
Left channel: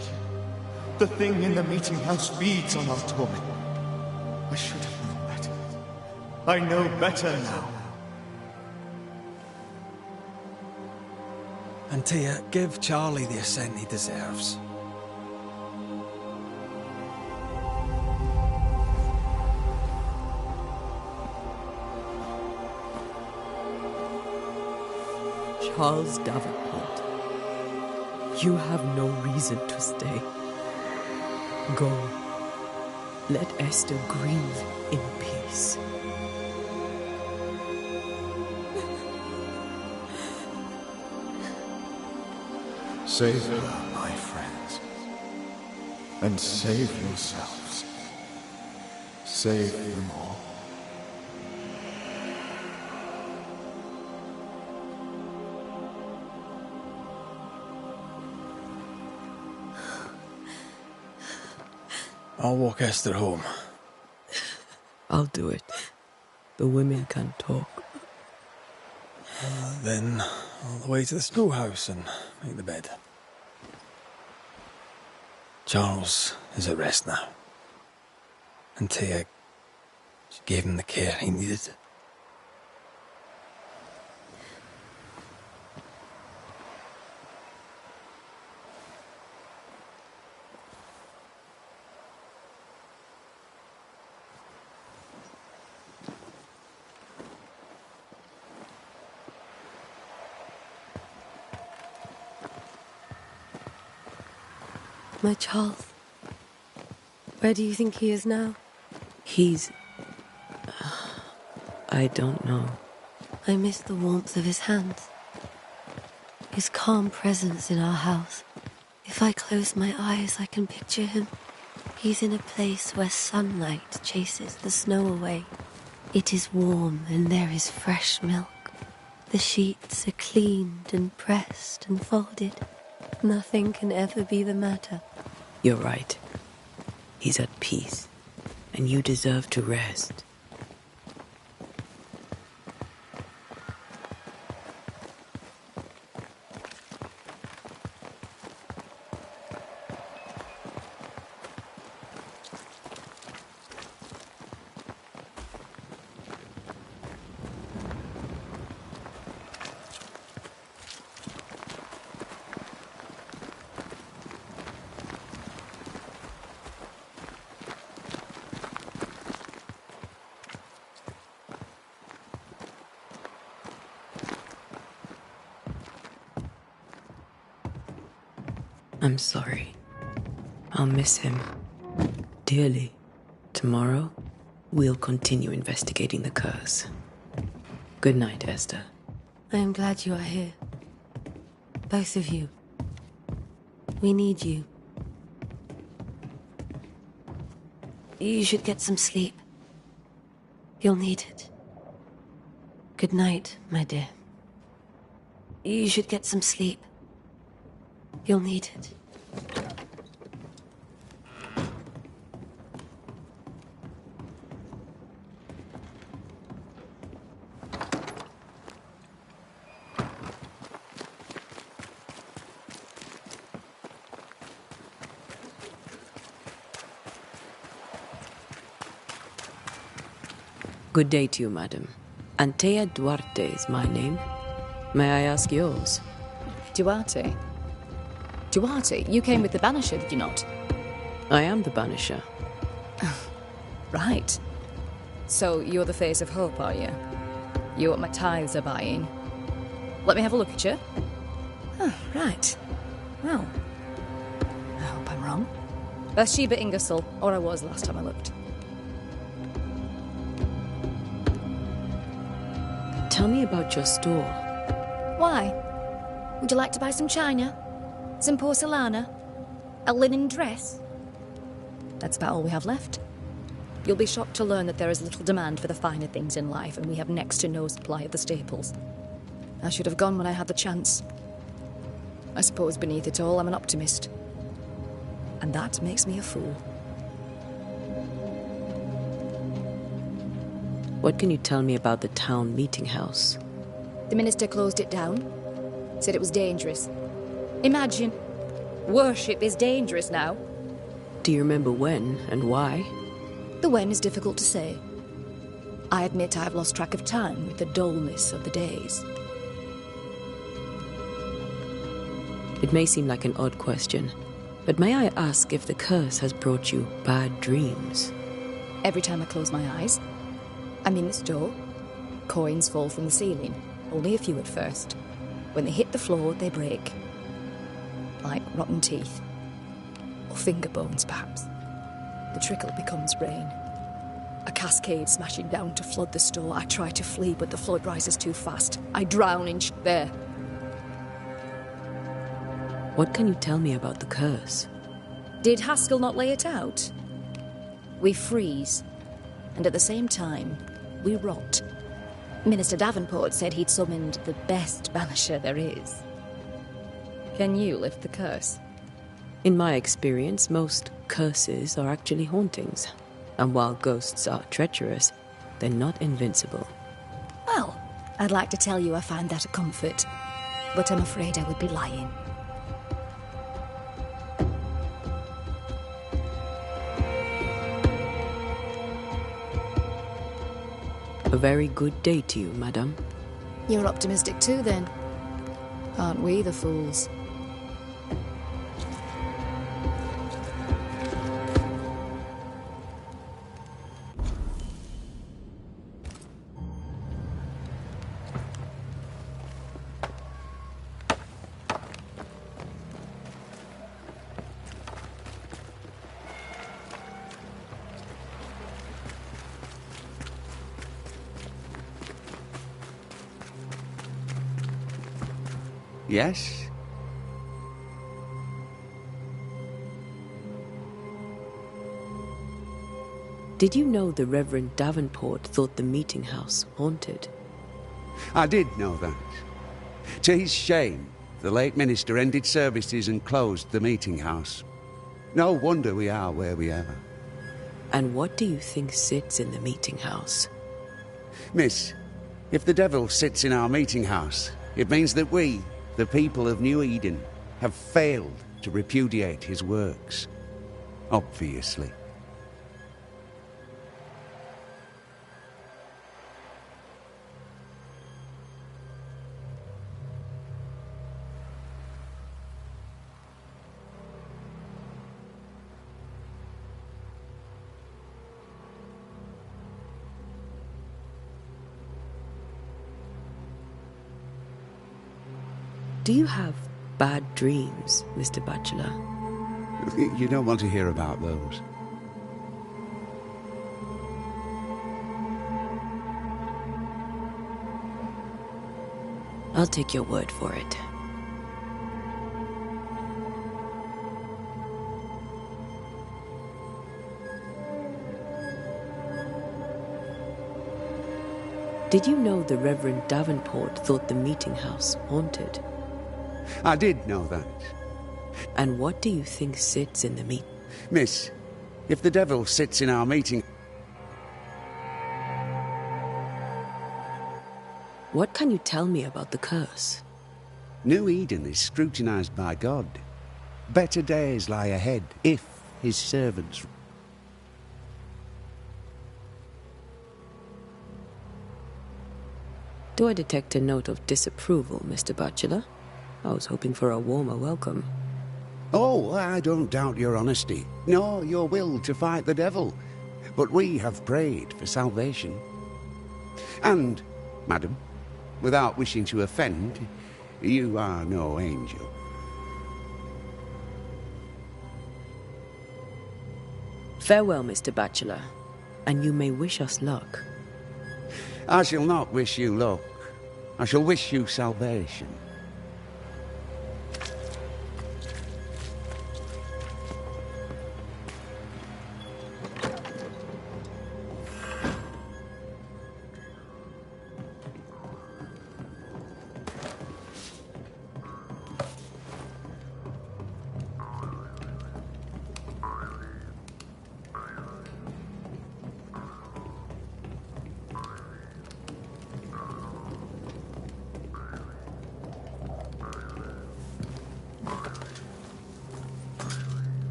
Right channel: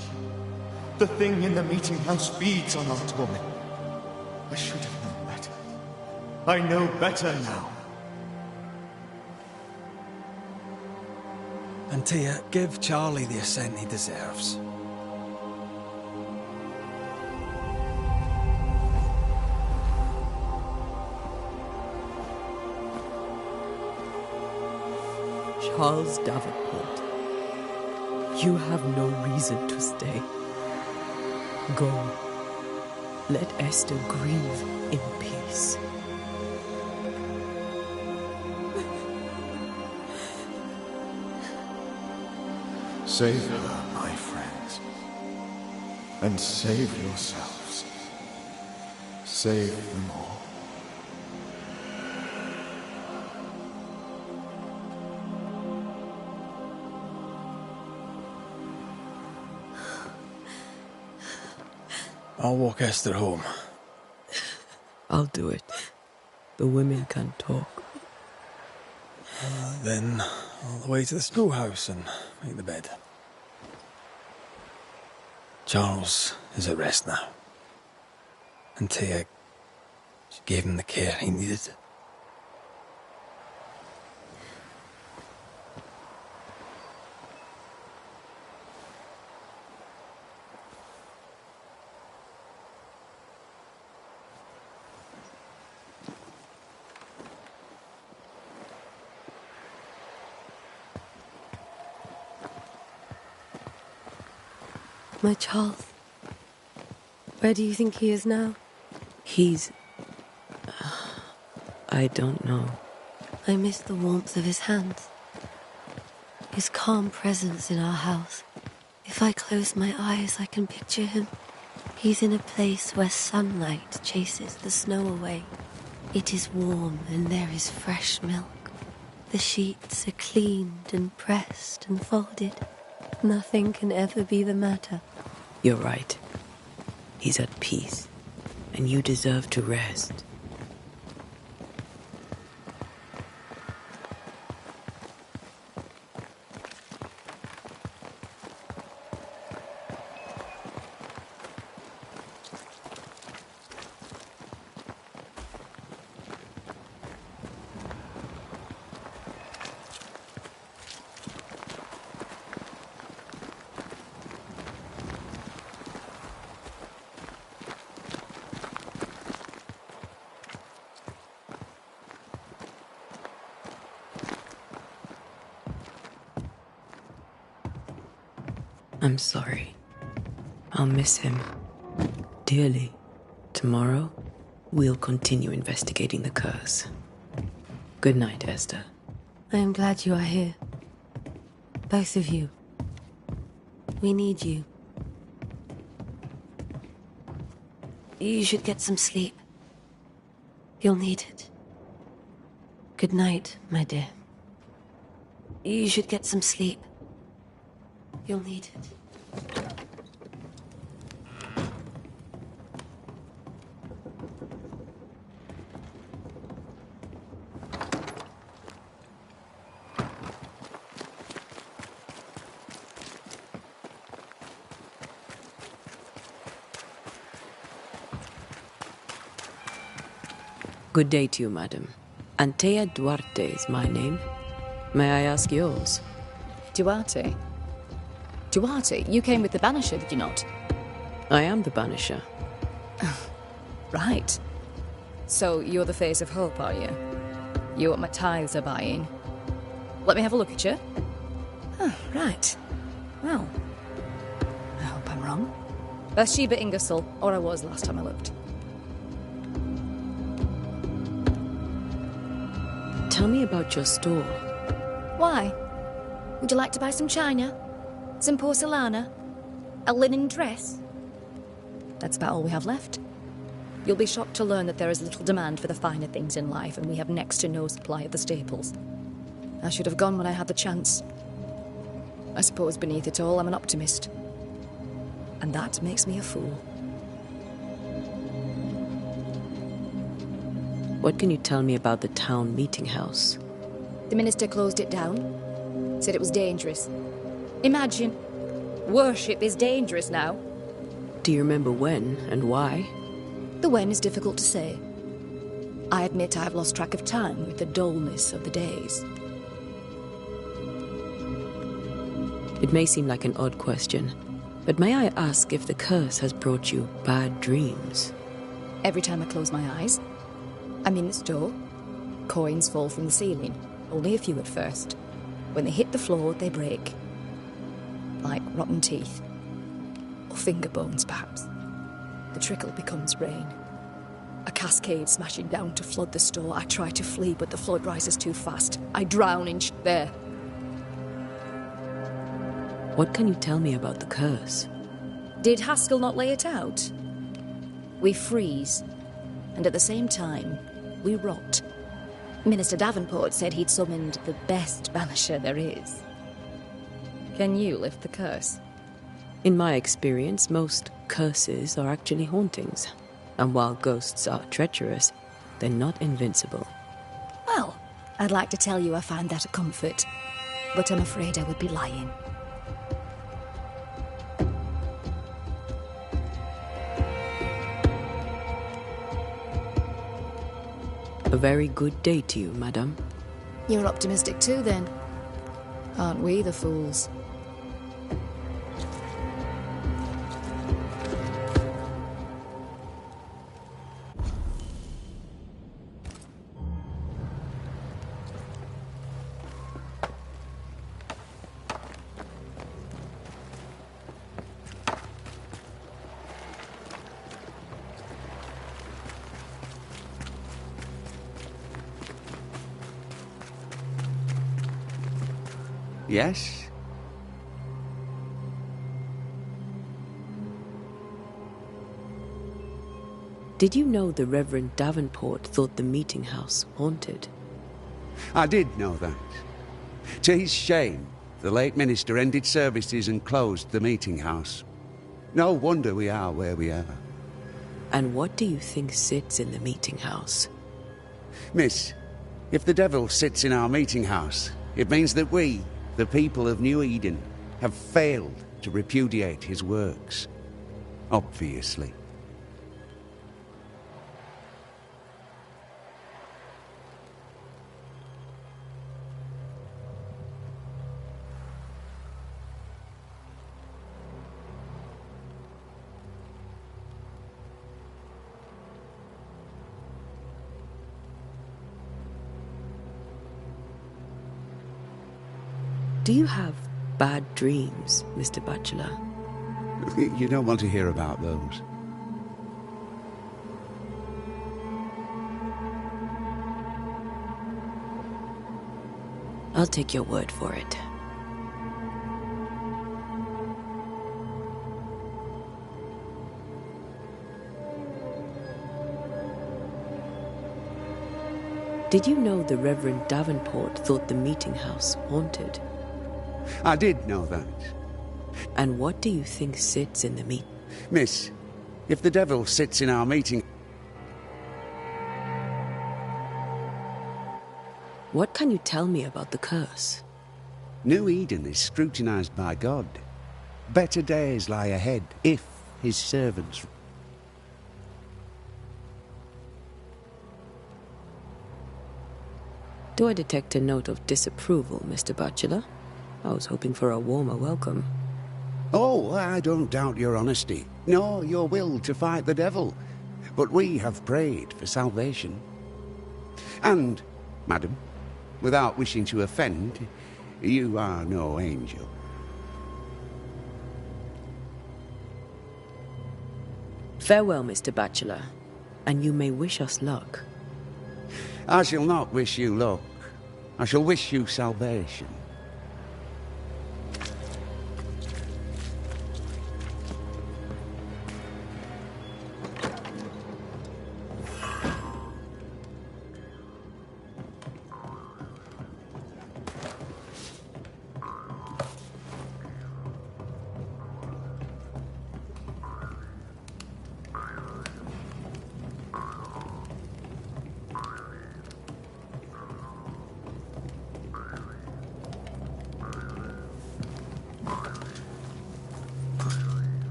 The thing in the meeting house feeds on our torment. I should have known better. I know better now. Antea, give Charlie the ascent he deserves. Charles Davenport, you have no reason to stay. Go. Let Esther grieve in peace. Save her, my friends. And save yourselves. Save them all. I'll walk Esther home. I'll do it. The women can talk. Then all the way to the schoolhouse and make the bed. Charles is at rest now. Antea, she gave him the care he needed. My Charles. Where do you think he is now? He's... I don't know. I miss the warmth of his hands. His calm presence in our house. If I close my eyes, I can picture him. He's in a place where sunlight chases the snow away. It is warm and there is fresh milk. The sheets are cleaned and pressed and folded. Nothing can ever be the matter. You're right. He's at peace, and you deserve to rest. I'm sorry. I'll miss him dearly. Tomorrow, we'll continue investigating the curse. Good night, Esther. I am glad you are here. Both of you. We need you. You should get some sleep. You'll need it. Good night, my dear. You should get some sleep. You'll need it. Good day to you, madam. Antea Duarte is my name. May I ask yours? Duarte? Duarte, you came with the Banisher, did you not? I am the Banisher. Right. So you're the face of hope, are you? You're what my tithes are buying. Let me have a look at you. Oh, right. Well, I hope I'm wrong. Bathsheba Ingersoll, or I was last time I looked. Tell me about your store. Why? Would you like to buy some china? Some porcelana? A linen dress? That's about all we have left. You'll be shocked to learn that there is little demand for the finer things in life, and we have next to no supply of the staples. I should have gone when I had the chance. I suppose beneath it all, I'm an optimist. And that makes me a fool. What can you tell me about the town meeting house? The minister closed it down. Said it was dangerous. Imagine. Worship is dangerous now. Do you remember when and why? The when is difficult to say. I admit I've lost track of time with the dullness of the days. It may seem like an odd question, but may I ask if the curse has brought you bad dreams? Every time I close my eyes, I'm in this door. Coins fall from the ceiling, only a few at first. When they hit the floor, they break. Like rotten teeth. Or finger bones, perhaps. The trickle becomes rain. A cascade smashing down to flood the store. I try to flee, but the flood rises too fast. I drown in there. What can you tell me about the curse? Did Haskell not lay it out? We freeze, and at the same time, we rot. Minister Davenport said he'd summoned the best banisher there is. Can you lift the curse? In my experience, most curses are actually hauntings. And while ghosts are treacherous, they're not invincible. Well, I'd like to tell you I find that a comfort, but I'm afraid I would be lying. A very good day to you, madame. You're optimistic too, then. Aren't we the fools? Yes? Did you know the Reverend Davenport thought the meeting house haunted? I did know that. To his shame, the late minister ended services and closed the meeting house. No wonder we are where we are. And what do you think sits in the meeting house? Miss, if the devil sits in our meeting house, it means that we, the people of New Eden, have failed to repudiate his works. Obviously. Do you have bad dreams, Mr. Bachelor? You don't want to hear about those. I'll take your word for it. Did you know the Reverend Davenport thought the meeting house haunted? I did know that. And what do you think sits in the meet? Miss, if the devil sits in our meeting... What can you tell me about the curse? New Eden is scrutinized by God. Better days lie ahead if his servants... Do I detect a note of disapproval, Mr. Bachelor? I was hoping for a warmer welcome. Oh, I don't doubt your honesty, nor your will to fight the devil. But we have prayed for salvation. And, madam, without wishing to offend, you are no angel. Farewell, Mr. Bachelor, and you may wish us luck. I shall not wish you luck. I shall wish you salvation.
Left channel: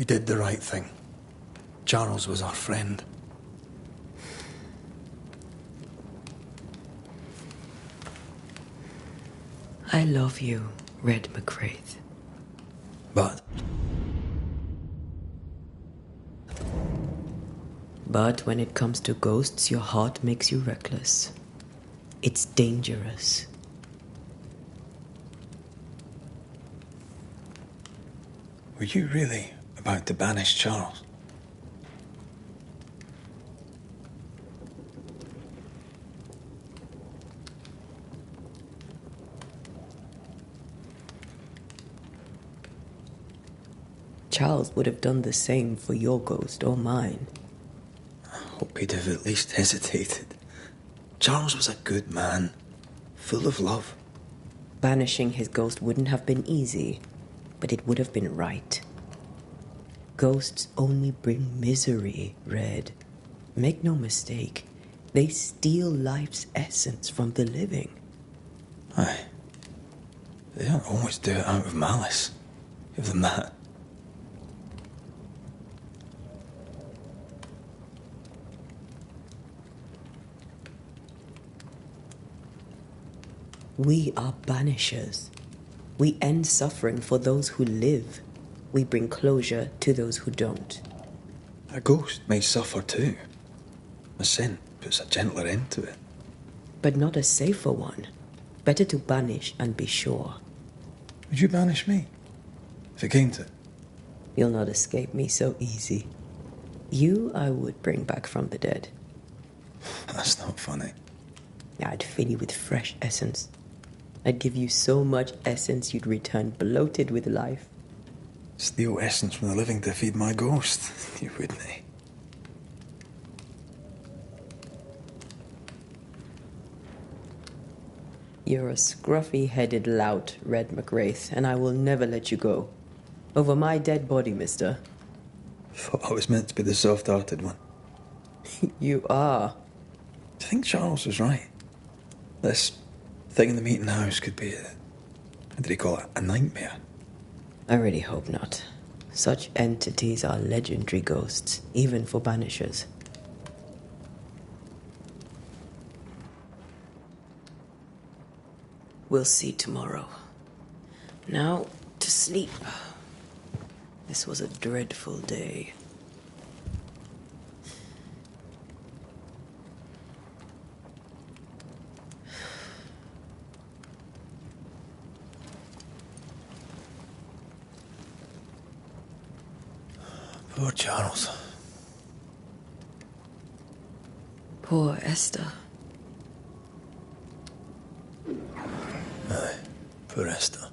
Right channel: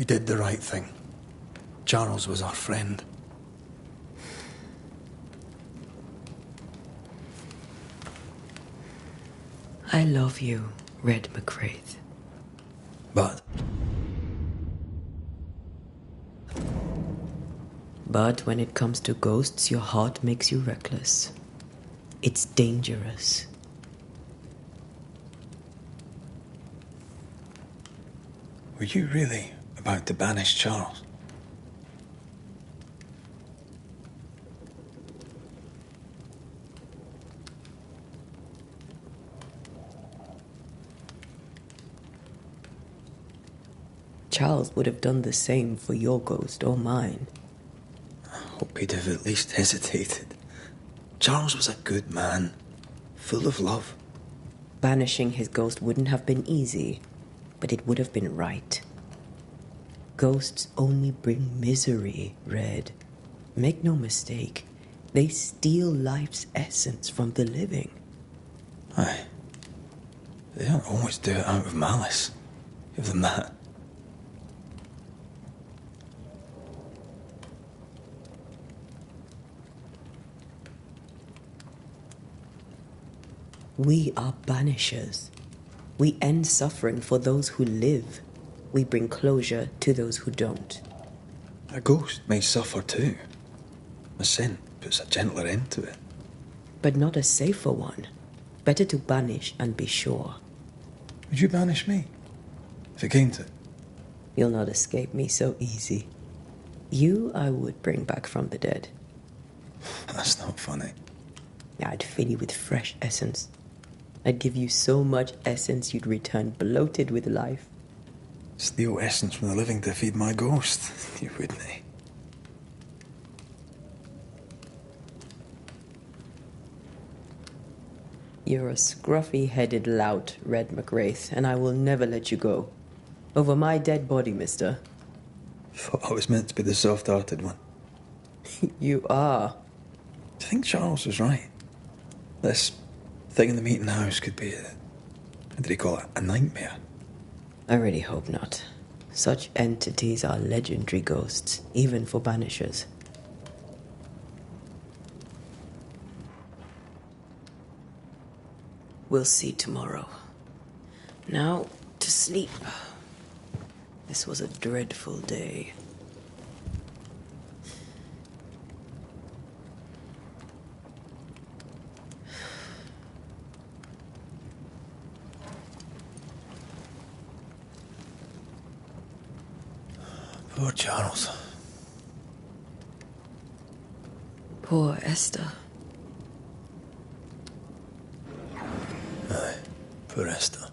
We did the right thing. Charles was our friend. I love you, Red McWraith. But when it comes to ghosts, your heart makes you reckless. It's dangerous. were you really about to banish Charles? Charles would have done the same for your ghost or mine. I hope he'd have at least hesitated. Charles was a good man, full of love. Banishing his ghost wouldn't have been easy, but it would have been right. Ghosts only bring misery, Red. Make no mistake, they steal life's essence from the living. Aye. They don't always do it out of malice. Give them that. We are banishers. We end suffering for those who live. We bring closure to those who don't. A ghost may suffer too. A sin puts a gentler end to it. But not a safer one. Better to banish and be sure. Would you banish me? If it came to it? You'll not escape me so easy. You I would bring back from the dead. That's not funny. I'd fill you with fresh essence. I'd give you so much essence you'd return bloated with life. Steal essence from the living to feed my ghost. You wouldn't, eh? You're a scruffy-headed lout, Red McWraith, and I will never let you go. Over my dead body, mister. Thought I was meant to be the soft-hearted one. You are. Do you think Charles was right? This thing in the meeting house could be what did he call it? A nightmare? I really hope not. Such entities are legendary ghosts, even for banishers. We'll see tomorrow. Now, to sleep. This was a dreadful day. Poor Charles. Poor Esther. Aye, poor Esther.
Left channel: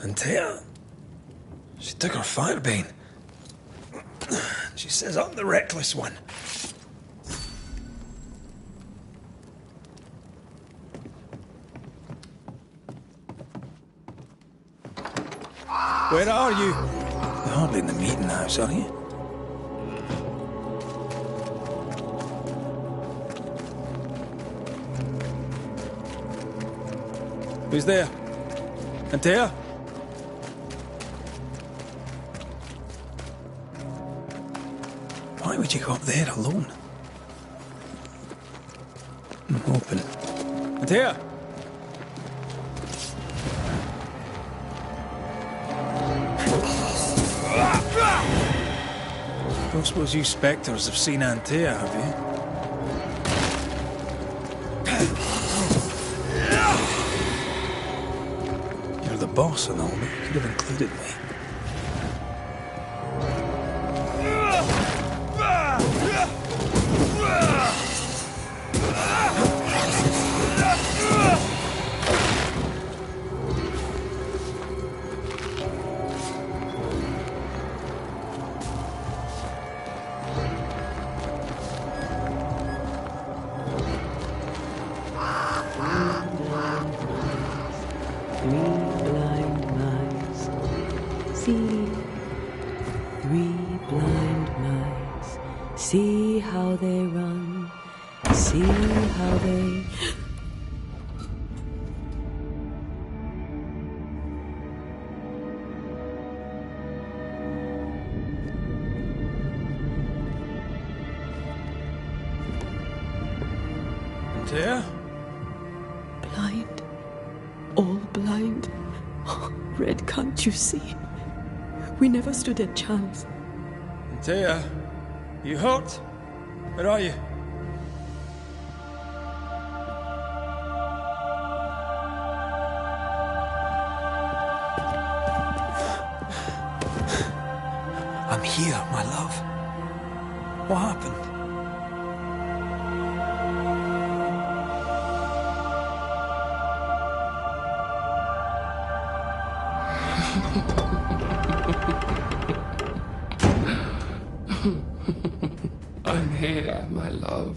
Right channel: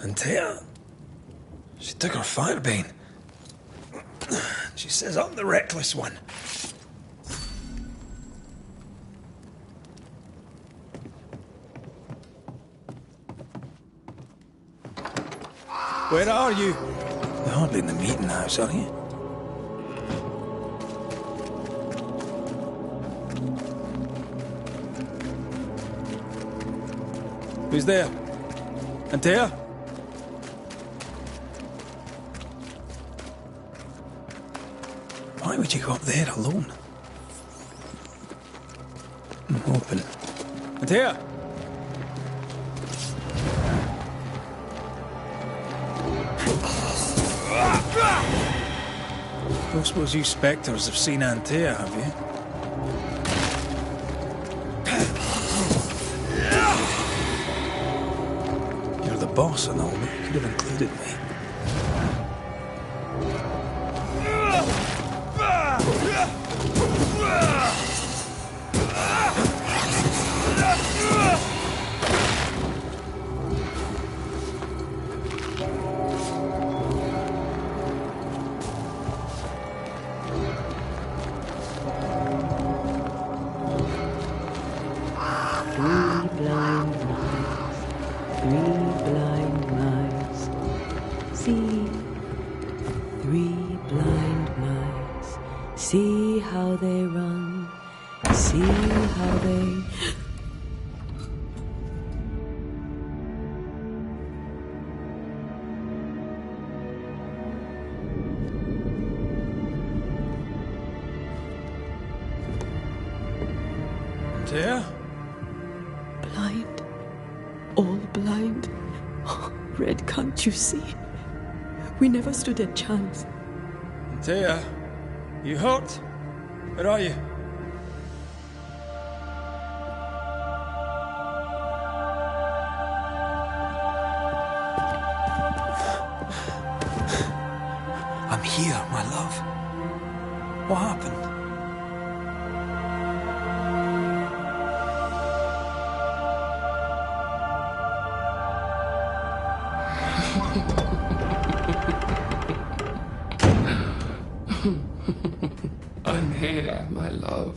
And Taya, she took her firebane. She says I'm the reckless one. Where are you? You're hardly in the meeting house, are you? Who's there? Antea? Why would you go up there alone? Open. Antea? Don't suppose you spectres have seen Antea, have you? You're the boss and all, but you could have included me. Three see. Three blind mice, see how they run, see how they... There? Blind. All blind. Red, can't you see? We never stood a chance. Antea, you hurt? Where are you? I'm here, my love. What happened? I'm here, my love.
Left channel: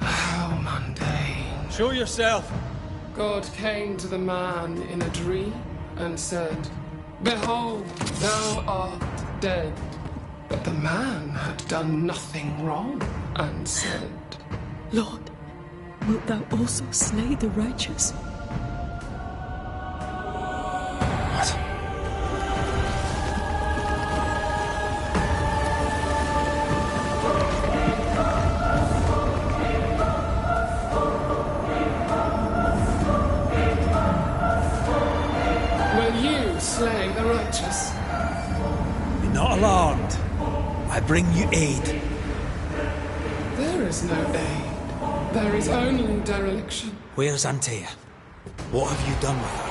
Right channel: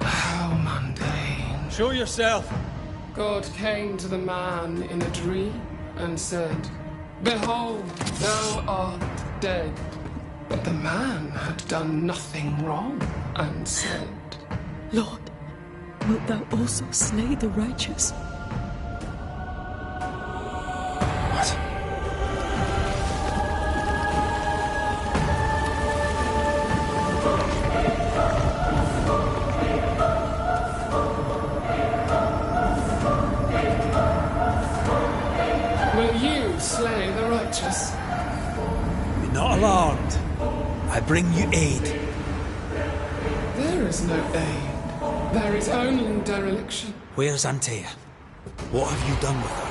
How mundane. Show yourself. God came to the man in a dream and said, "Behold, thou art dead." But the man had done nothing wrong and said, Lord, wilt thou also slay the righteous? What? "Will you slay the righteous?" Be not alarmed. I bring you aid. There is no aid. There is only dereliction. Where's Antea? What have you done with her?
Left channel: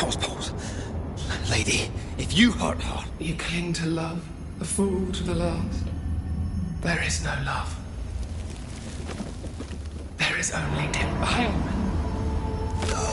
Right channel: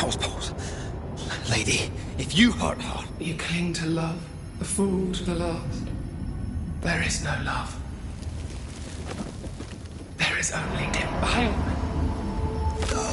House pose. Lady, if you hurt her... You cling to love, a fool to the last. There is no love. There is only defilement. No.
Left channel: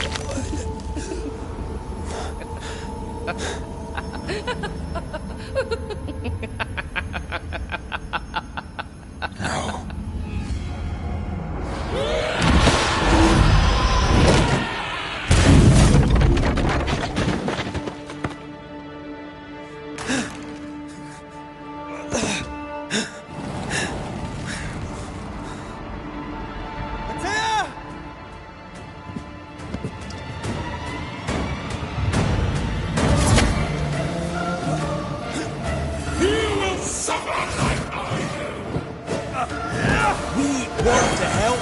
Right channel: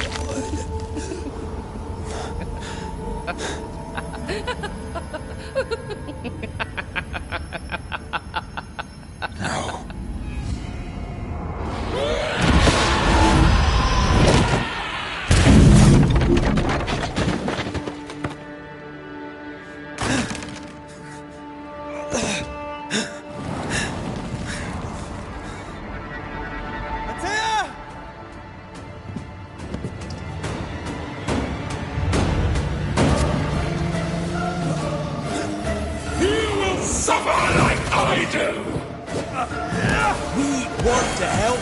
We want to help.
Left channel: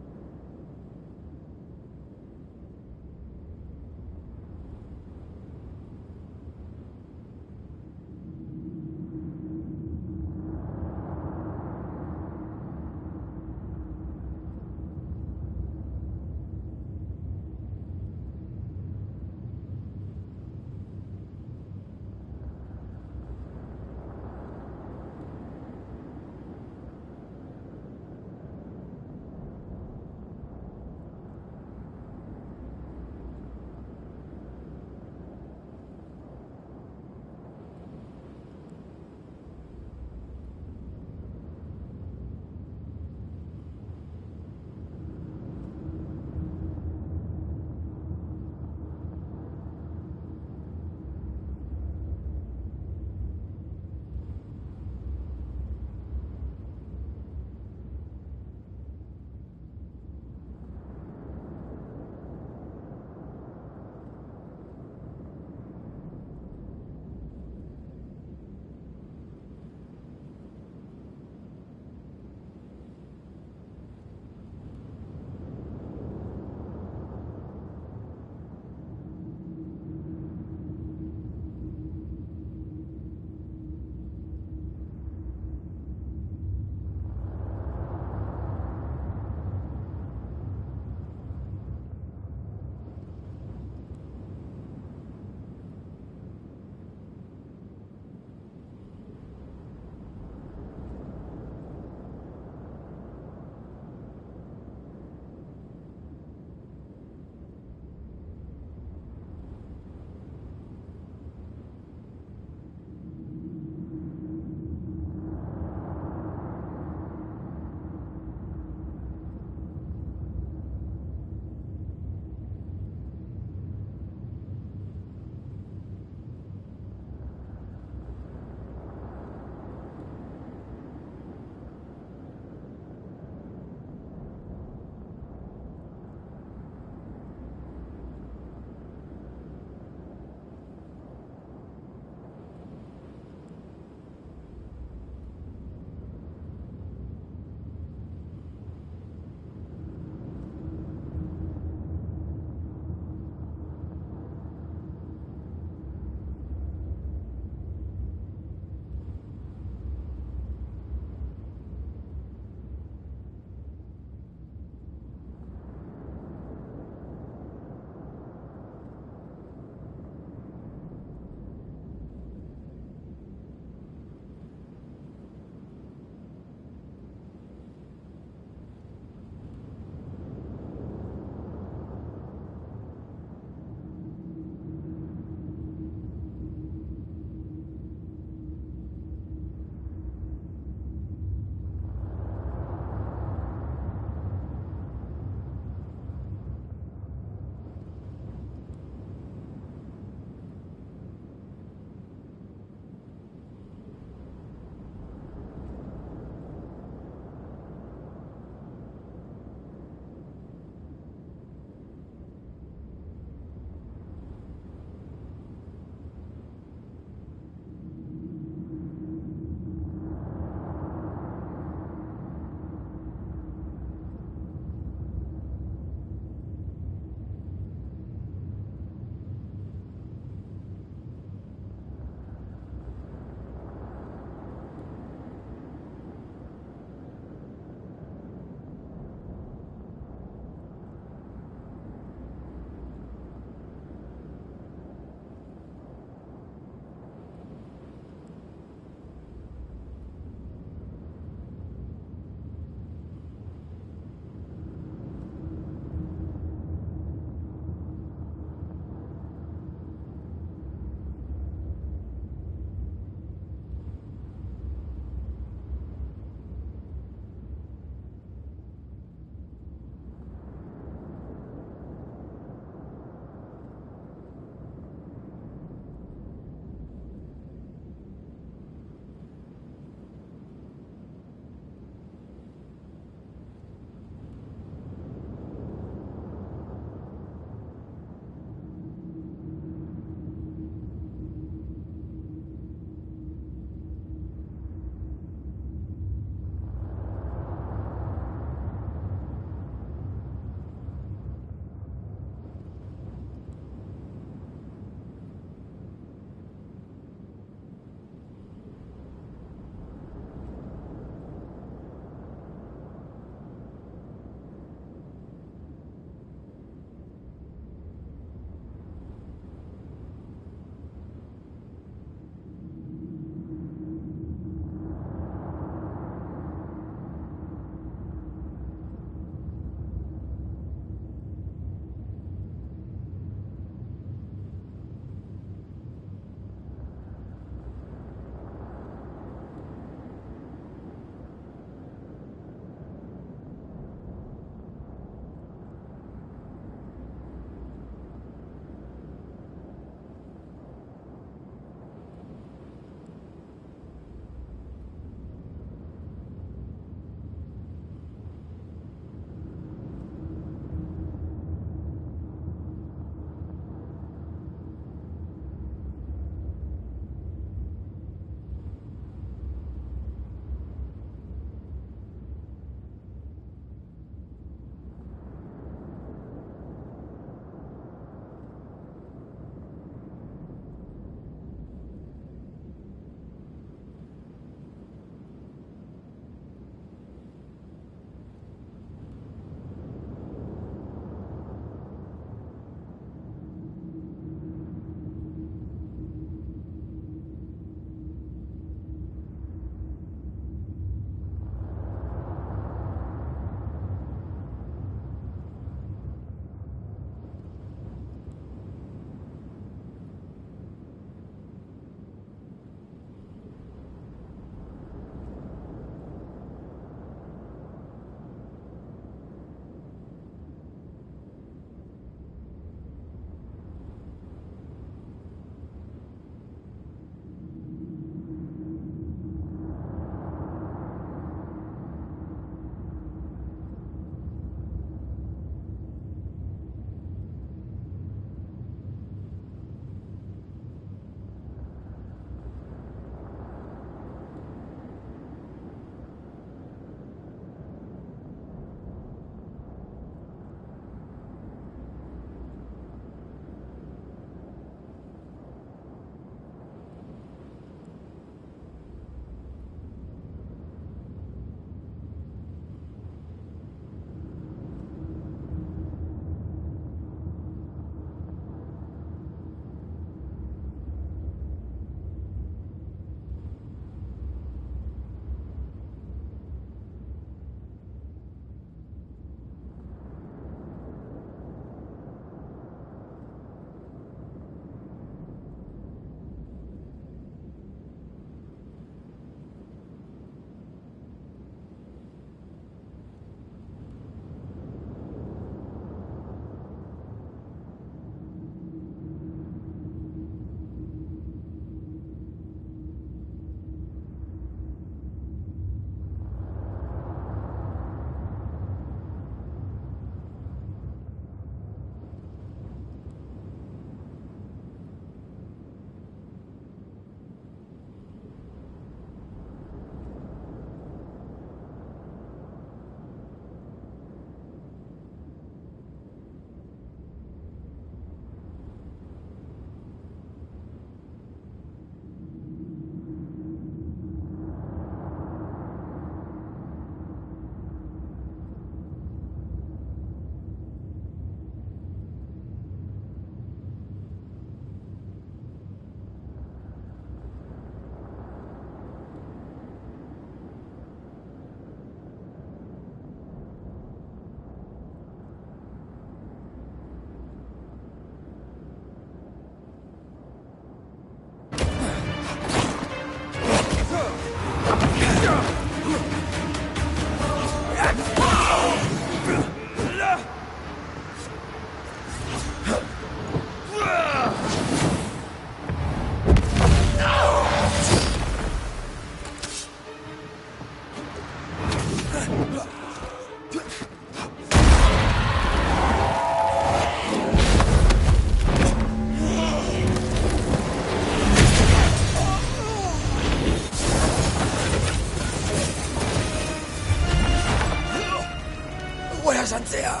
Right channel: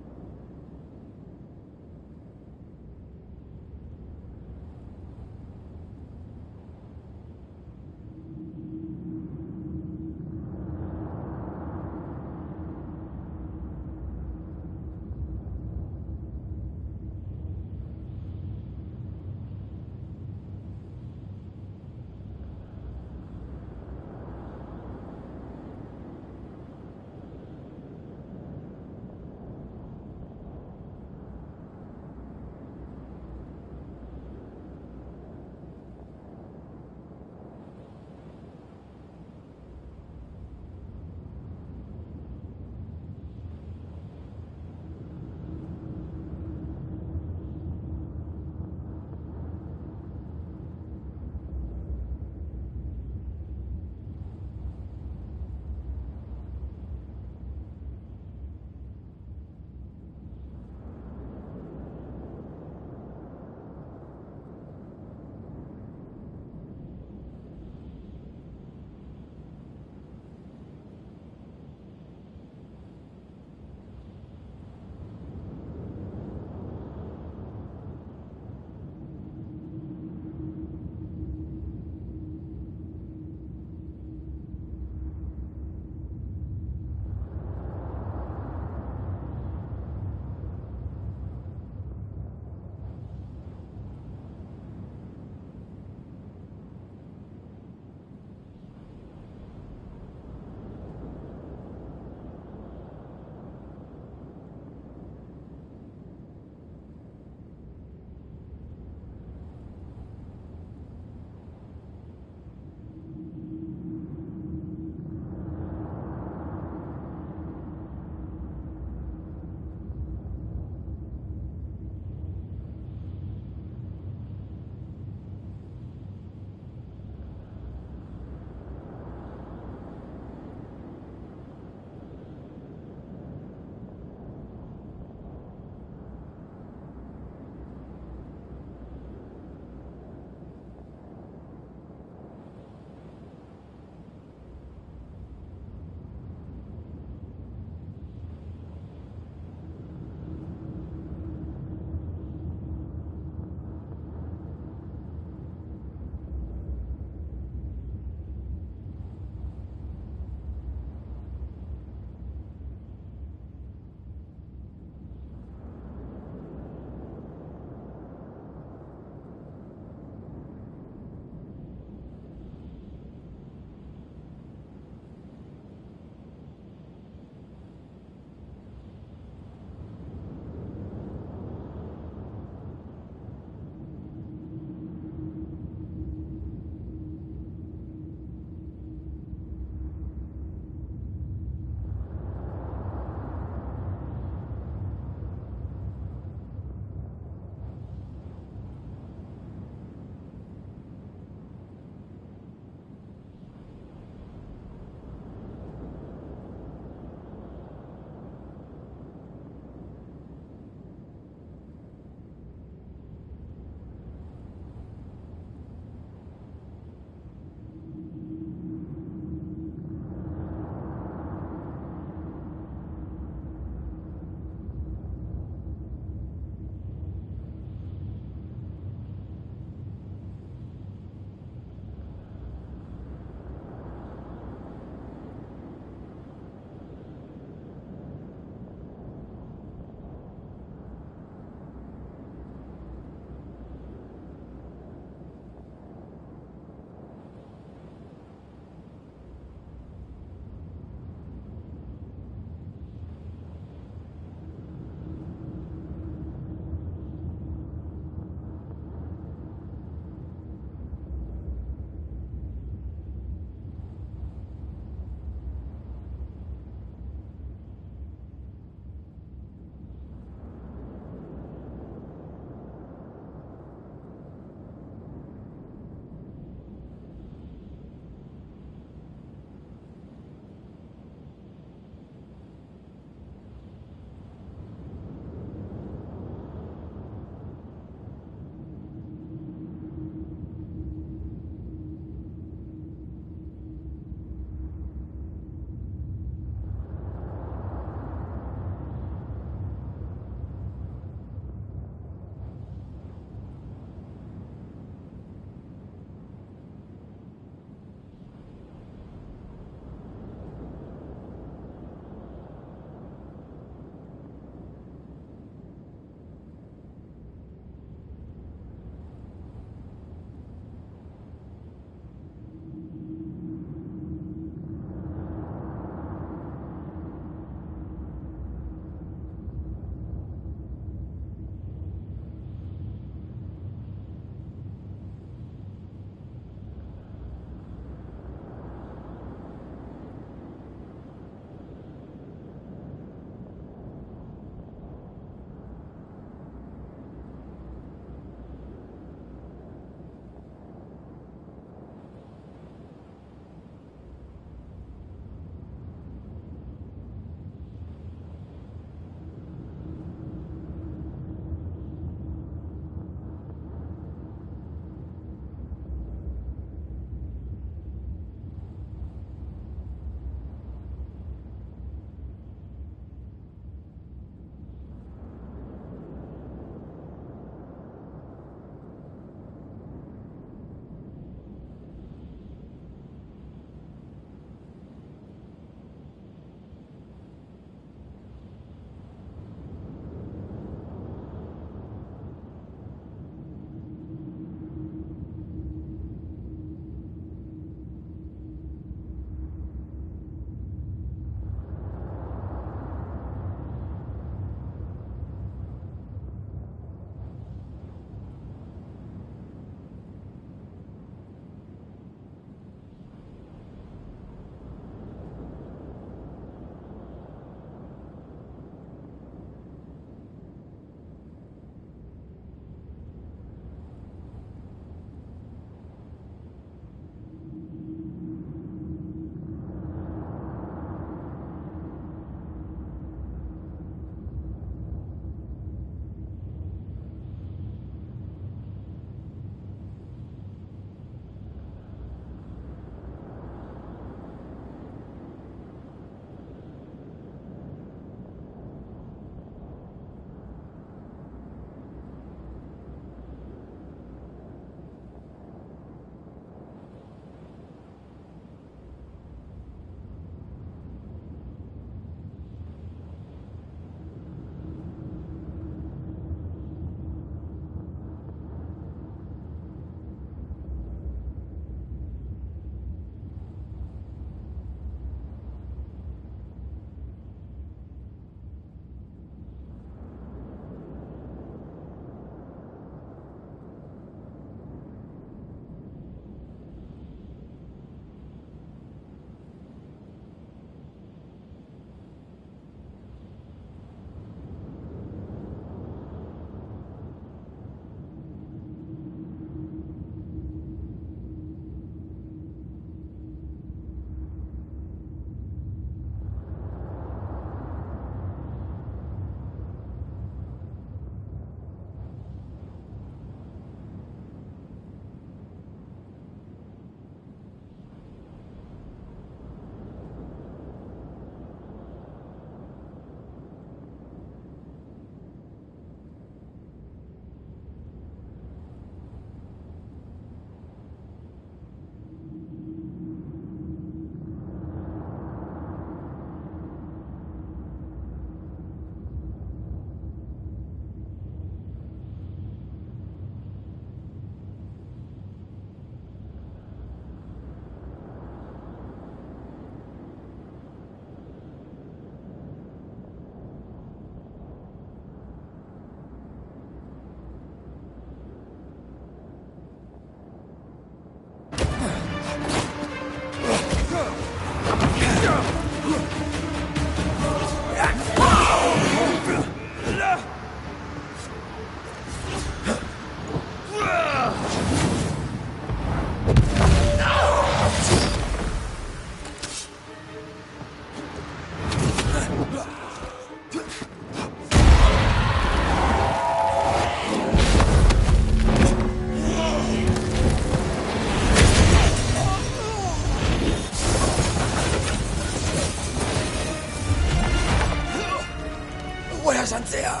Where's Anthea?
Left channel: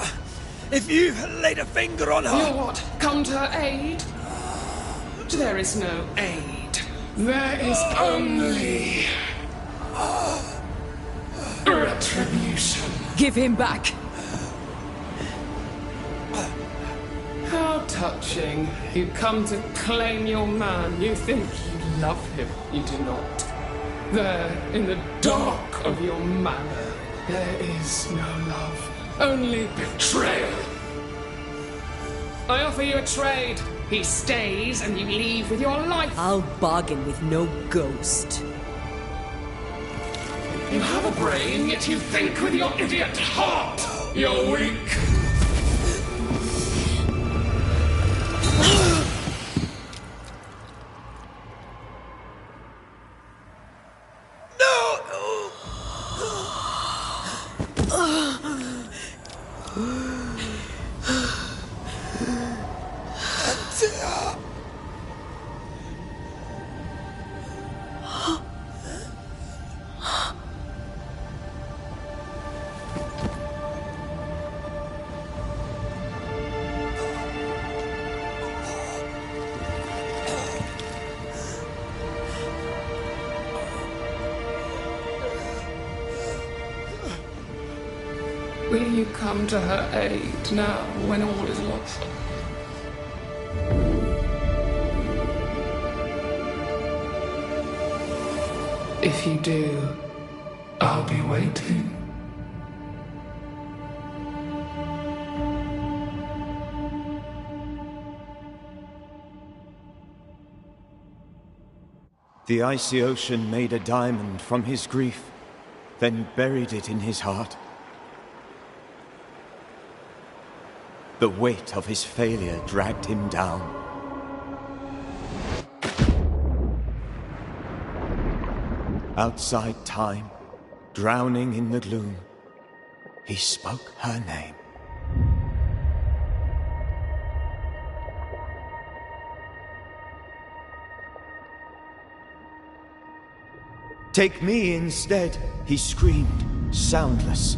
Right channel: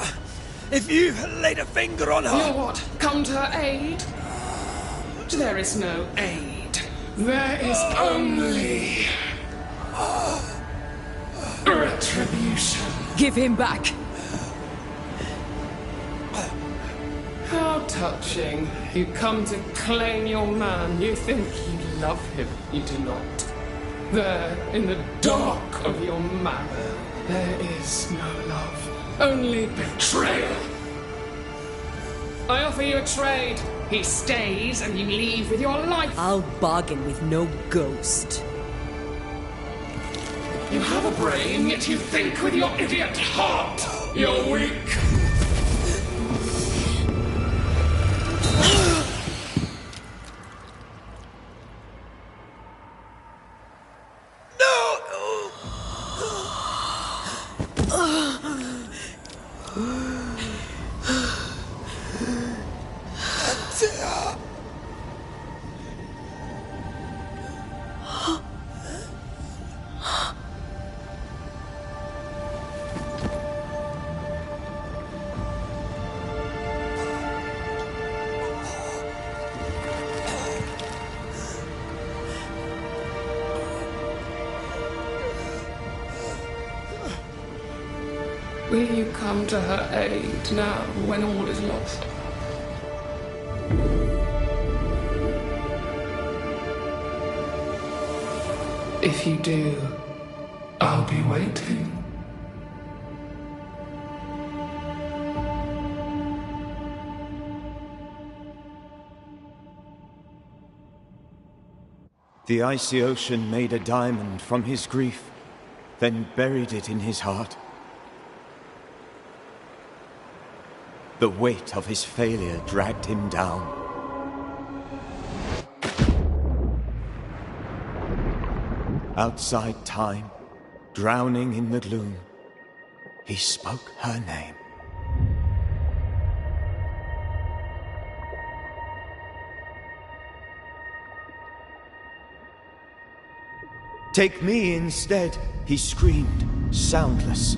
If you've laid a finger on her... You what? Come to her aid? There is no aid. There is only... retribution. Give him back! How touching. You come to claim your man. You think you love him. You do not. There, in the dark of your marrow, there is no love. Only betrayal. I offer you a trade. He stays and you leave with your life. I'll bargain with no ghost. You have a brain, yet you think with your idiot heart. You're weak. Will you come to her aid now, when all is lost? If you do, I'll be waiting. The icy ocean made a diamond from his grief, then buried it in his heart. The weight of his failure dragged him down. Outside time, drowning in the gloom, he spoke her name. Take me instead, he screamed, soundless,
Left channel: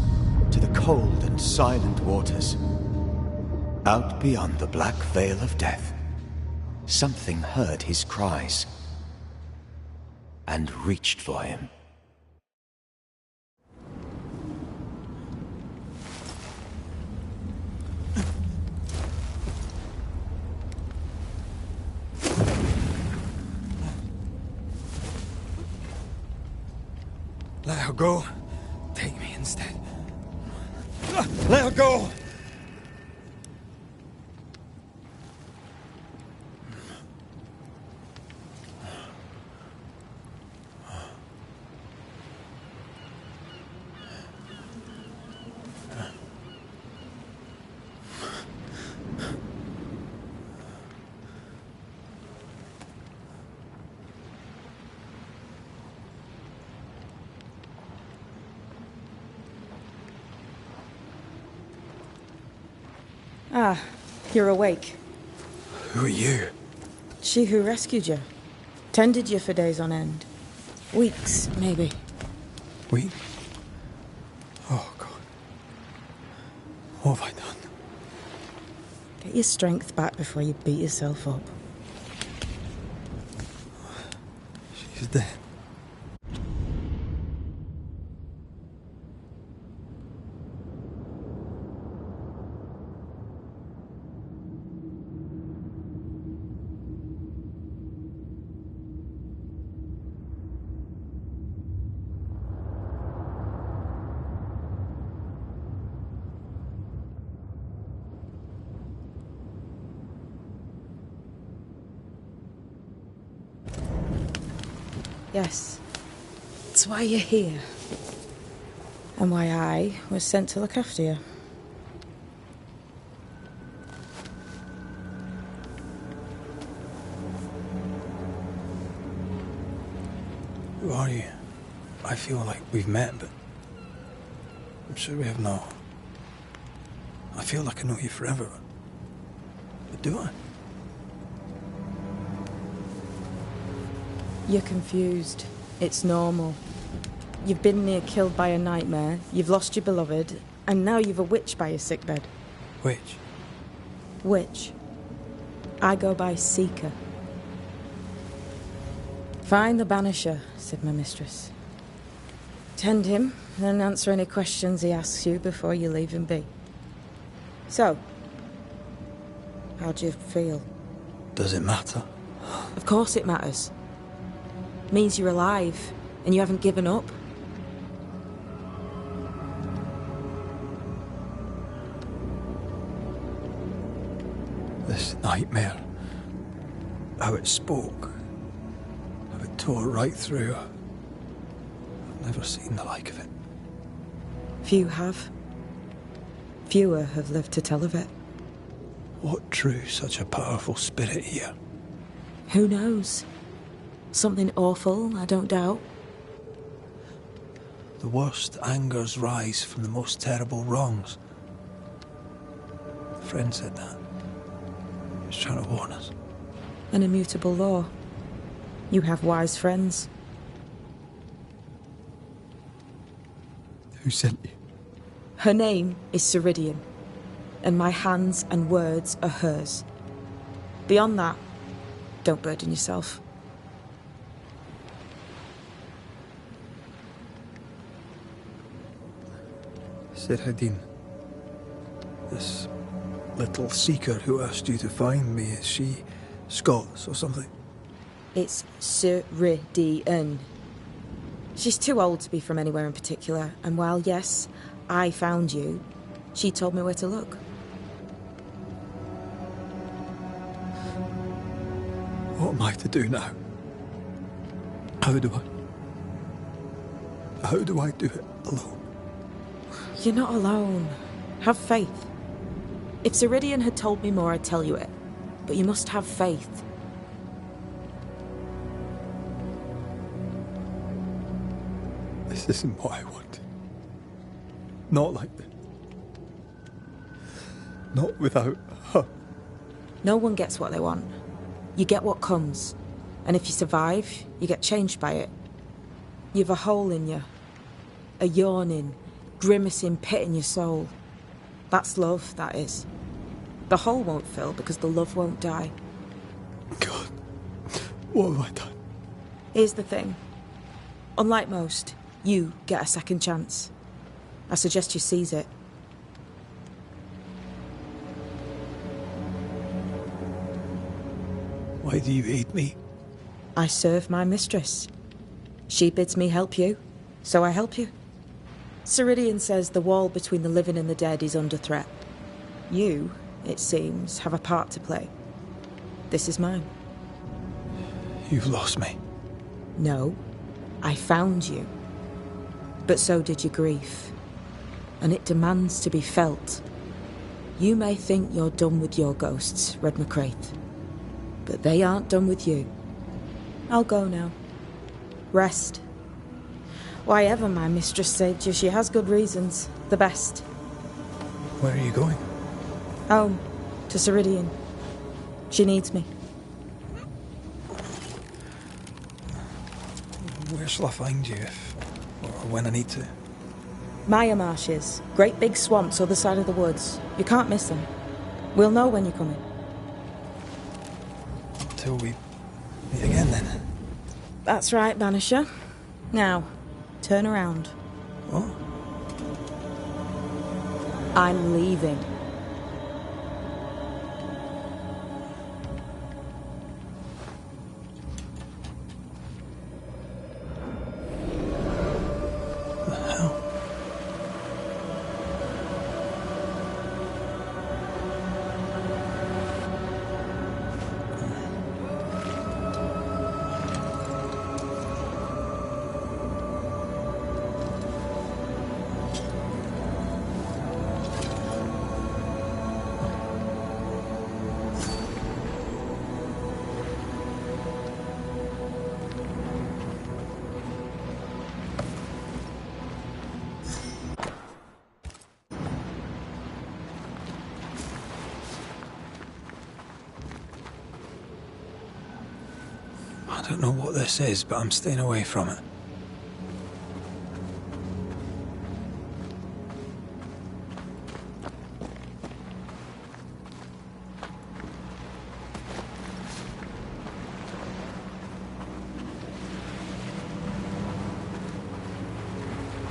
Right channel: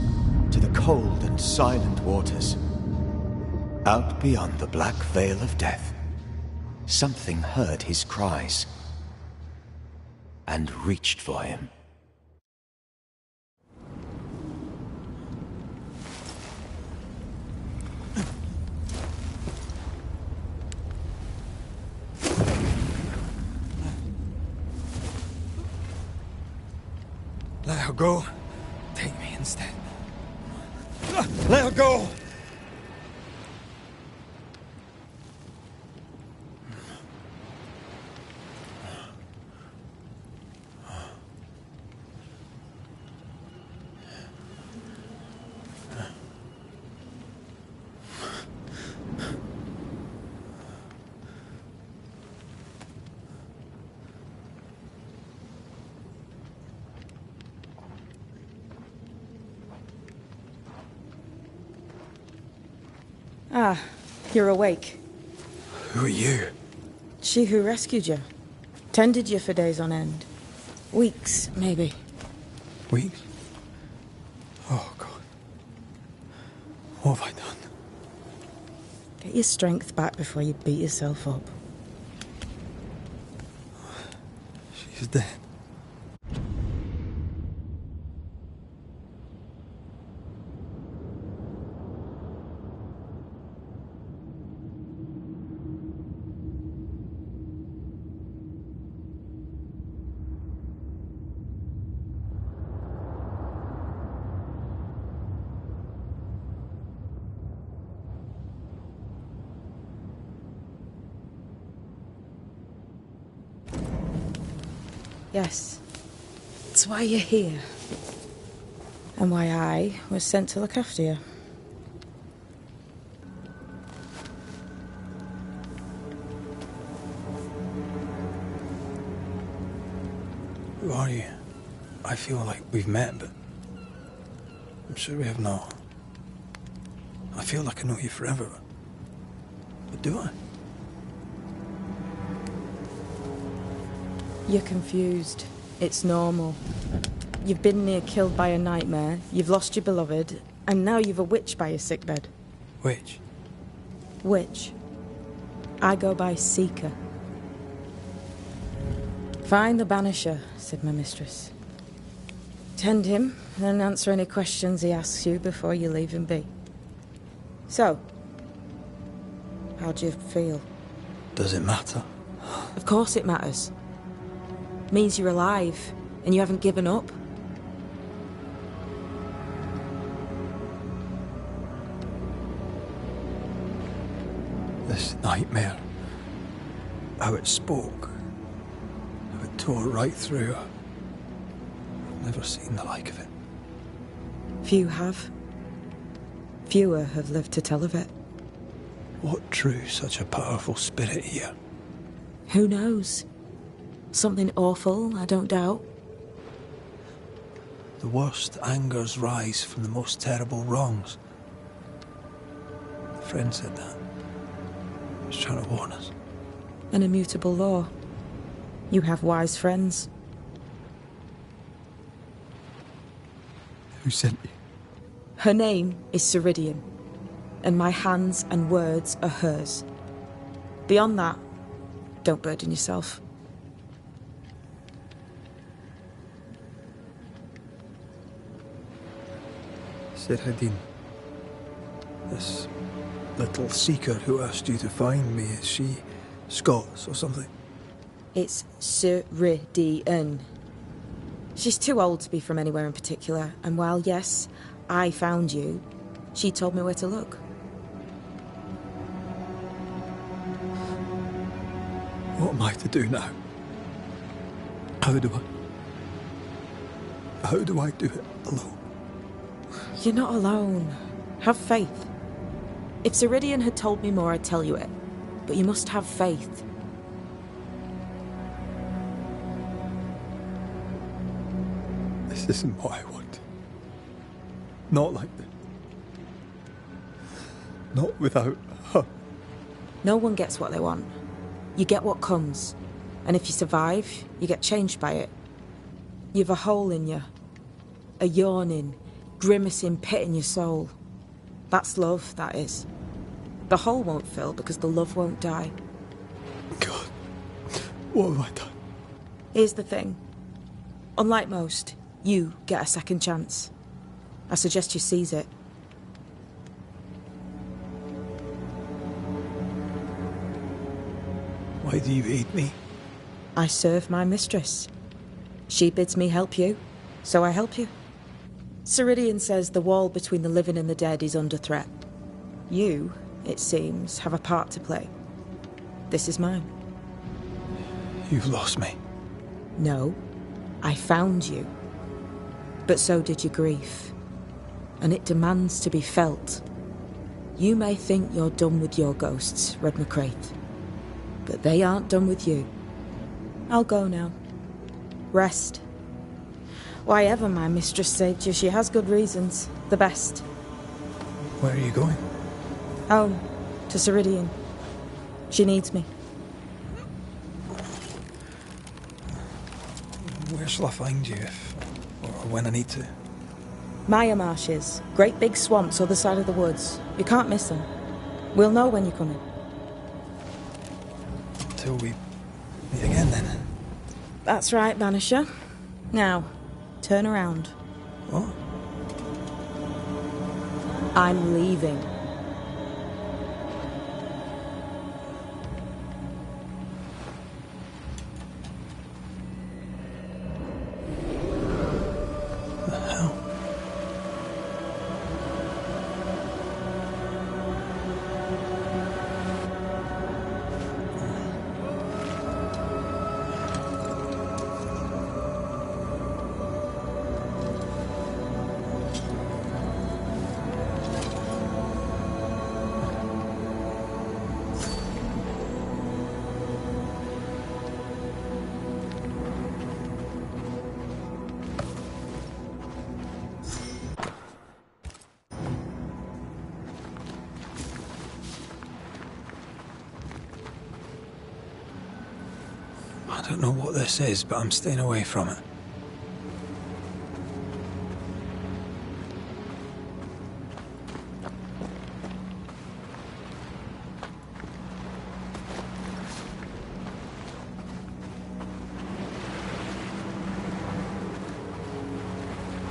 to the cold and silent waters. Out beyond the black veil of death, something heard his cries and reached for him. Let her go. Take me instead. Let her go! Ah, you're awake. Who are you? She who rescued you. Tended you for days on end. Weeks, maybe. Weeks? Oh, God. What have I done? Get your strength back before you beat yourself up. She's dead. Yes. That's why you're here. And why I was sent to look after you. Who are you? I feel like we've met, but I'm sure we have not. I feel like I know you forever, but do I? You're confused. It's normal. You've been near killed by a nightmare, you've lost your beloved, and now you've a witch by your sickbed. Witch? Witch. I go by Seeker. Find the Banisher, said my mistress. Tend him, and answer any questions he asks you before you leave him be. So, how do you feel? Does it matter? Of course it matters. Means you're alive, and you haven't given up. This nightmare, how it spoke, how it tore right through. I've never seen the like of it. Few have. Fewer have lived to tell of it. What drew such a powerful spirit here? Who knows? Something awful, I don't doubt. The worst angers rise from the most terrible wrongs. A friend said that. He was trying to warn us. An immutable law. You have wise friends. Who sent you? Her name is Ceridian, and my hands and words are hers. Beyond that, don't burden yourself. Ceridian, this little seeker who asked you to find me, is she Scots or something? It's Ceridian. She's too old to be from anywhere in particular, and while, yes, I found you, she told me where to look. What am I to do now? How do I do it alone? You're not alone. Have faith. If Ceridian had told me more, I'd tell you it. But you must have faith. This isn't what I want. Not like this. Not without her. No one gets what they want. You get what comes. And if you survive, you get changed by it. You've a hole in you. A yawning, grimacing pit in your soul. That's love, that is. The hole won't fill because the love won't die. God, what have I done? Here's the thing. Unlike most, you get a second chance. I suggest you seize it. Why do you hate me? I serve my mistress. She bids me help you, so I help you. Ceridian says the wall between the living and the dead is under threat. You, it seems, have a part to play. This is mine. You've lost me. No, I found you. But so did your grief. And it demands to be felt. You may think you're done with your ghosts, Red McCraith. But they aren't done with you. I'll go now. Rest. Why ever my mistress saved you, she has good reasons. The best. Where are you going? Home. To Ceridian. She needs me. Where shall I find you if... or when I need to? Maya marshes. Great big swamps other side of the woods. You can't miss them. We'll know when you're coming. Till we meet again, then. That's right, Banisher. Now, turn around. What? I'm leaving. The hell? I don't know what this is, but I'm staying away from it.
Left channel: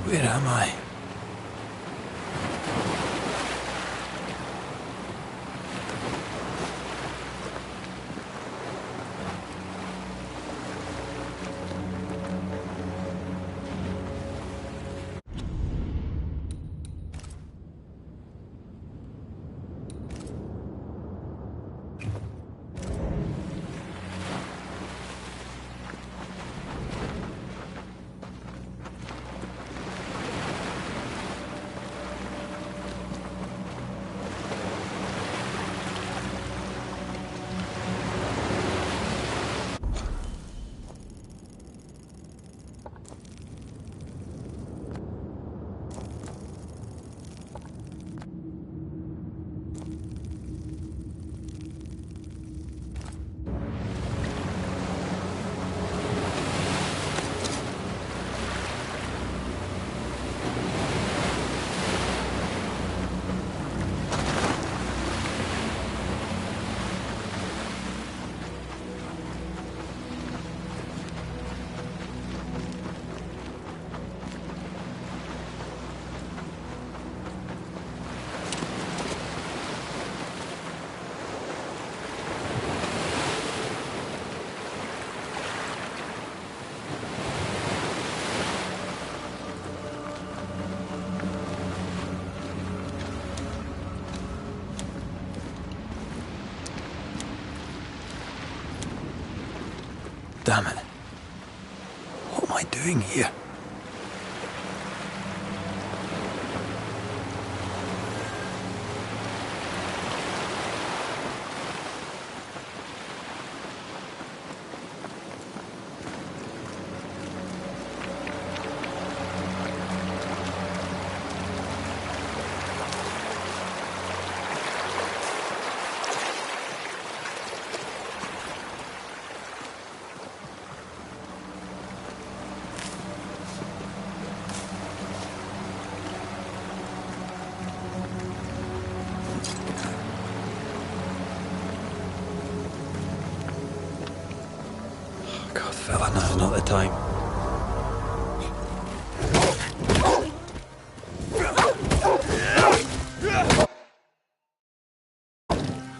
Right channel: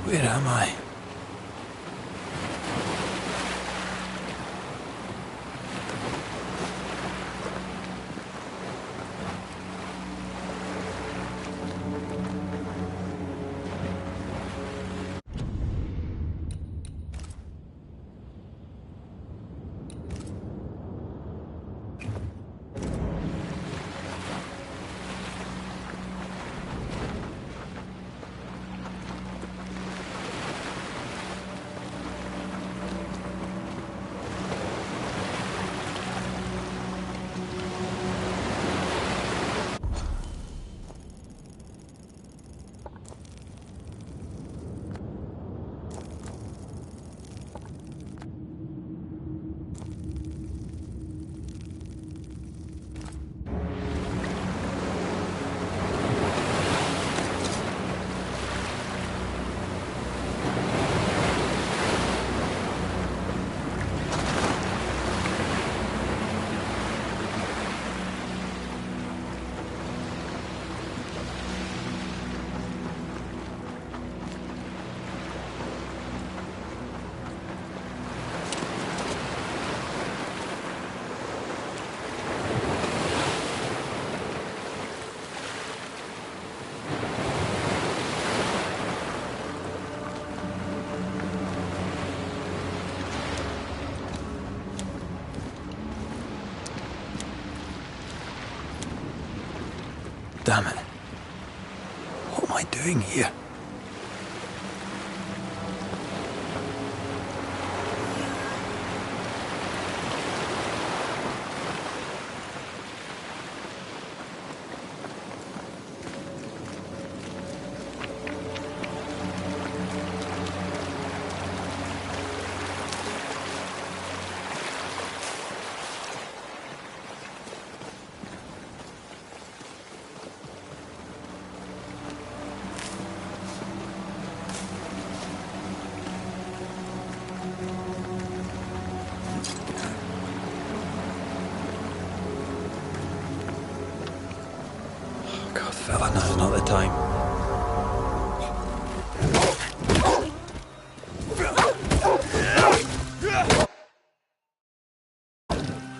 Where am I? Damn it. What am I doing here? God, fella, now's not the time.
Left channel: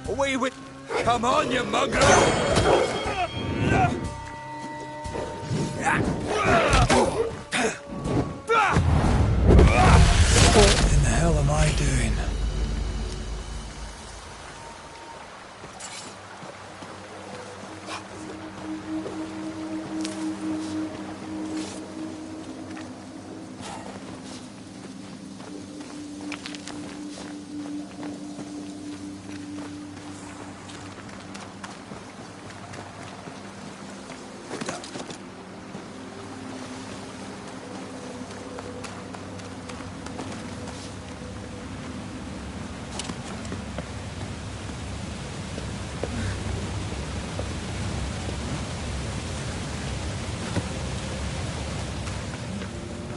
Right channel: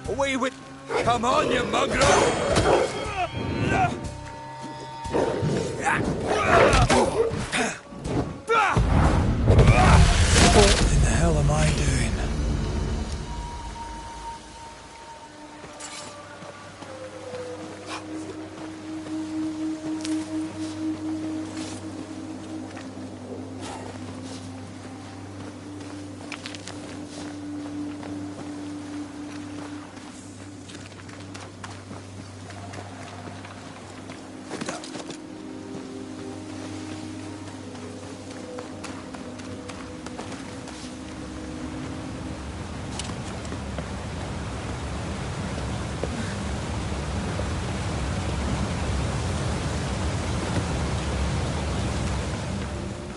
Away with... Come on, you mongrel! What in the hell am I doing?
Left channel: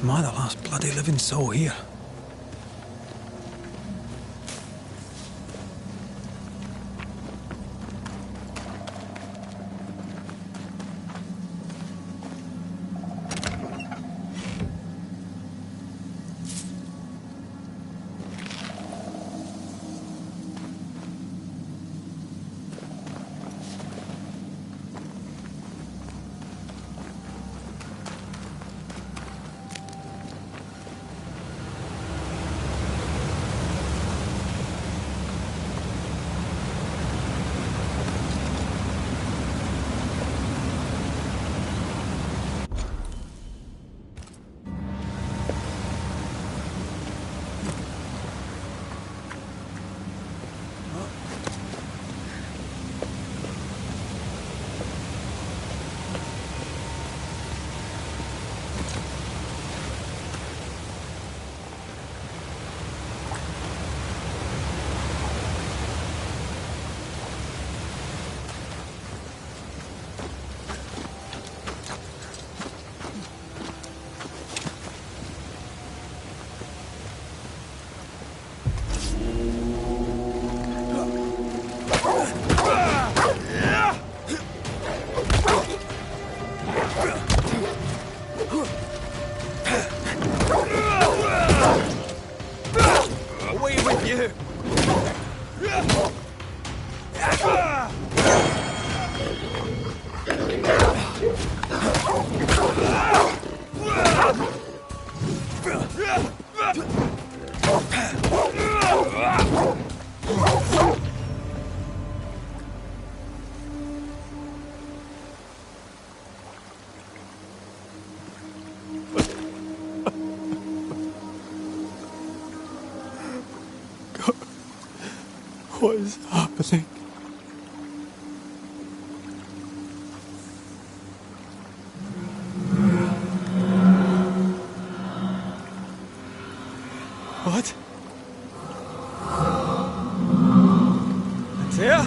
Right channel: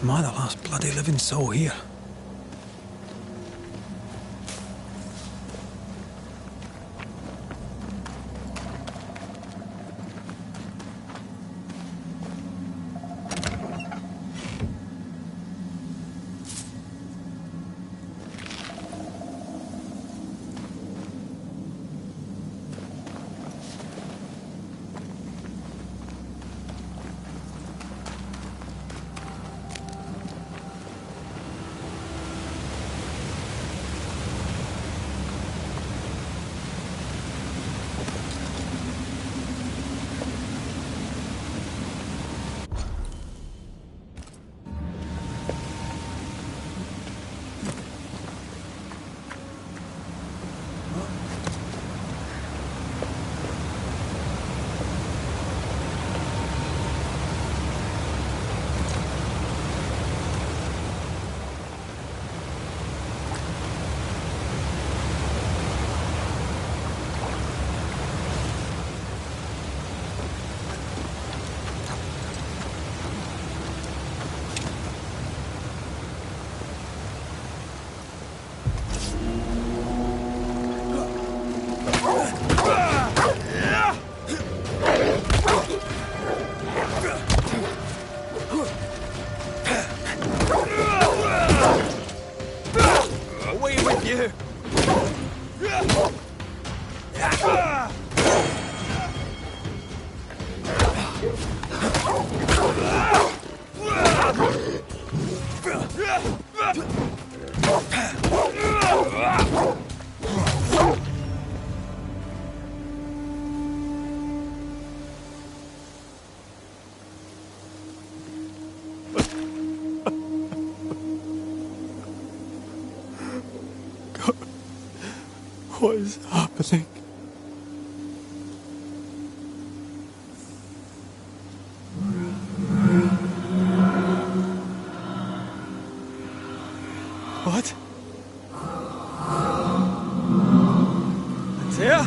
Am I the last bloody living soul here? You! What is happening? What? Antea?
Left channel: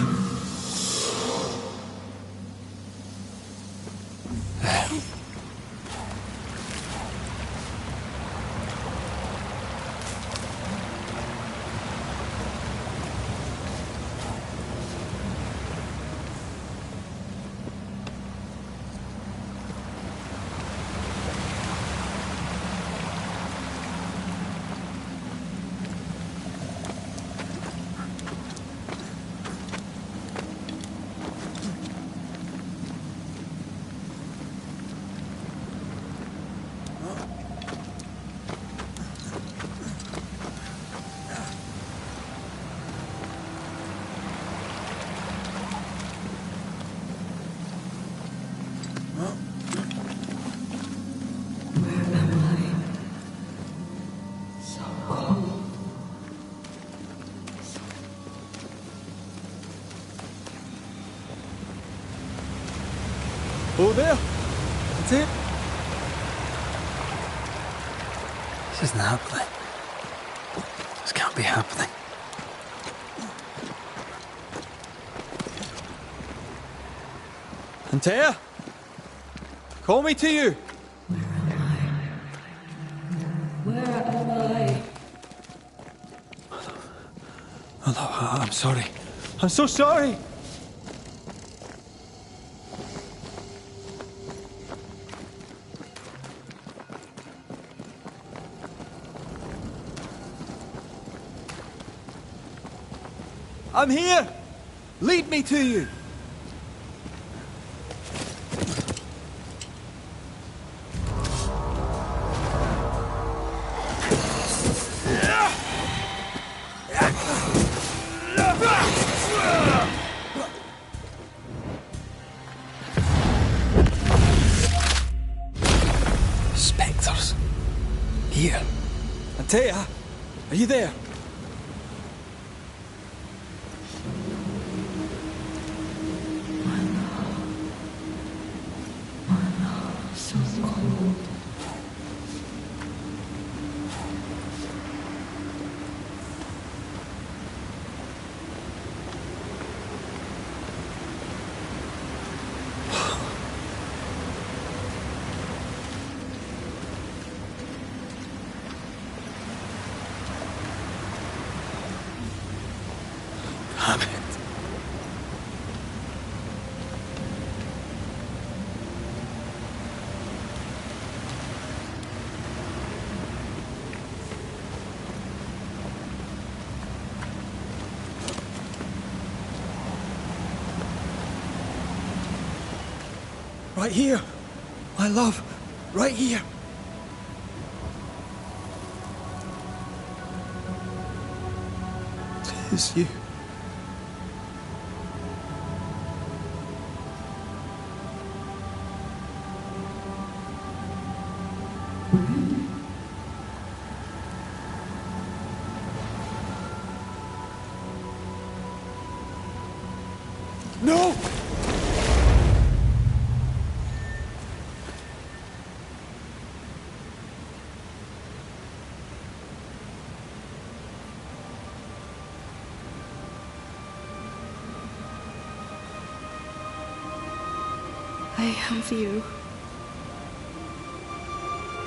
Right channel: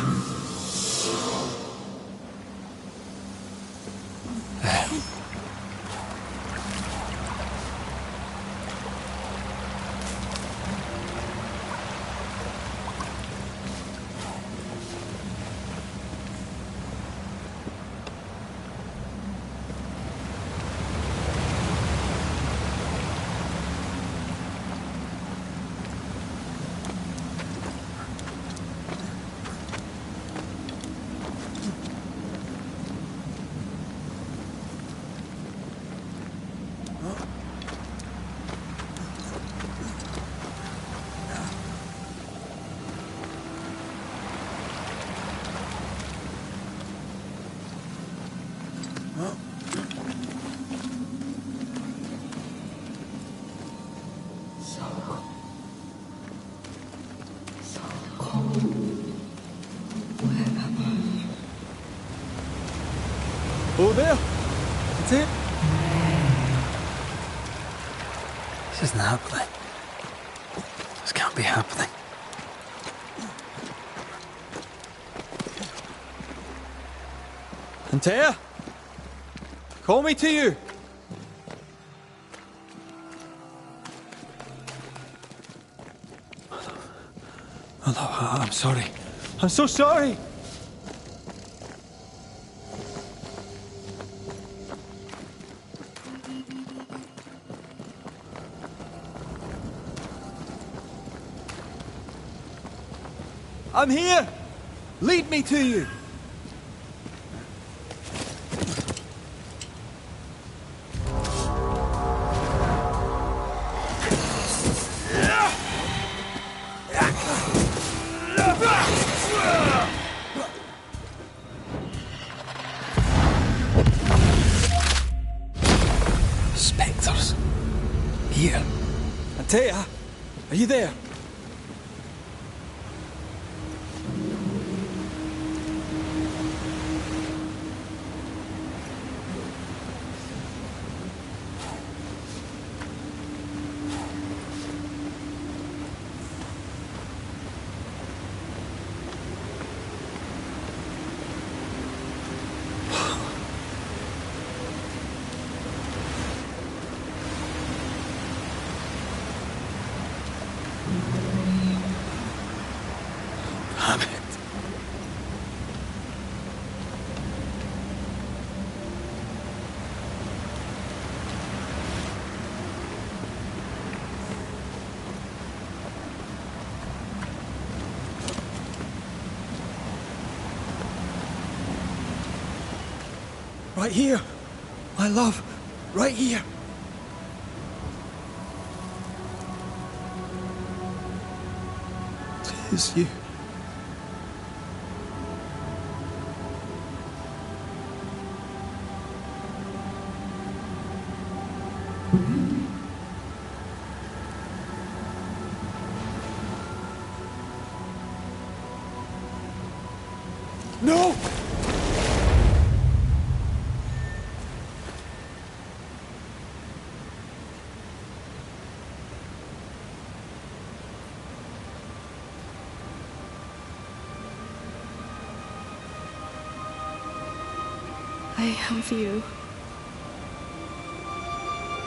Oh, there! That's it! This isn't happening. This can't be happening. Antea? Call me to you! Hello, I'm sorry. I'm so sorry! I'm here! Lead me to you! Spectres. Here. Antea, are you there? Damn it. Right here, my love, right here. Tis you. No! I have you.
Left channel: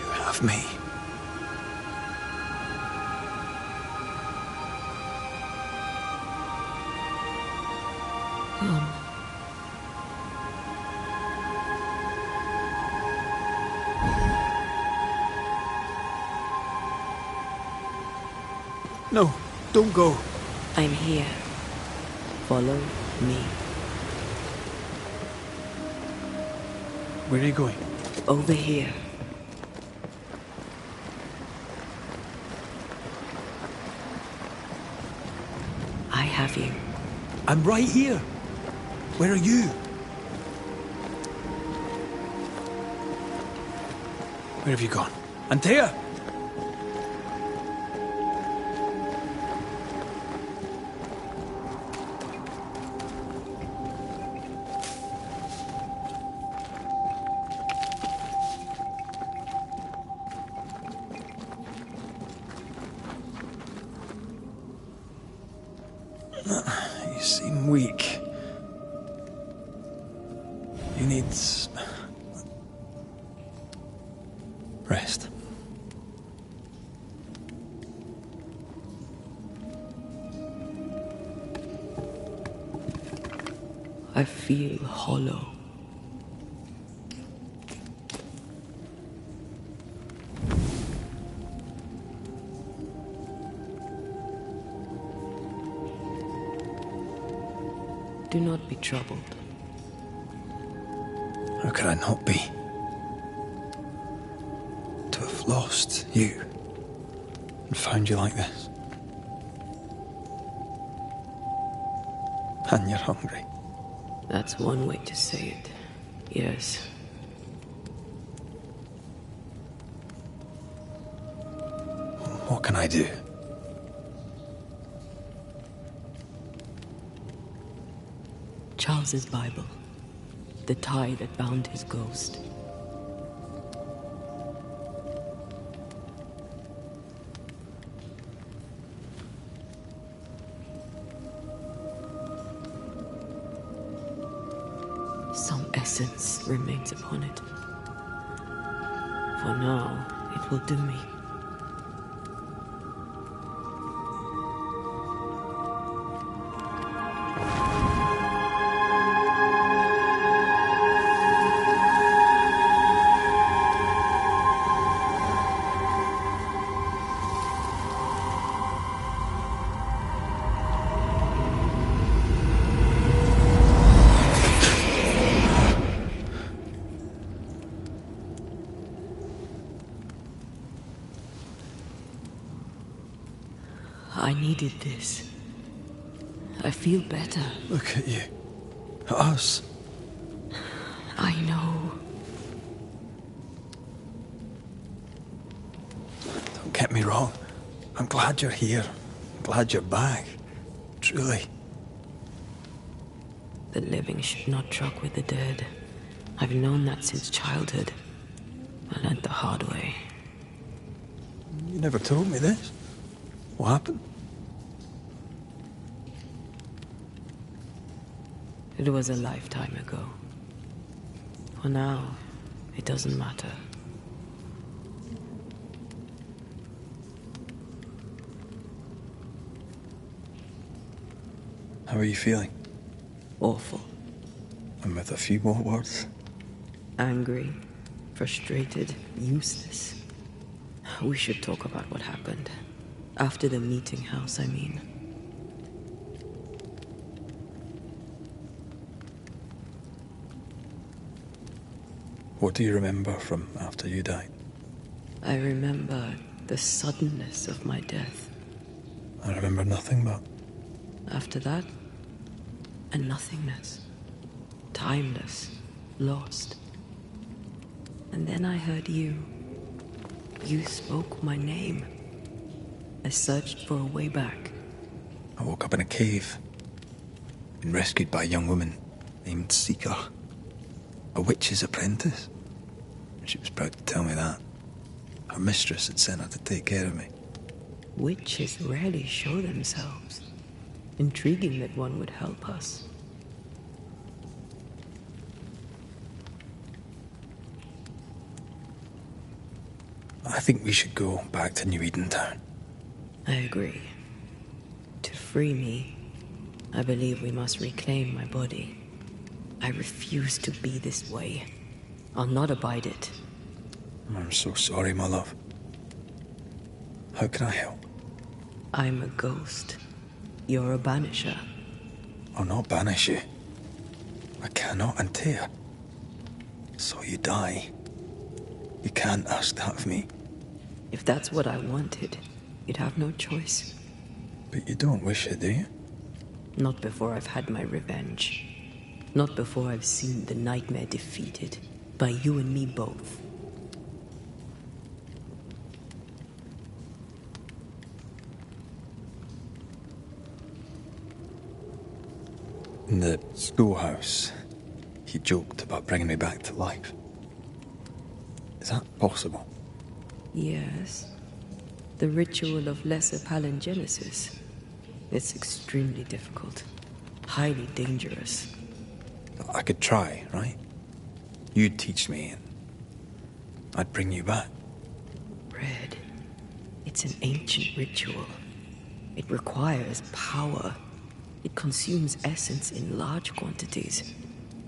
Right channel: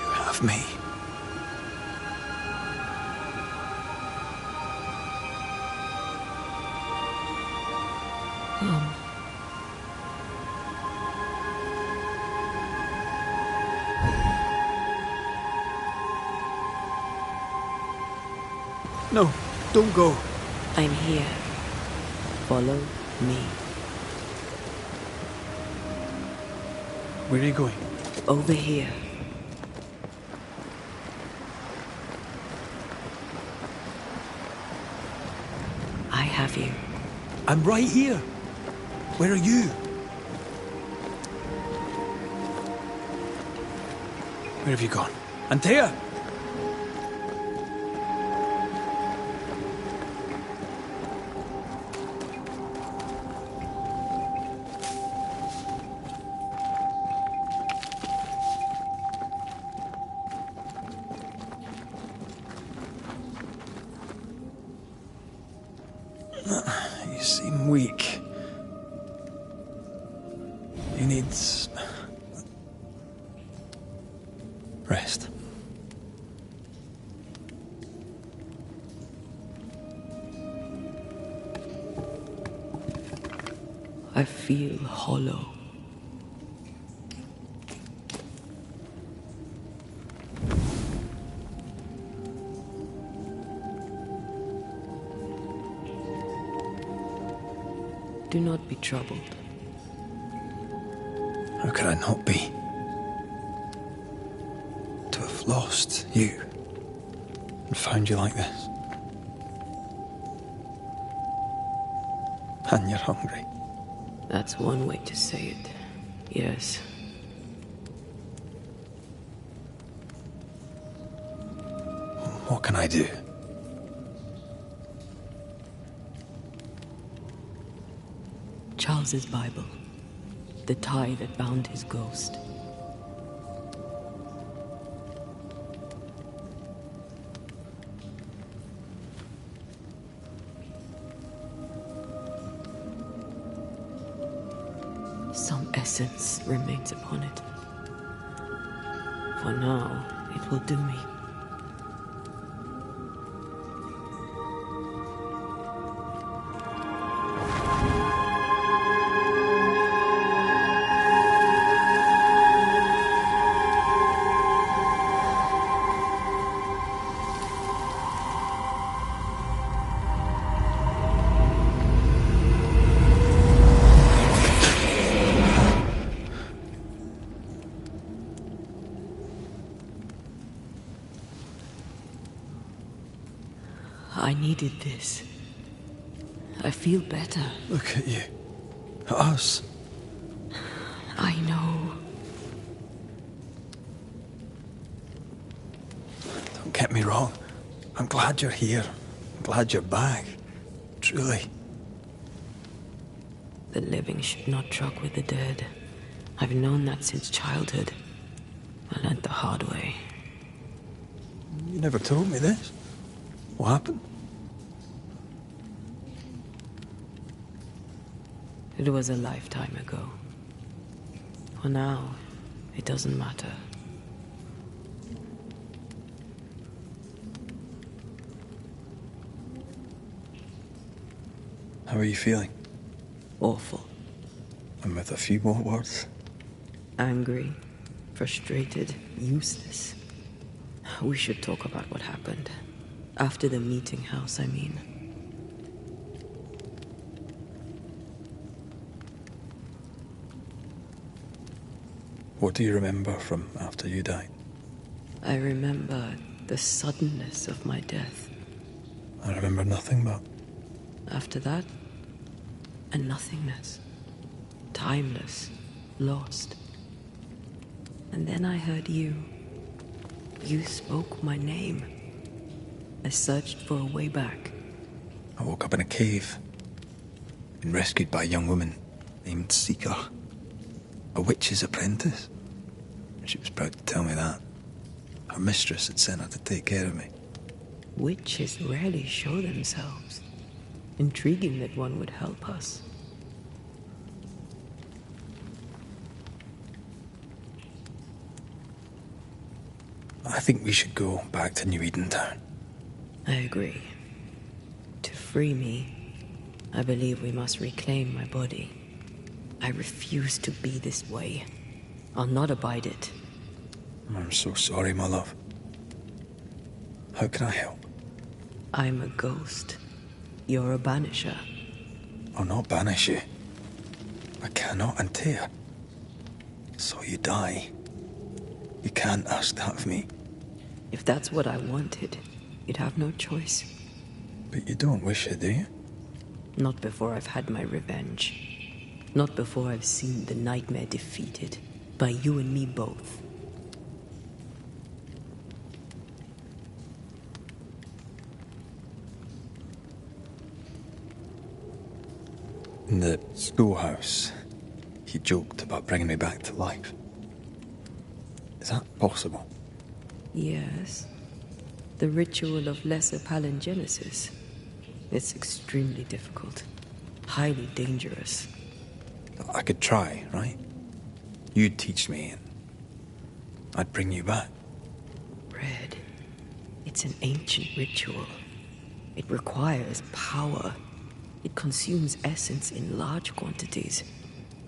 You have me. Mom. No, Don't go. I'm here. Follow me. Where are you going? Over here. I have you. I'm right here. Where are you? Where have you gone? Antea! You seem weak. You need rest. I feel hollow. Do not be troubled. How could I not be? To have lost you and found you like this. And you're hungry. That's one way to say it. Yes. What can I do? Charles's Bible. The tie that bound his ghost. Some essence remains upon it. For now, it will do me. I needed this. I feel better. Look at you. At us. I know. Don't get me wrong. I'm glad you're here. I'm glad you're back. Truly. The living should not truck with the dead. I've known that since childhood. I learned the hard way. You never told me this. What happened? It was a lifetime ago. For now, it doesn't matter. How are you feeling? Awful. And with a few more words? Angry, frustrated, useless. We should talk about what happened. After the meeting house, I mean. What do you remember from after you died? I remember the suddenness of my death. I remember nothing but... After that, a nothingness. Timeless, lost. And then I heard you. You spoke my name. I searched for a way back. I woke up in a cave. Been rescued by a young woman named Seeker. A witch's apprentice. She was proud to tell me that. Her mistress had sent her to take care of me. Witches rarely show themselves. Intriguing that one would help us. I think we should go back to New Eden Town. I agree. To free me, I believe we must reclaim my body. I refuse to be this way. I'll not abide it. I'm so sorry, my love. How can I help? I'm a ghost. You're a banisher. I'll not banish you. I cannot untear. So you die. You can't ask that of me. If that's what I wanted, you'd have no choice. But you don't wish it, do you? Not before I've had my revenge. Not before I've seen the nightmare defeated. By you and me both. In the schoolhouse, he joked about bringing me back to life. Is that possible? Yes. The ritual of lesser palingenesis. It's extremely difficult. Highly dangerous. I could try, right? You'd teach me and I'd bring you back. Red. It's an ancient ritual. It requires power. It consumes essence in large quantities.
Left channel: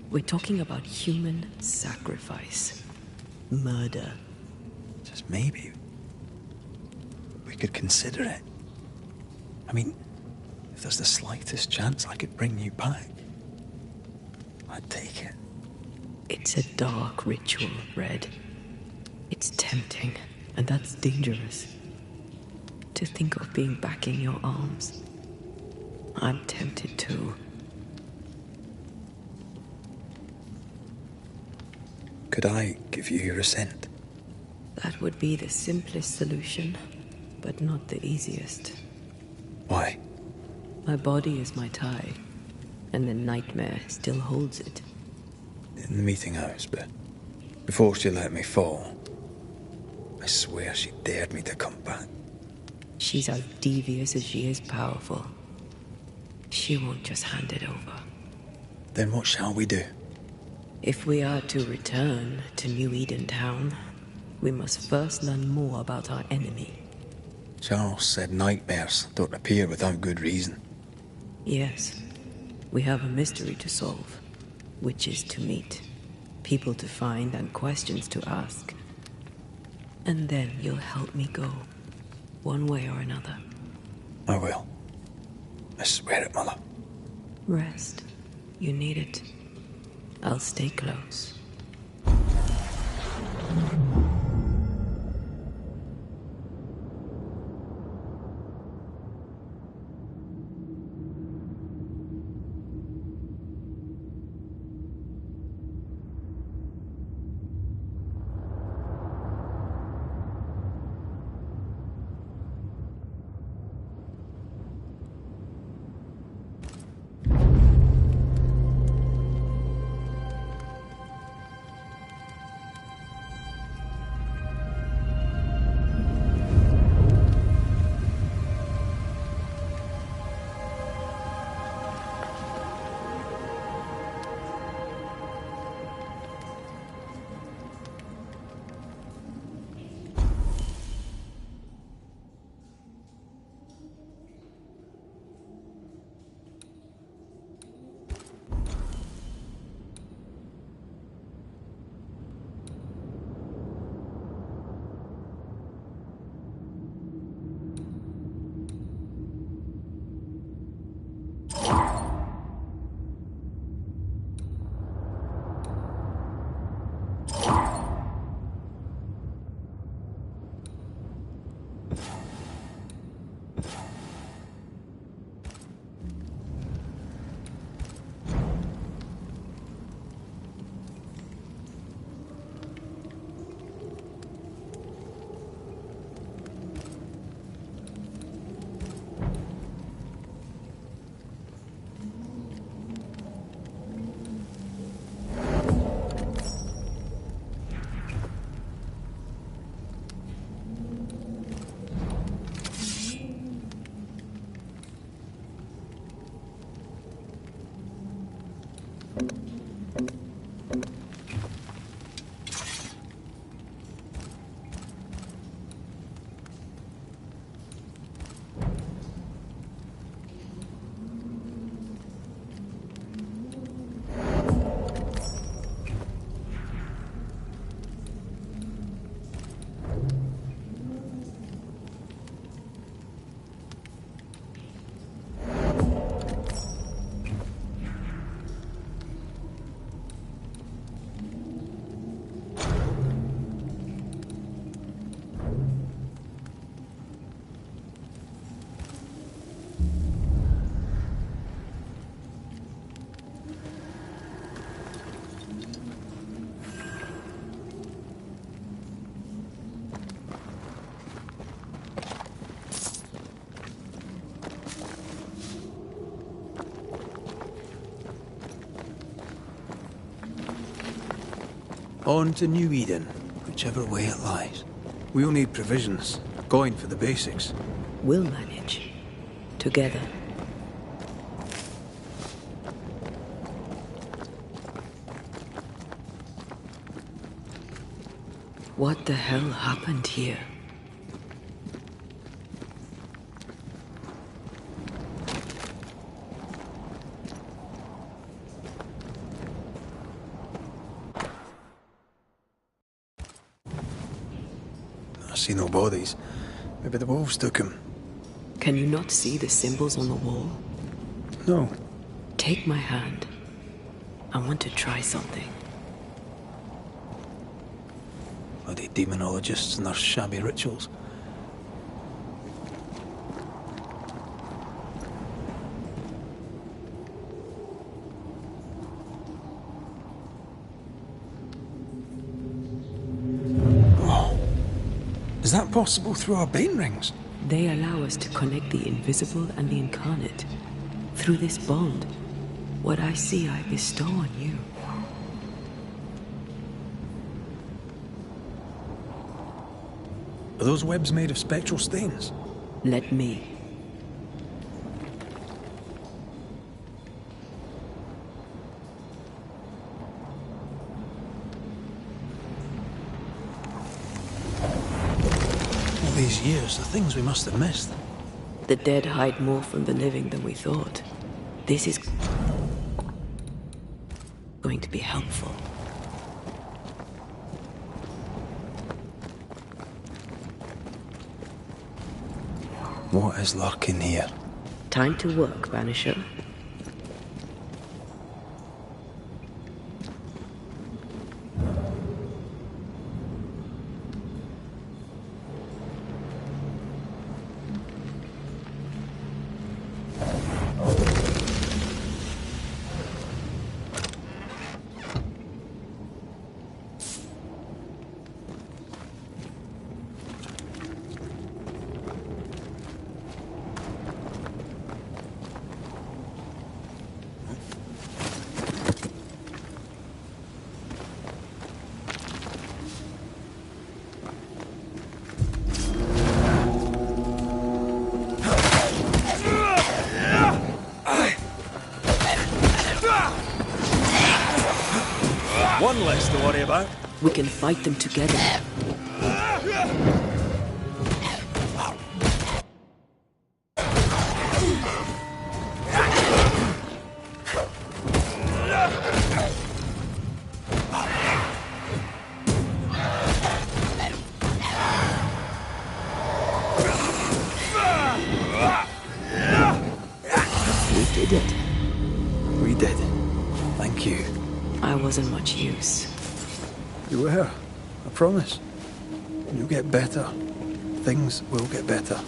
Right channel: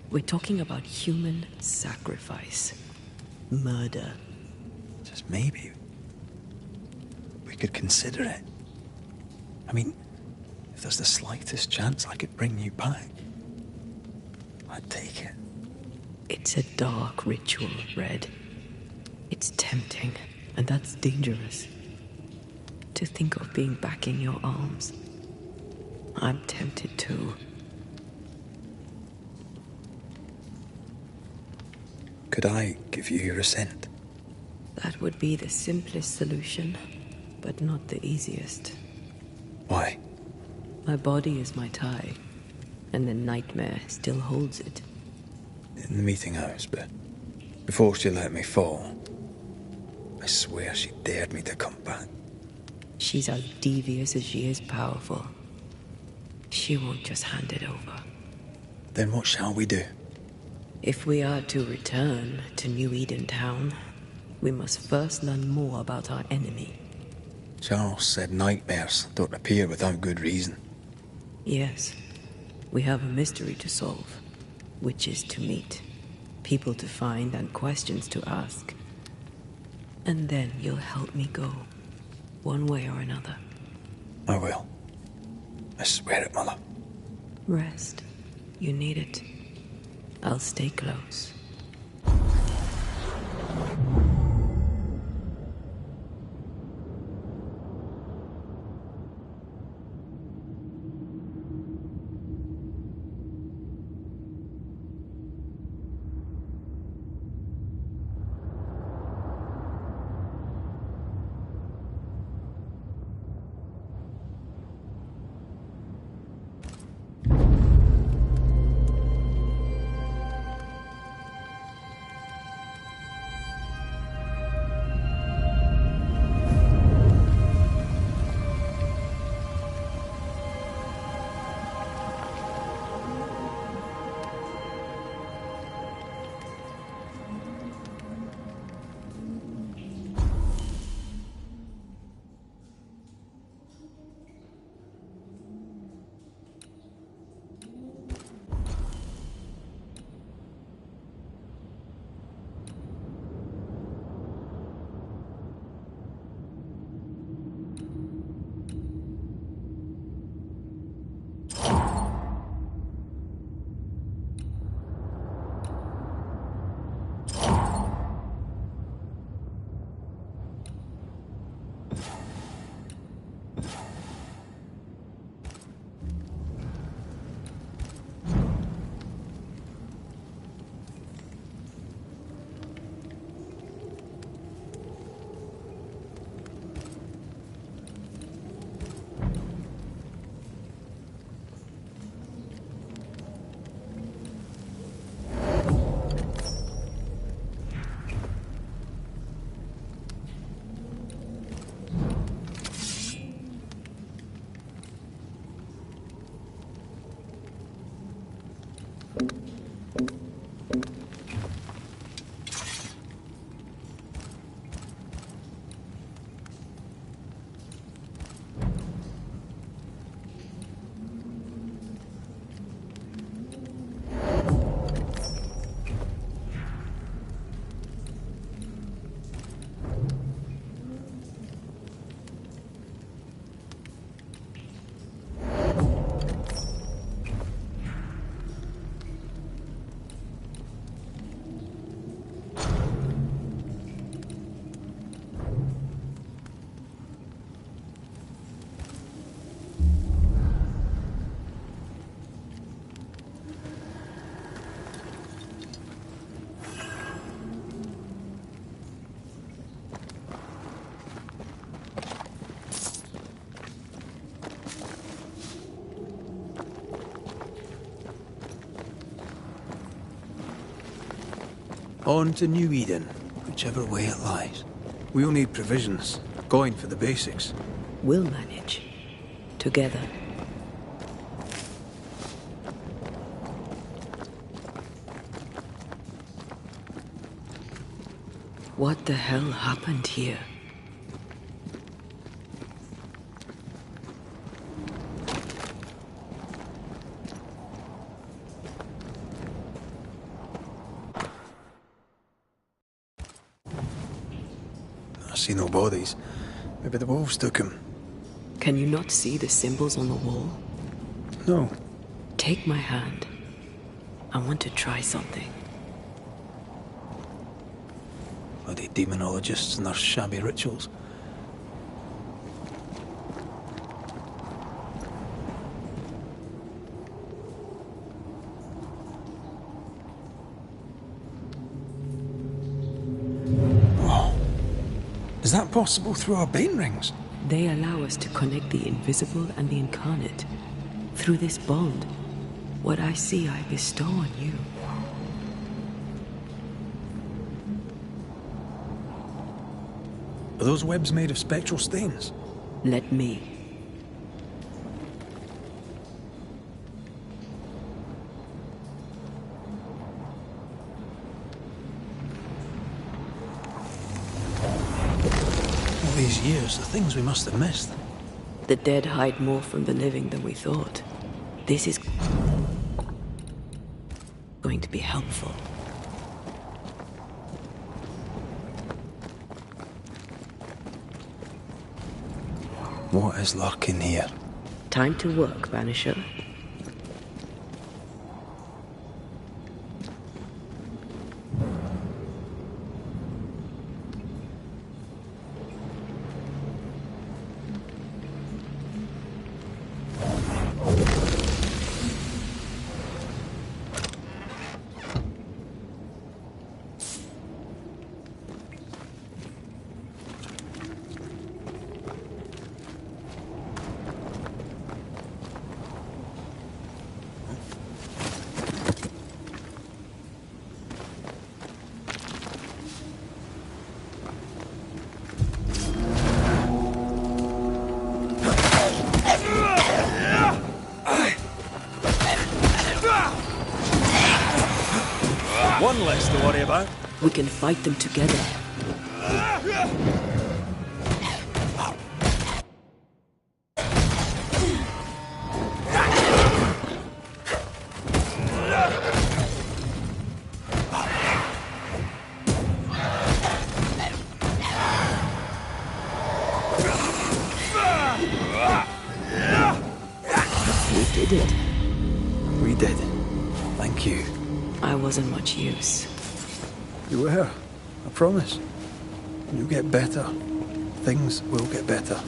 We're talking about human sacrifice. Murder. Just maybe we could consider it. I mean, if there's the slightest chance I could bring you back, I'd take it. It's a dark ritual, Red. It's tempting, and that's dangerous. To think of being back in your arms. I'm tempted too. Could I give you your assent? That would be the simplest solution, but not the easiest. Why? My body is my tie, and the nightmare still holds it. In the meeting house, but before she let me fall, I swear she dared me to come back. She's as devious as she is powerful. She won't just hand it over. Then what shall we do? If we are to return to New Eden Town, we must first learn more about our enemy. Charles said nightmares don't appear without good reason. Yes, we have a mystery to solve. Witches to meet, people to find, and questions to ask. And then you'll help me go, one way or another. I will. I swear it, Mother. Rest. You need it. I'll stay close. On to New Eden, whichever way it lies. We'll need provisions, going for the basics. We'll manage. Together. What the hell happened here? I see no bodies. Maybe the wolves took him. Can you not see the symbols on the wall? No. Take my hand. I want to try something. Bloody demonologists and their shabby rituals. Oh. Is that possible through our bane rings? They allow us to connect the invisible and the incarnate. Through this bond, what I see I bestow on you. Are those webs made of spectral stains? Let me. All these years, the things we must have missed. The dead hide more from the living than we thought. This is going to be helpful. What is lurking here? Time to work, Banisher. One less to worry about. We can fight them together. We did it. We did. Thank you. I wasn't much use. You were. I promise. You'll get better. Things will get better.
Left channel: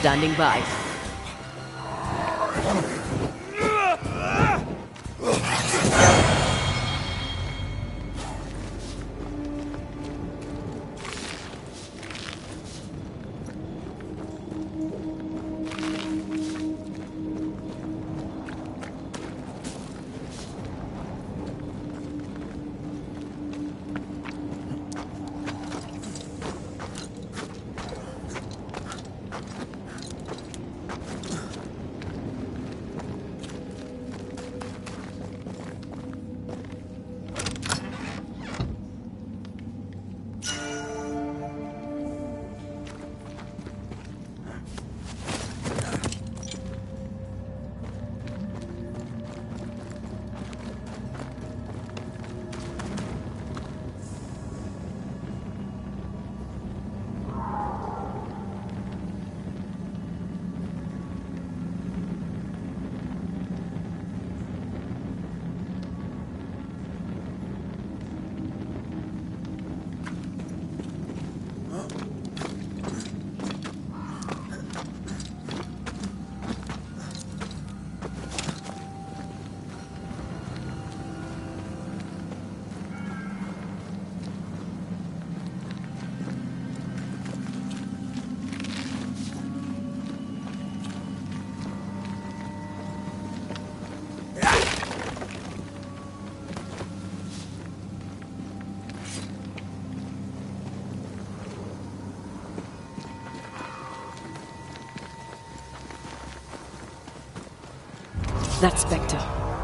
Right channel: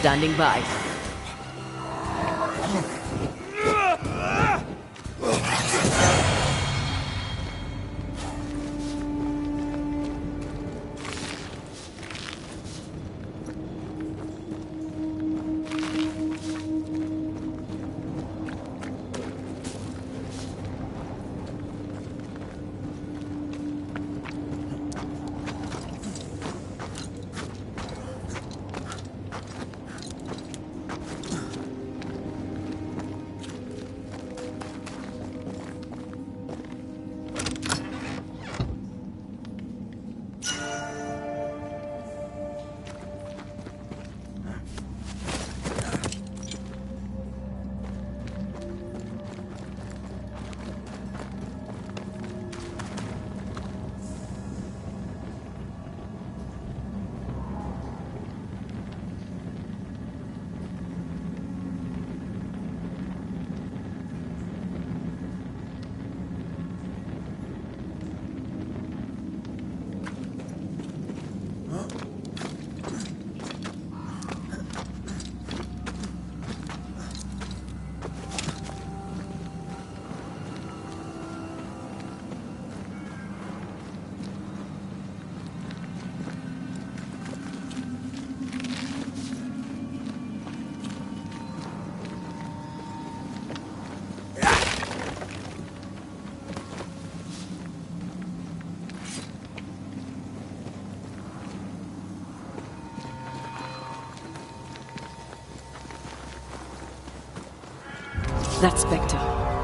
standing by. That Spectre.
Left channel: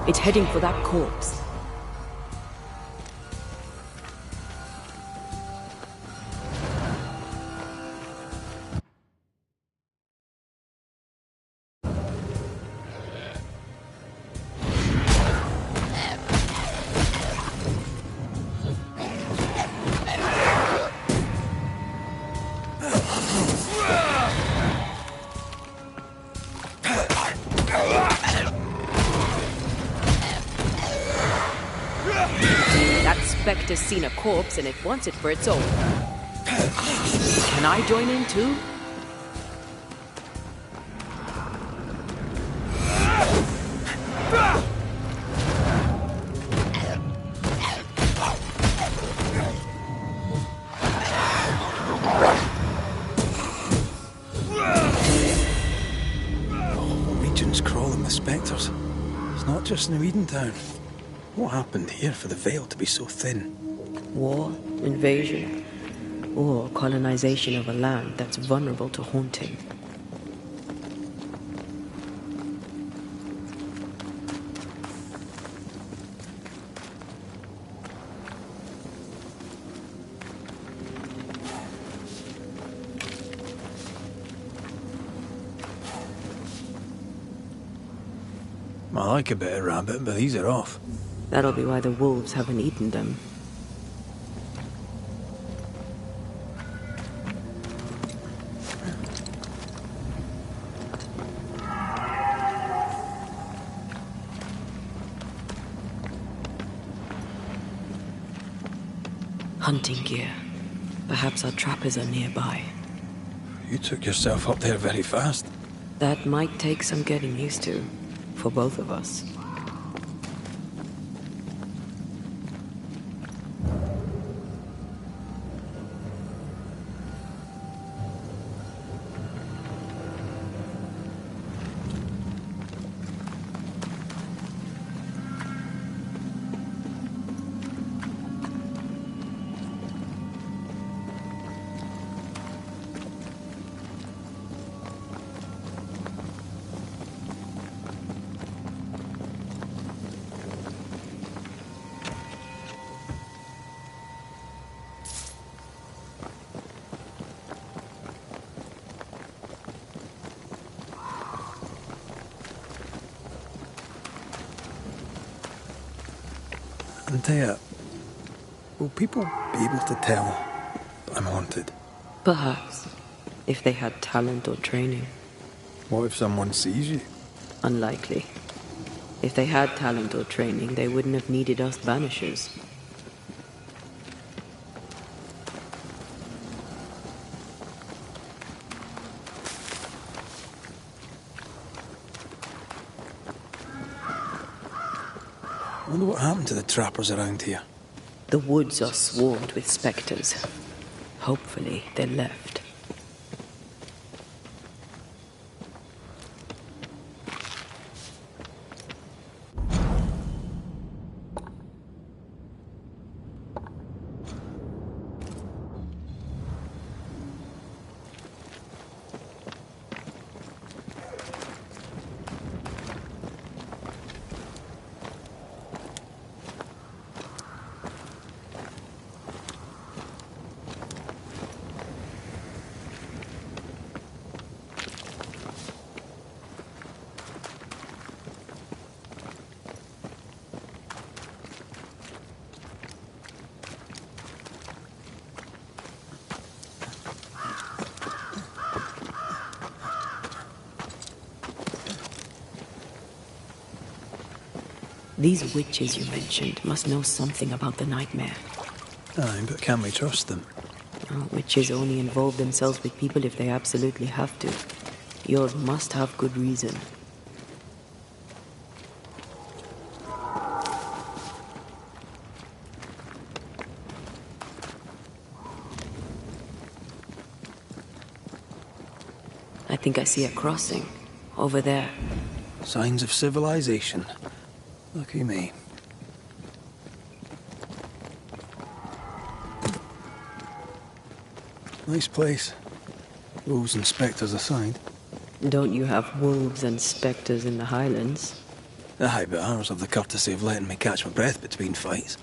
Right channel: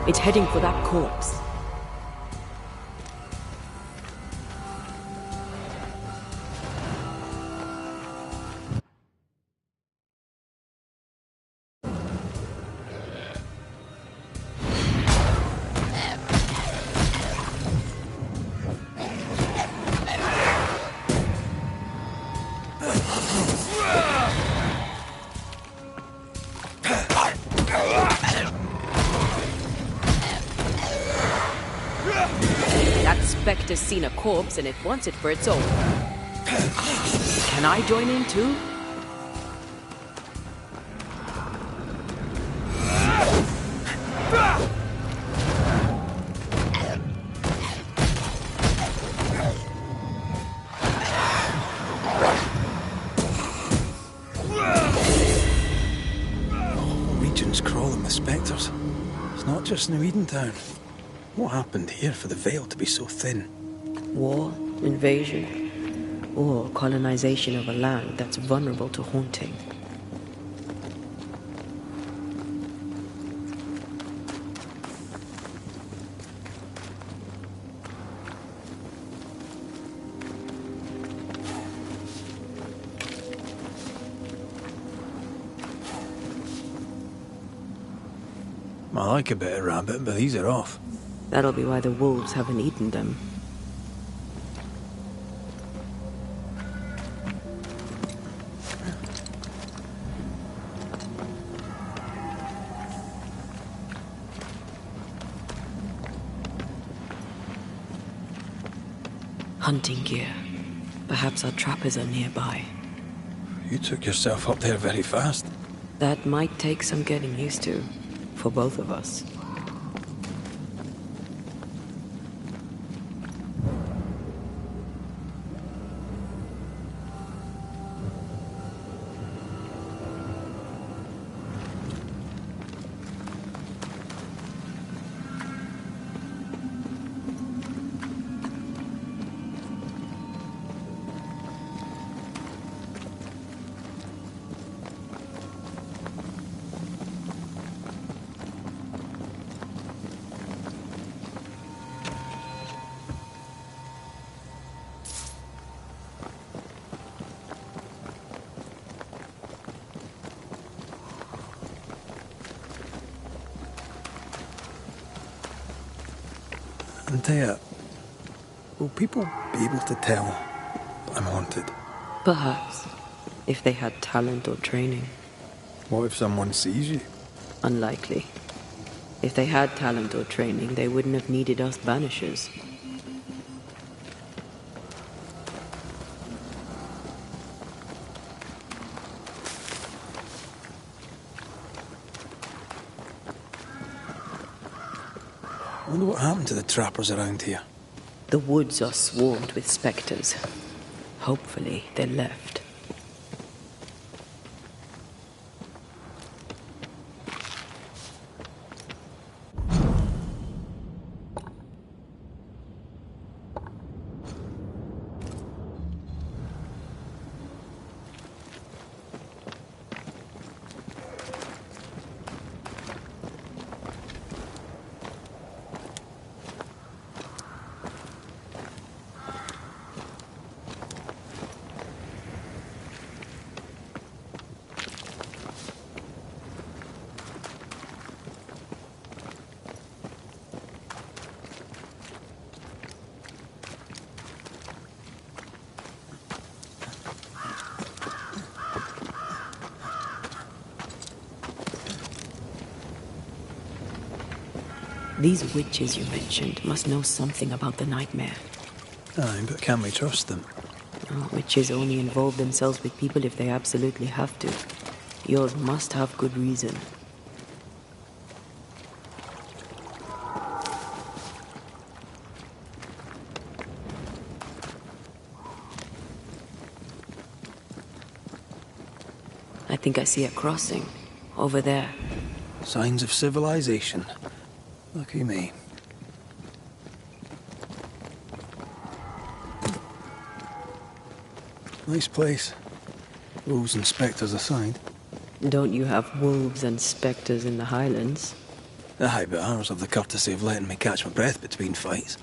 It's heading for that corpse. Spectre's seen a corpse and it wants it for its own. Can I join in too? The region's crawling with spectres. It's not just New Edentown. What happened here for the veil to be so thin? War, invasion, or colonization of a land that's vulnerable to haunting. I like a bit of rabbit, but these are off. That'll be why the wolves haven't eaten them. Hunting gear. Perhaps our trappers are nearby. You took yourself up there very fast. That might take some getting used to, for both of us. Antea, will people be able to tell I'm haunted? Perhaps, if they had talent or training. What if someone sees you? Unlikely. If they had talent or training, they wouldn't have needed us Banishers. I wonder what happened to the trappers around here. The woods are swarmed with spectres. Hopefully, they left. These witches you mentioned must know something about the nightmare. Aye, but can we trust them? Oh, witches only involve themselves with people if they absolutely have to. Yours must have good reason. I think I see a crossing. Over there. Signs of civilization. Lucky me. Nice place. Wolves and spectres aside. Don't you have wolves and spectres in the Highlands? Aye, but ours have the courtesy of letting me catch my breath between fights.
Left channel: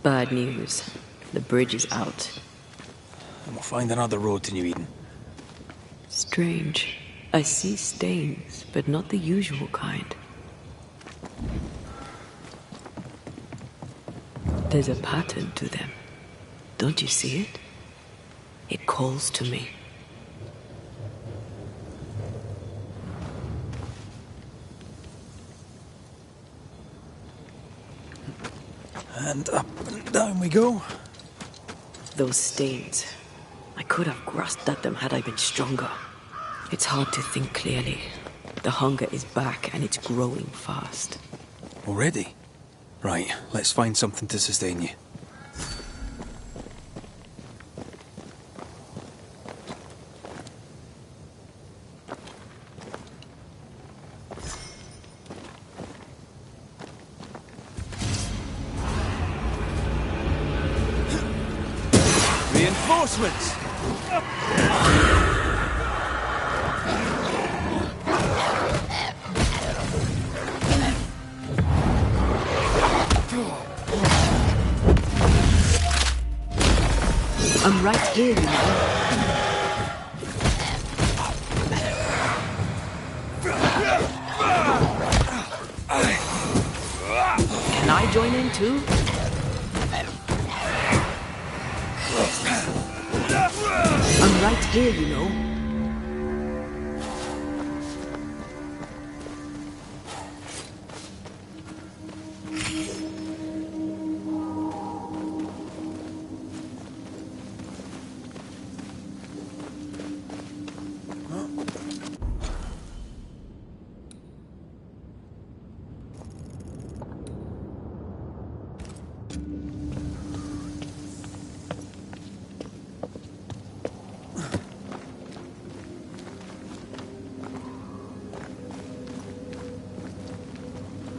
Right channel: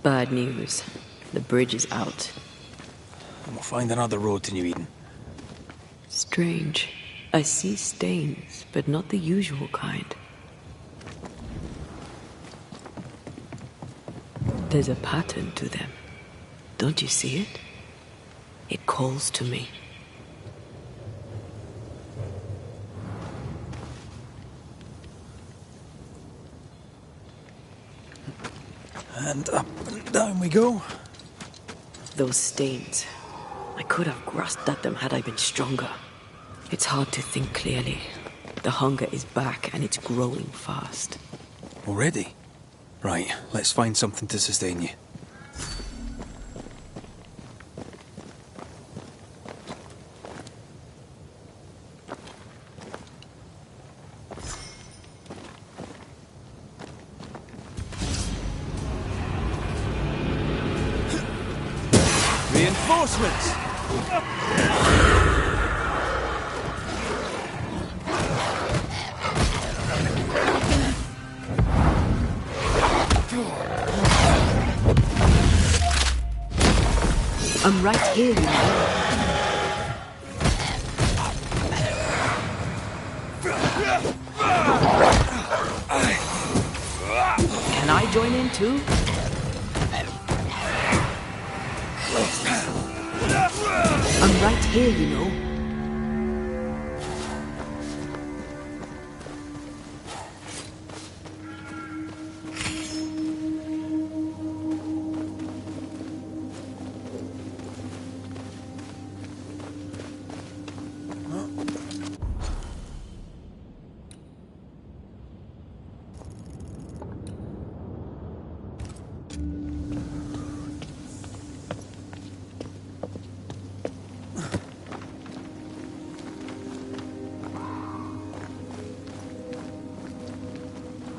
Bad news. The bridge is out. And we'll find another road to New Eden. Strange. I see stains, but not the usual kind. There's a pattern to them. Don't you see it? It calls to me. And up and down we go. Those stains. I could have grasped at them had I been stronger. It's hard to think clearly. The hunger is back and it's growing fast. Already? Right, let's find something to sustain you. Reinforcements! I'm right here, you know. Can I join in too? I'm right here, you know.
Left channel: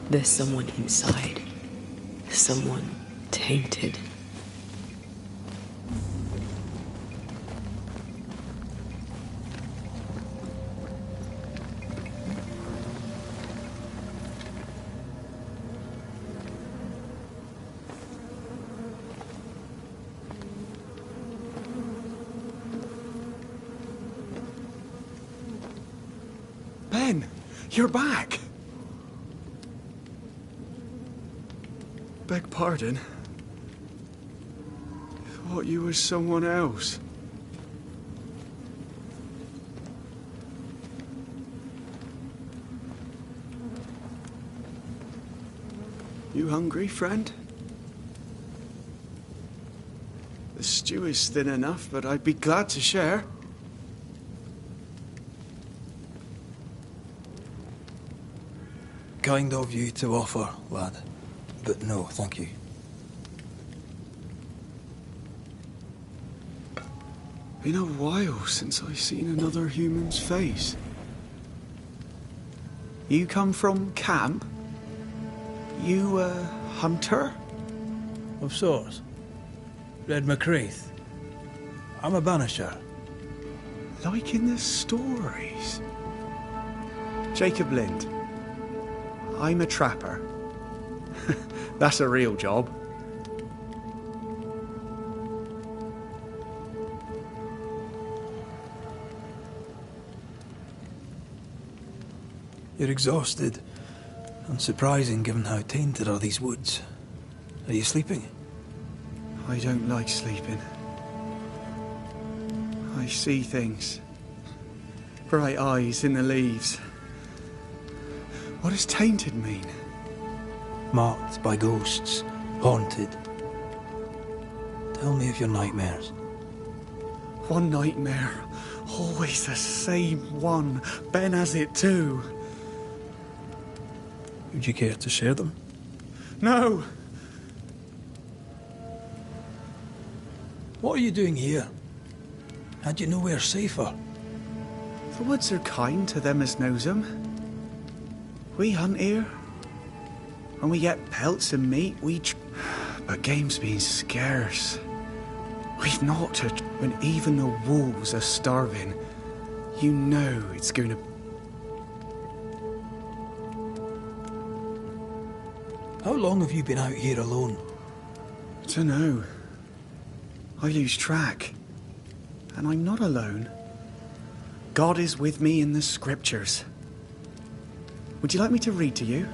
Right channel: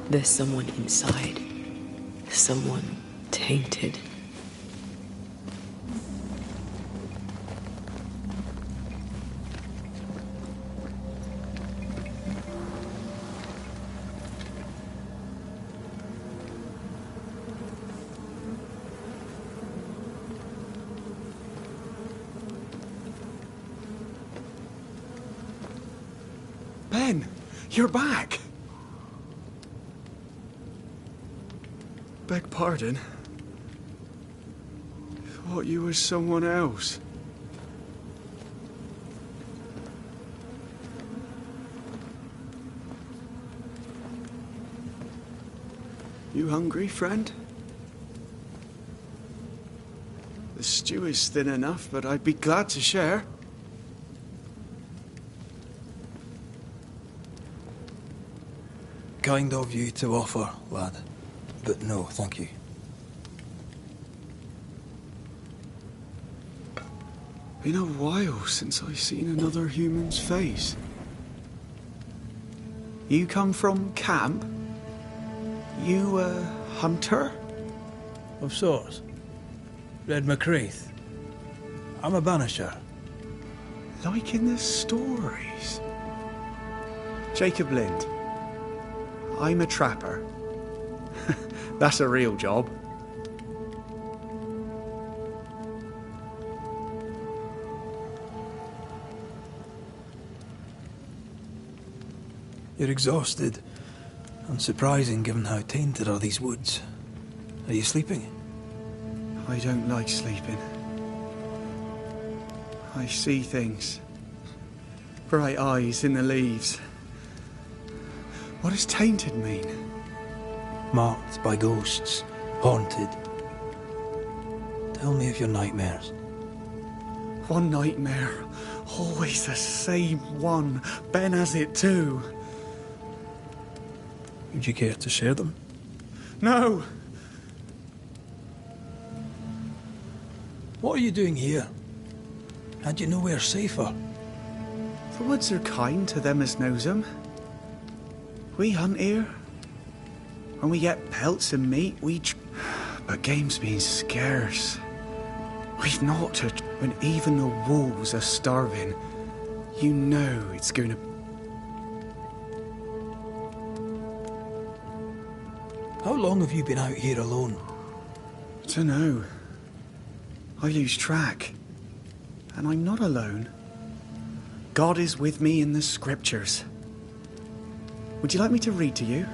There's someone inside. Someone tainted. Ben, you're back! Beg pardon. Thought you was someone else. You hungry, friend? The stew is thin enough, but I'd be glad to share. Kind of you to offer, lad. But no, thank you. Been a while since I've seen another human's face. You come from camp? You a hunter? Of sorts. Red McCraith. I'm a banisher. Like in the stories. Jacob Lind. I'm a trapper. That's a real job. You're exhausted. Unsurprising given how tainted are these woods. Are you sleeping? I don't like sleeping. I see things. Bright eyes in the leaves. What does tainted mean? Marked by ghosts. Haunted. Tell me of your nightmares. One nightmare. Always the same one. Ben has it too. Would you care to share them? No! What are you doing here? Had you nowhere safer? The woods are kind to them as knows them. We hunt here. When we get pelts and meat, but game's been scarce. We've not to... When even the wolves are starving, you know it's going to... How long have you been out here alone? Dunno. I lose track. And I'm not alone. God is with me in the scriptures. Would you like me to read to you?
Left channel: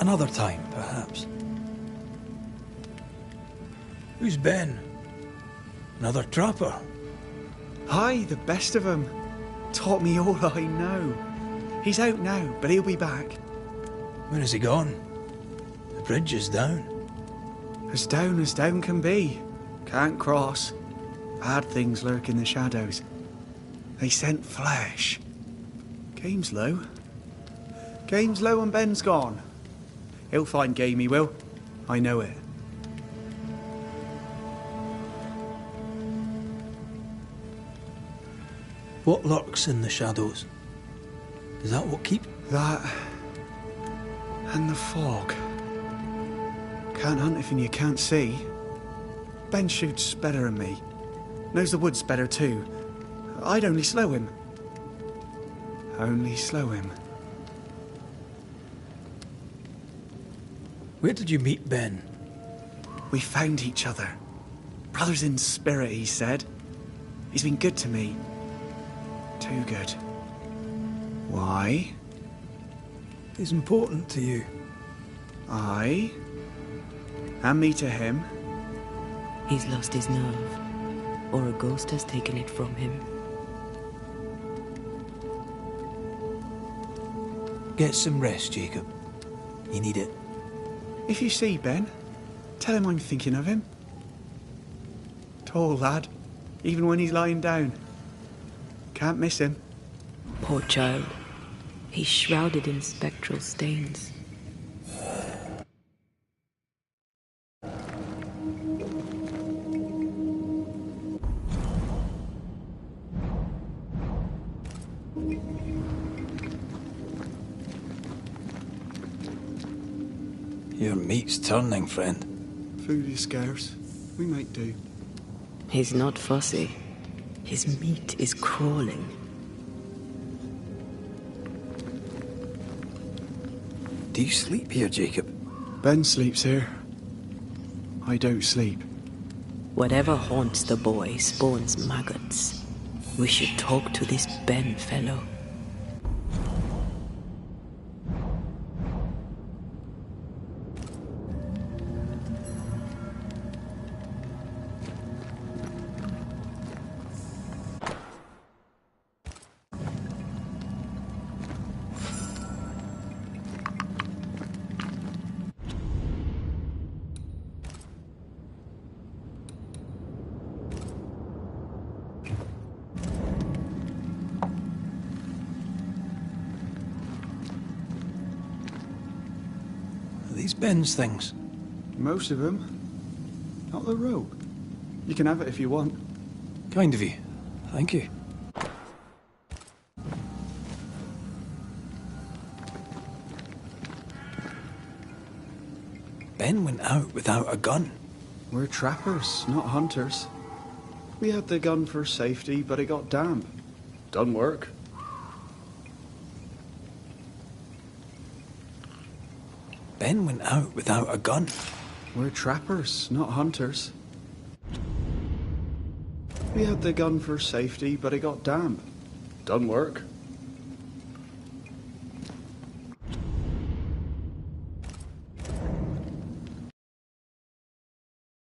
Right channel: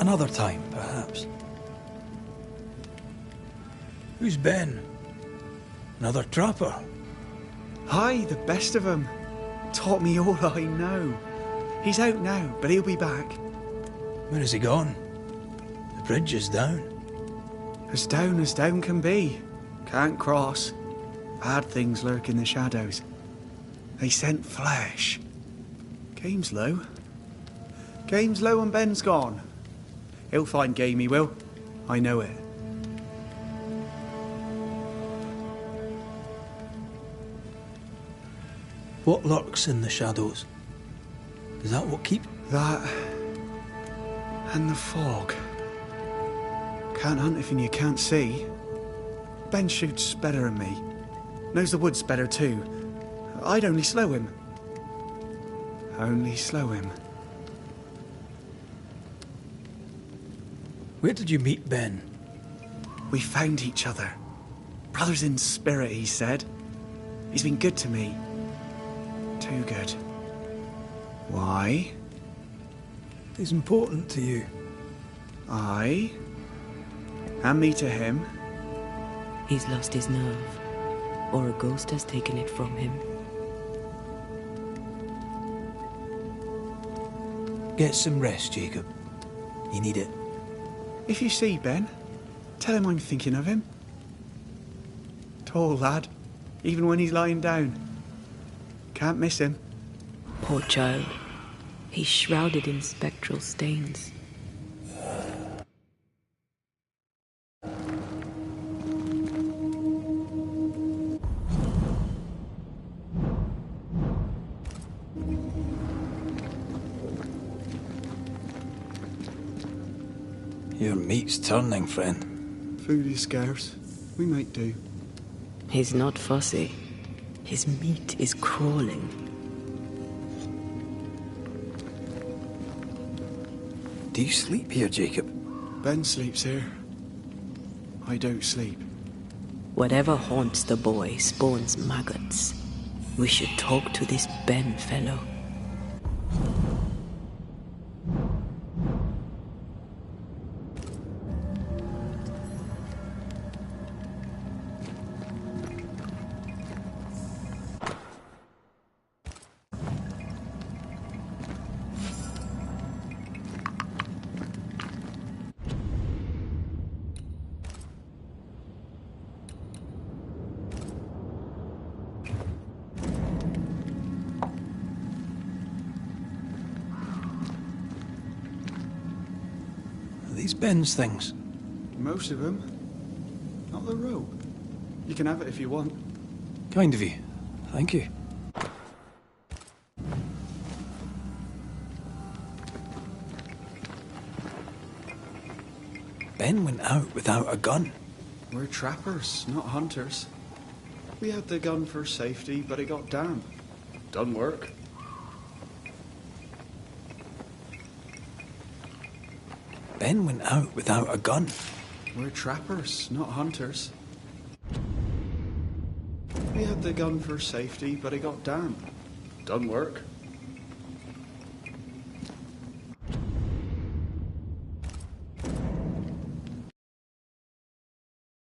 Another time, perhaps. Who's Ben? Another trapper? Aye, the best of 'em. Taught me all I know. He's out now, but he'll be back. Where has he gone? The bridge is down. As down can be. Can't cross. Bad things lurk in the shadows. They scent flesh. Game's low. Game's low and Ben's gone. He'll find game, he will. I know it. What lurks in the shadows? Is that what keep... That... and the fog. Can't hunt if you can't see. Ben shoots better than me. Knows the woods better too. I'd only slow him. Only slow him. Where did you meet Ben? We found each other. Brothers in spirit, he said. He's been good to me. Too good. Why? He's important to you. Aye. And me to him. He's lost his nerve, or a ghost has taken it from him. Get some rest, Jacob. You need it. If you see Ben, tell him I'm thinking of him. Tall lad, even when he's lying down. Can't miss him. Poor child. He's shrouded in spectral stains. Your meat's turning, friend. Food is scarce. We make do. He's not fussy. His meat is crawling. Do you sleep here, Jacob? Ben sleeps here. I don't sleep. Whatever haunts the boy spawns maggots. We should talk to this Ben fellow. These Ben's things? Most of them. Not the rope. You can have it if you want. Kind of you. Thank you. Ben went out without a gun. We're trappers, not hunters. We had the gun for safety, but it got damp. Done work. Ben went out without a gun. We're trappers, not hunters. We had the gun for safety, but it got damp. Done work.